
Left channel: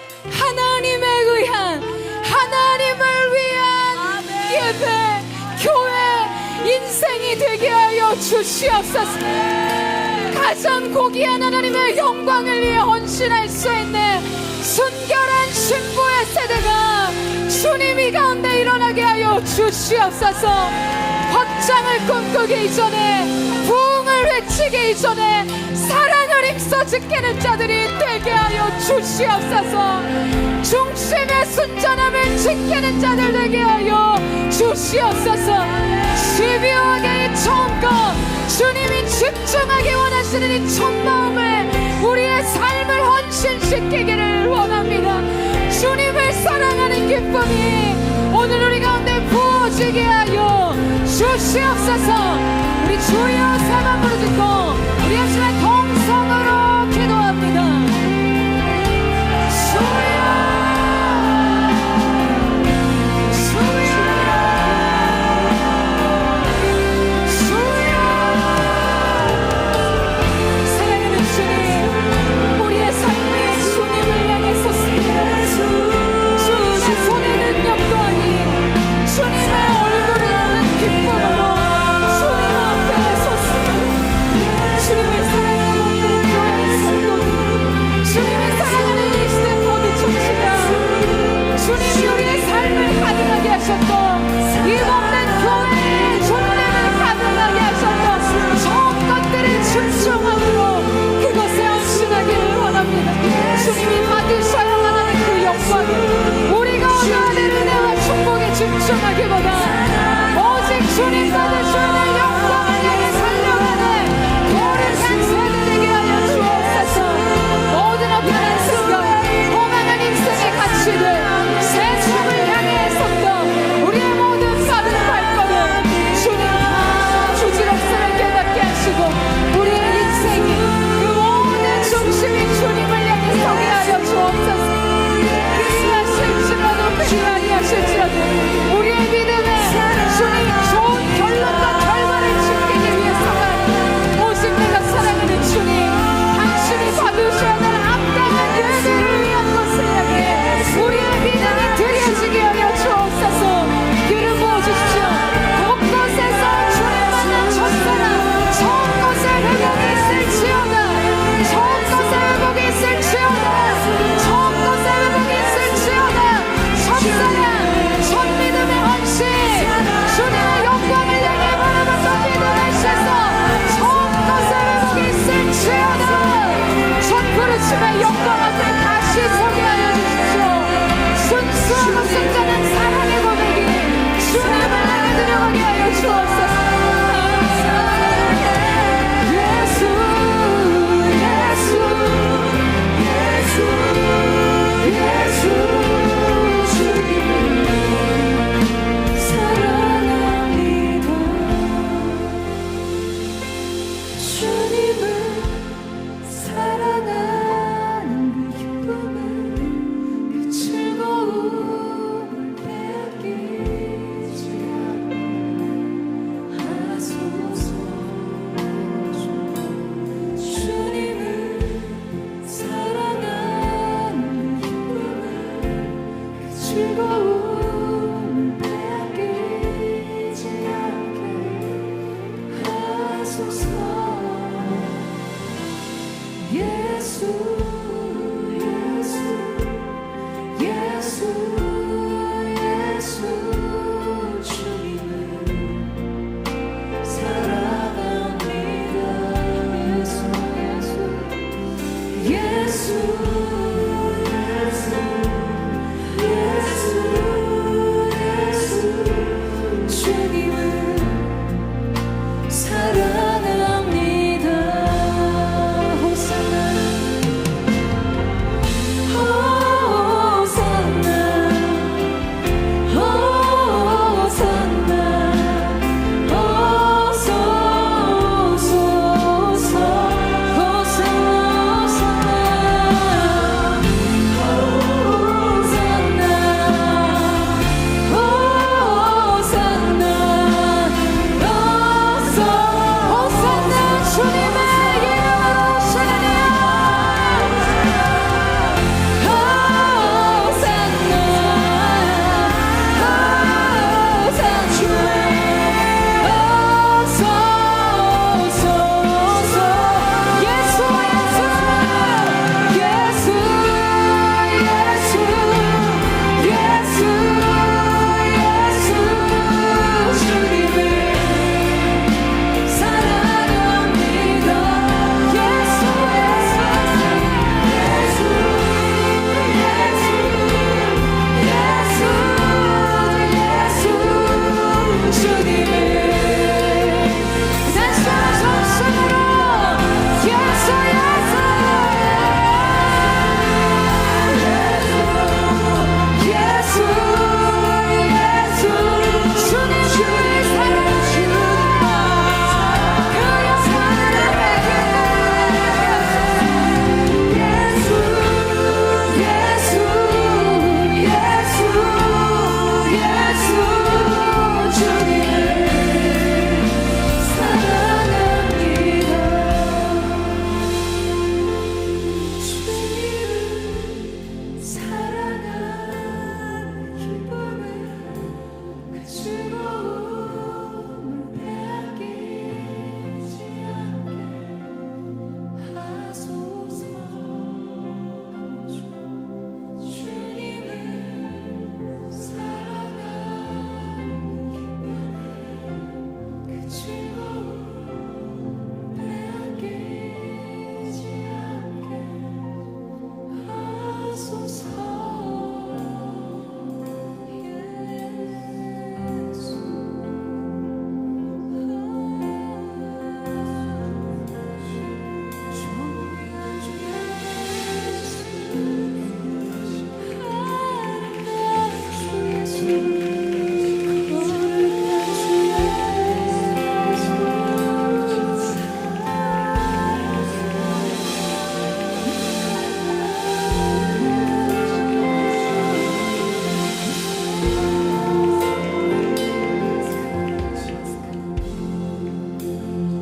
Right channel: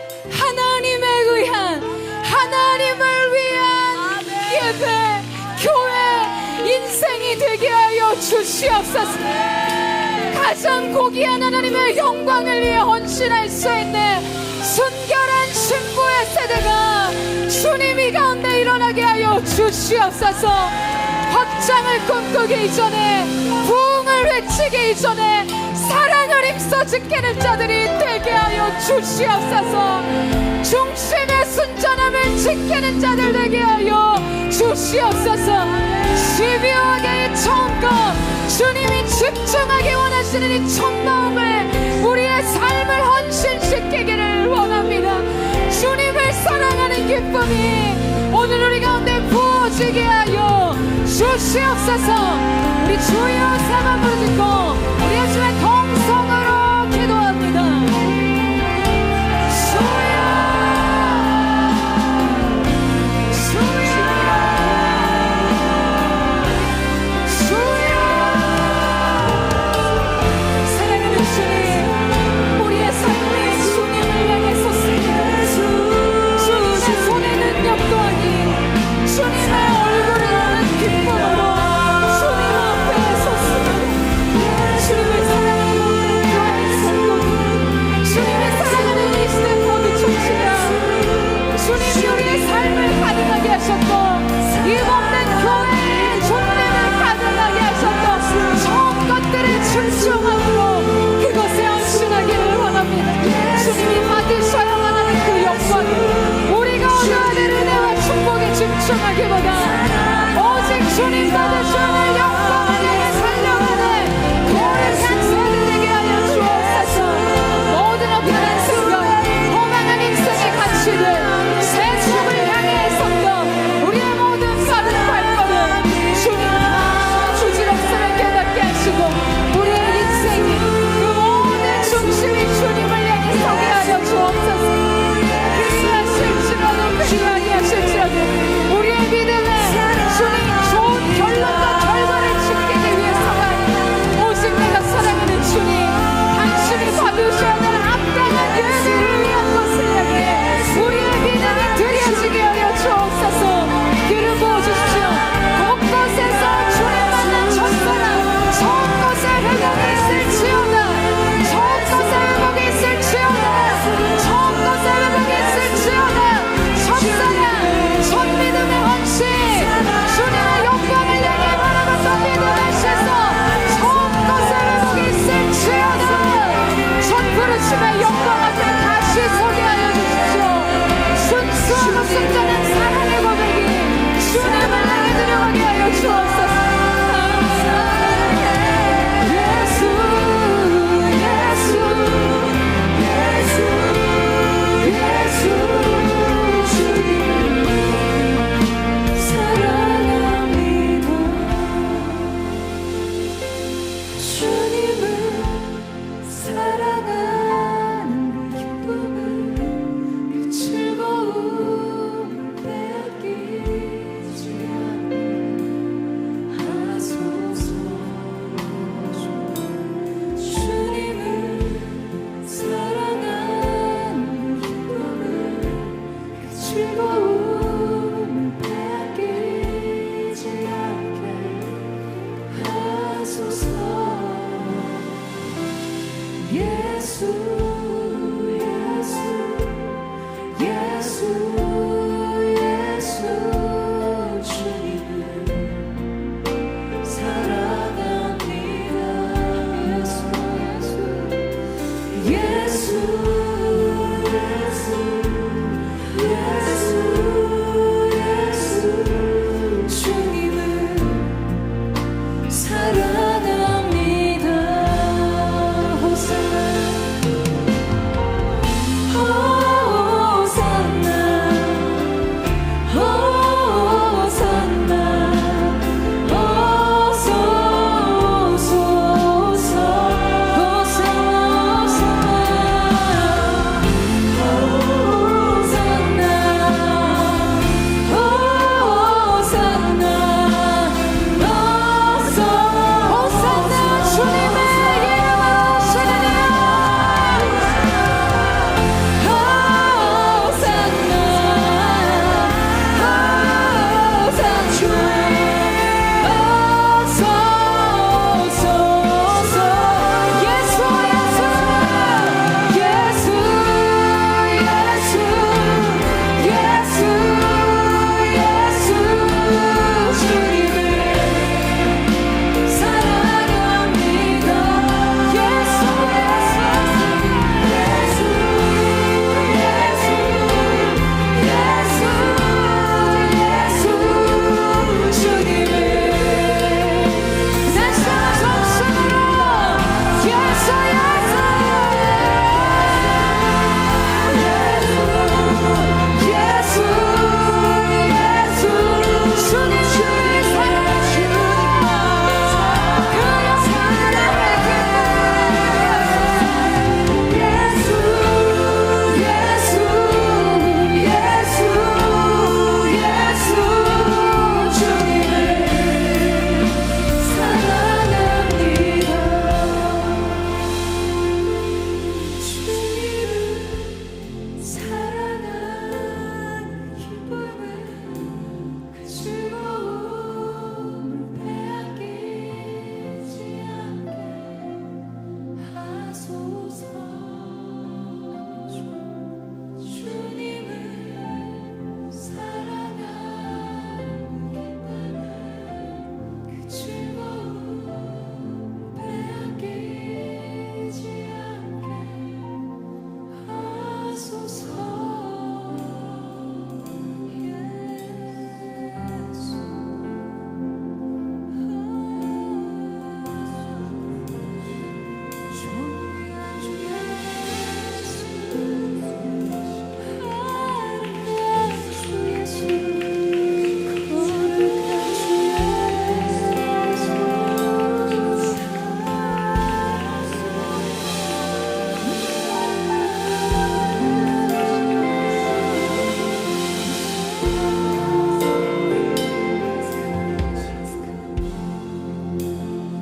위한 예배, 교회, 인생이 되게 하여 주시옵소서. 가장 고귀한 하나님의 영광을 위해 헌신할 수 있는 순결한 신부의 세대가 주님이 가운데 일어나게 하여 주시옵소서. 확장을 꿈꾸기 이전에, 부흥을 외치기 이전에 사랑을 힘써 지키는 자들이 되게 하여 주시옵소서. 중심의 순전함을 지키는 자들 되게 하여 주시옵소서. 집요하게 이 처음껏 주님이 집중하게 원하시는 이 첫마음에 우리의 삶을 헌신시키기를 원합니다. 주님을 사랑하는 기쁨이 오늘 우리 가운데 부어지게 하여 주시옵소서. 우리 주여 사랑 부르고 우리 예수의 동성으로 기도합니다. 사랑하는 주님, 우리의 삶에 주님을 향해서 주 손에 능력도 아닌 주님의 얼굴을 기쁨으로 주님 앞에 섰습니다.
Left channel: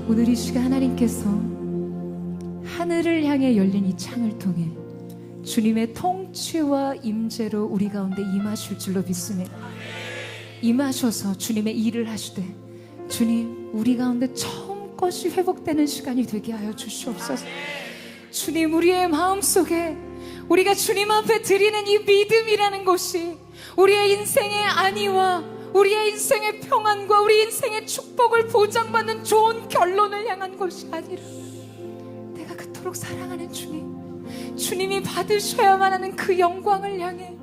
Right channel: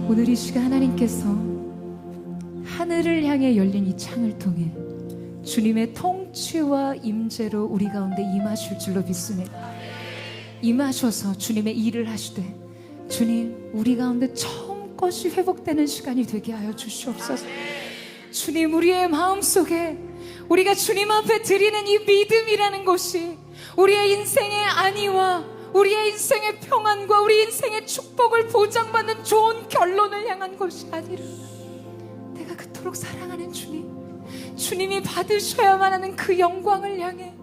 오늘 이 시간 하나님께서 하늘을 향해 열린 이 창을 통해 주님의 통치와 임재로 우리 가운데 임하실 줄로 믿습니다. 임하셔서 주님의 일을 하시되 주님 우리 가운데 처음 것이 회복되는 시간이 되게 하여 주시옵소서. 주님 우리의 마음속에 우리가 주님 앞에 드리는 이 믿음이라는 것이 우리의 인생의 안위와 우리의 인생의 평안과 우리 인생의 축복을 보장받는 좋은 결론을 향한 것이 아니라 내가 그토록 사랑하는 주님, 주님이 받으셔야만 하는 그 영광을 향해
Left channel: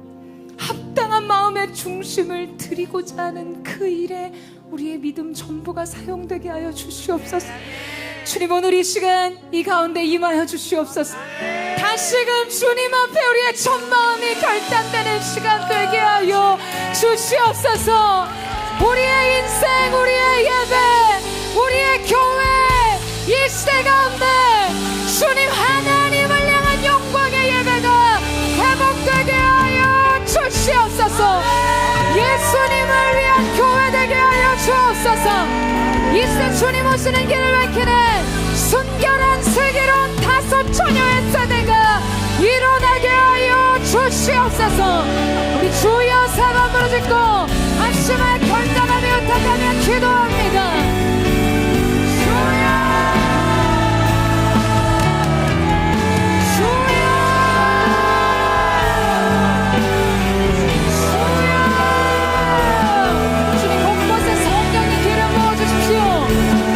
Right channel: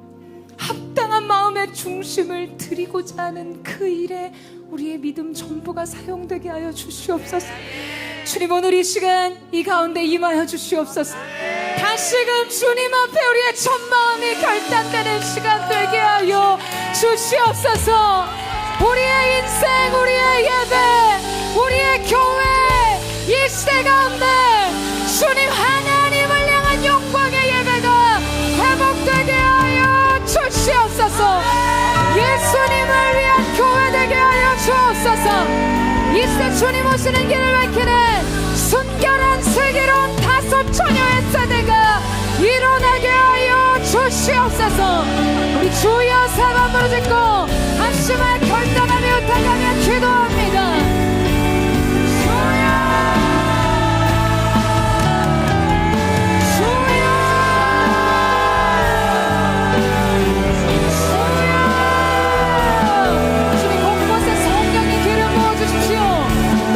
합당한 마음의 중심을 드리고자 하는 그 일에 우리의 믿음 전부가 사용되게 하여 주시옵소서. 주님 오늘 이 시간 이 가운데 임하여 주시옵소서. 다시금 주님 앞에 우리의 첫 마음이 결단되는 시간 되게 하여 주시옵소서. 우리의 인생, 우리의 예배, 우리의 교회 이 시대 가운데 주님 하나님을 향한 영광의 예배가 회복되게 하여 주시옵소서. 예수님을 위한 교회 되게 하여 주옵소서. 이 시대 주님 오시는 길을 밝히는 순결한 슬기로운 다섯 처녀의 세대가 일어나게 하여 주시옵소서. 우리 주여 사랑 부르짖고 합심을 결단하며 나가며 기도합니다. 주님 곳곳에 성령의 기름 부어주십시오.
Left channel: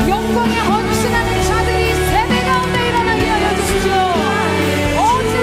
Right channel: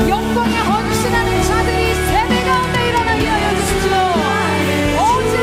영광에 헌신하는 자들이 세대 가운데 일어나게 하여 주시죠. 오직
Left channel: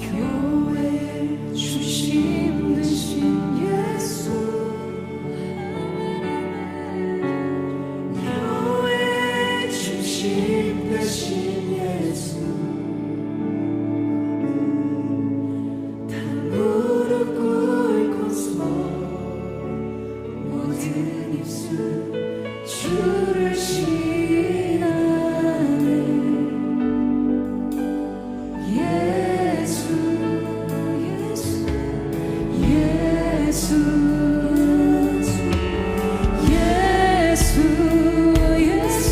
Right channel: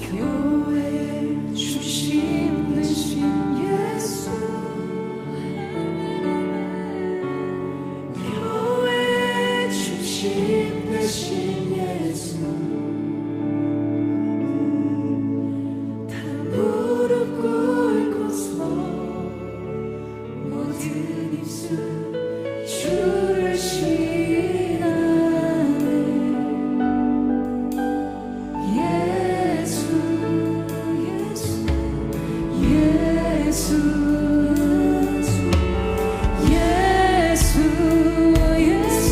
교회 주신 대신 예수 교회 주신 대신 예수 다 무릎 꿇고서 모든 입술 주를 시인하네 예수 예수 예수 예수 예수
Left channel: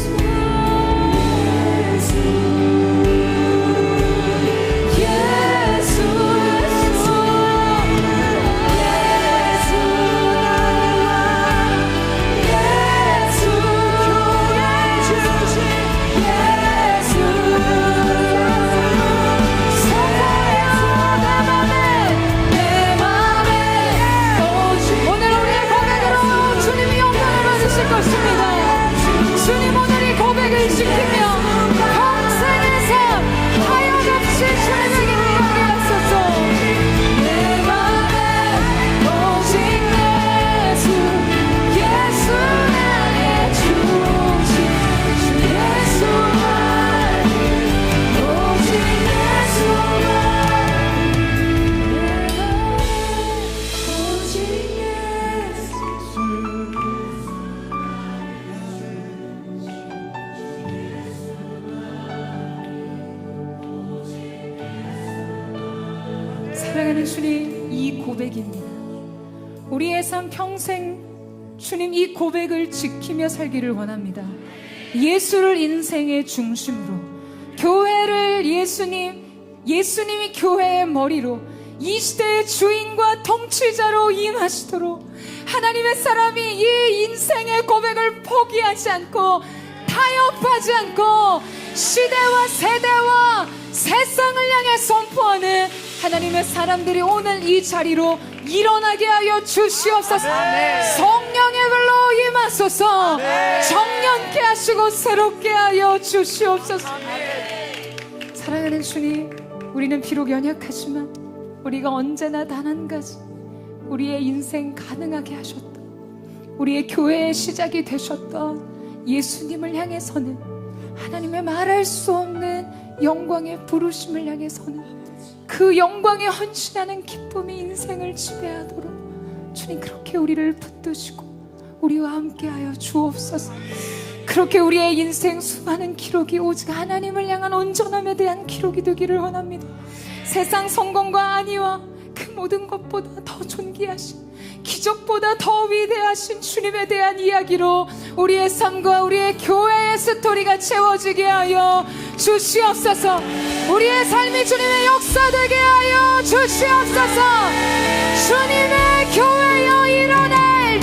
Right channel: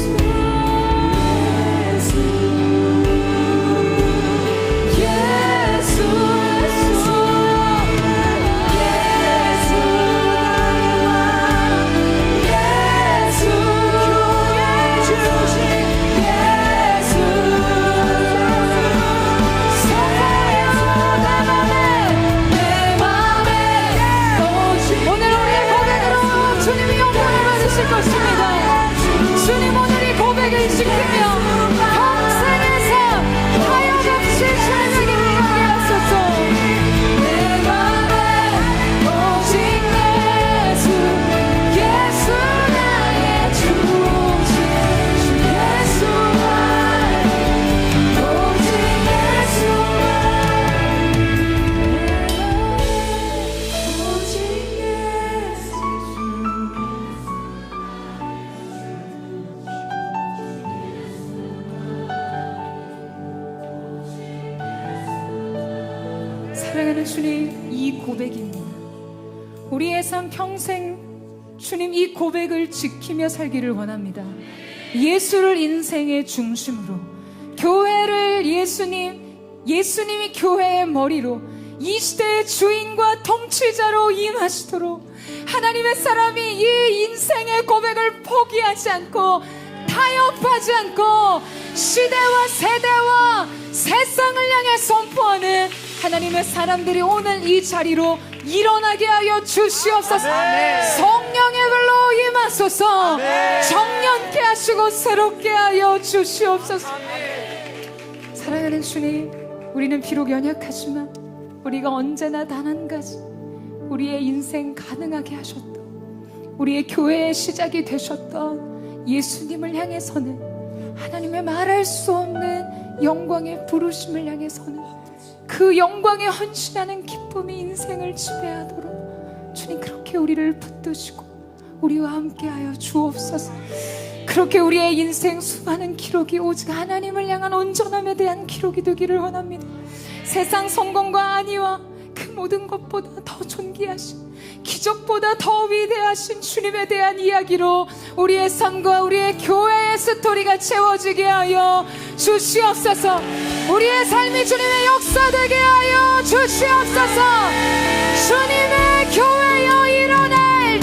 주님 오늘 이 고백을 지키며 평생에서 하염없이 주님에게 행하게 하소서. 내 맘에 오직 예수 예수 나의 중심 예수 오직 예수 오직 예수 사랑하는 주님, 이 고백입니다. 우리의 삶 평생 주님 이 고백을 지키며 살기를 원합니다. 예수를 인생의 중심으로, 교회를 예수님이 교회의 머리로, 이 시대의 주인과 통치자로 임하시도록 하나님의 사람이 이 인생의 고백을 포기하지 않고 타협하지 않고 시대와 세대와 세상을 향해 선포하는 하나님의 사람들이 오늘 이 자리로 일어나게 하여 주시옵소서. 성령의 불로 임하소서. 정령케 하시고 새롭게 하여 주시옵소서. 사랑하는 주님, 우리는 비록 연약하지만 우리가 언제나 단 한 가지 우리의 인생 가능하게 하셨던, 우리의 교회의 시작이 되셨던 예수님을 향해서는 하나님의 말할 수 없는 영광의 부르심을 향해서는 그 영광에 헌신하는 기쁨이 인생을 지배하도록 주님 그렇게 우리를 붙드시고 우리와 함께하여 주옵소서. 그렇게 우리의 인생 수많은 기록이 오직 하나님을 향한 온전함에 대한 기록이 되기를 원합니다. 세상 성공과 안위와 그 모든 것보다 더 존귀하신, 기적보다 더 위대하신 주님에 대한 이야기로 우리의 삶과 우리의 교회의 스토리가 채워지게 하여 주시옵소서. 우리의 삶이 주님의 역사되게 하여 주시옵소서. 주님의 교회여 일어날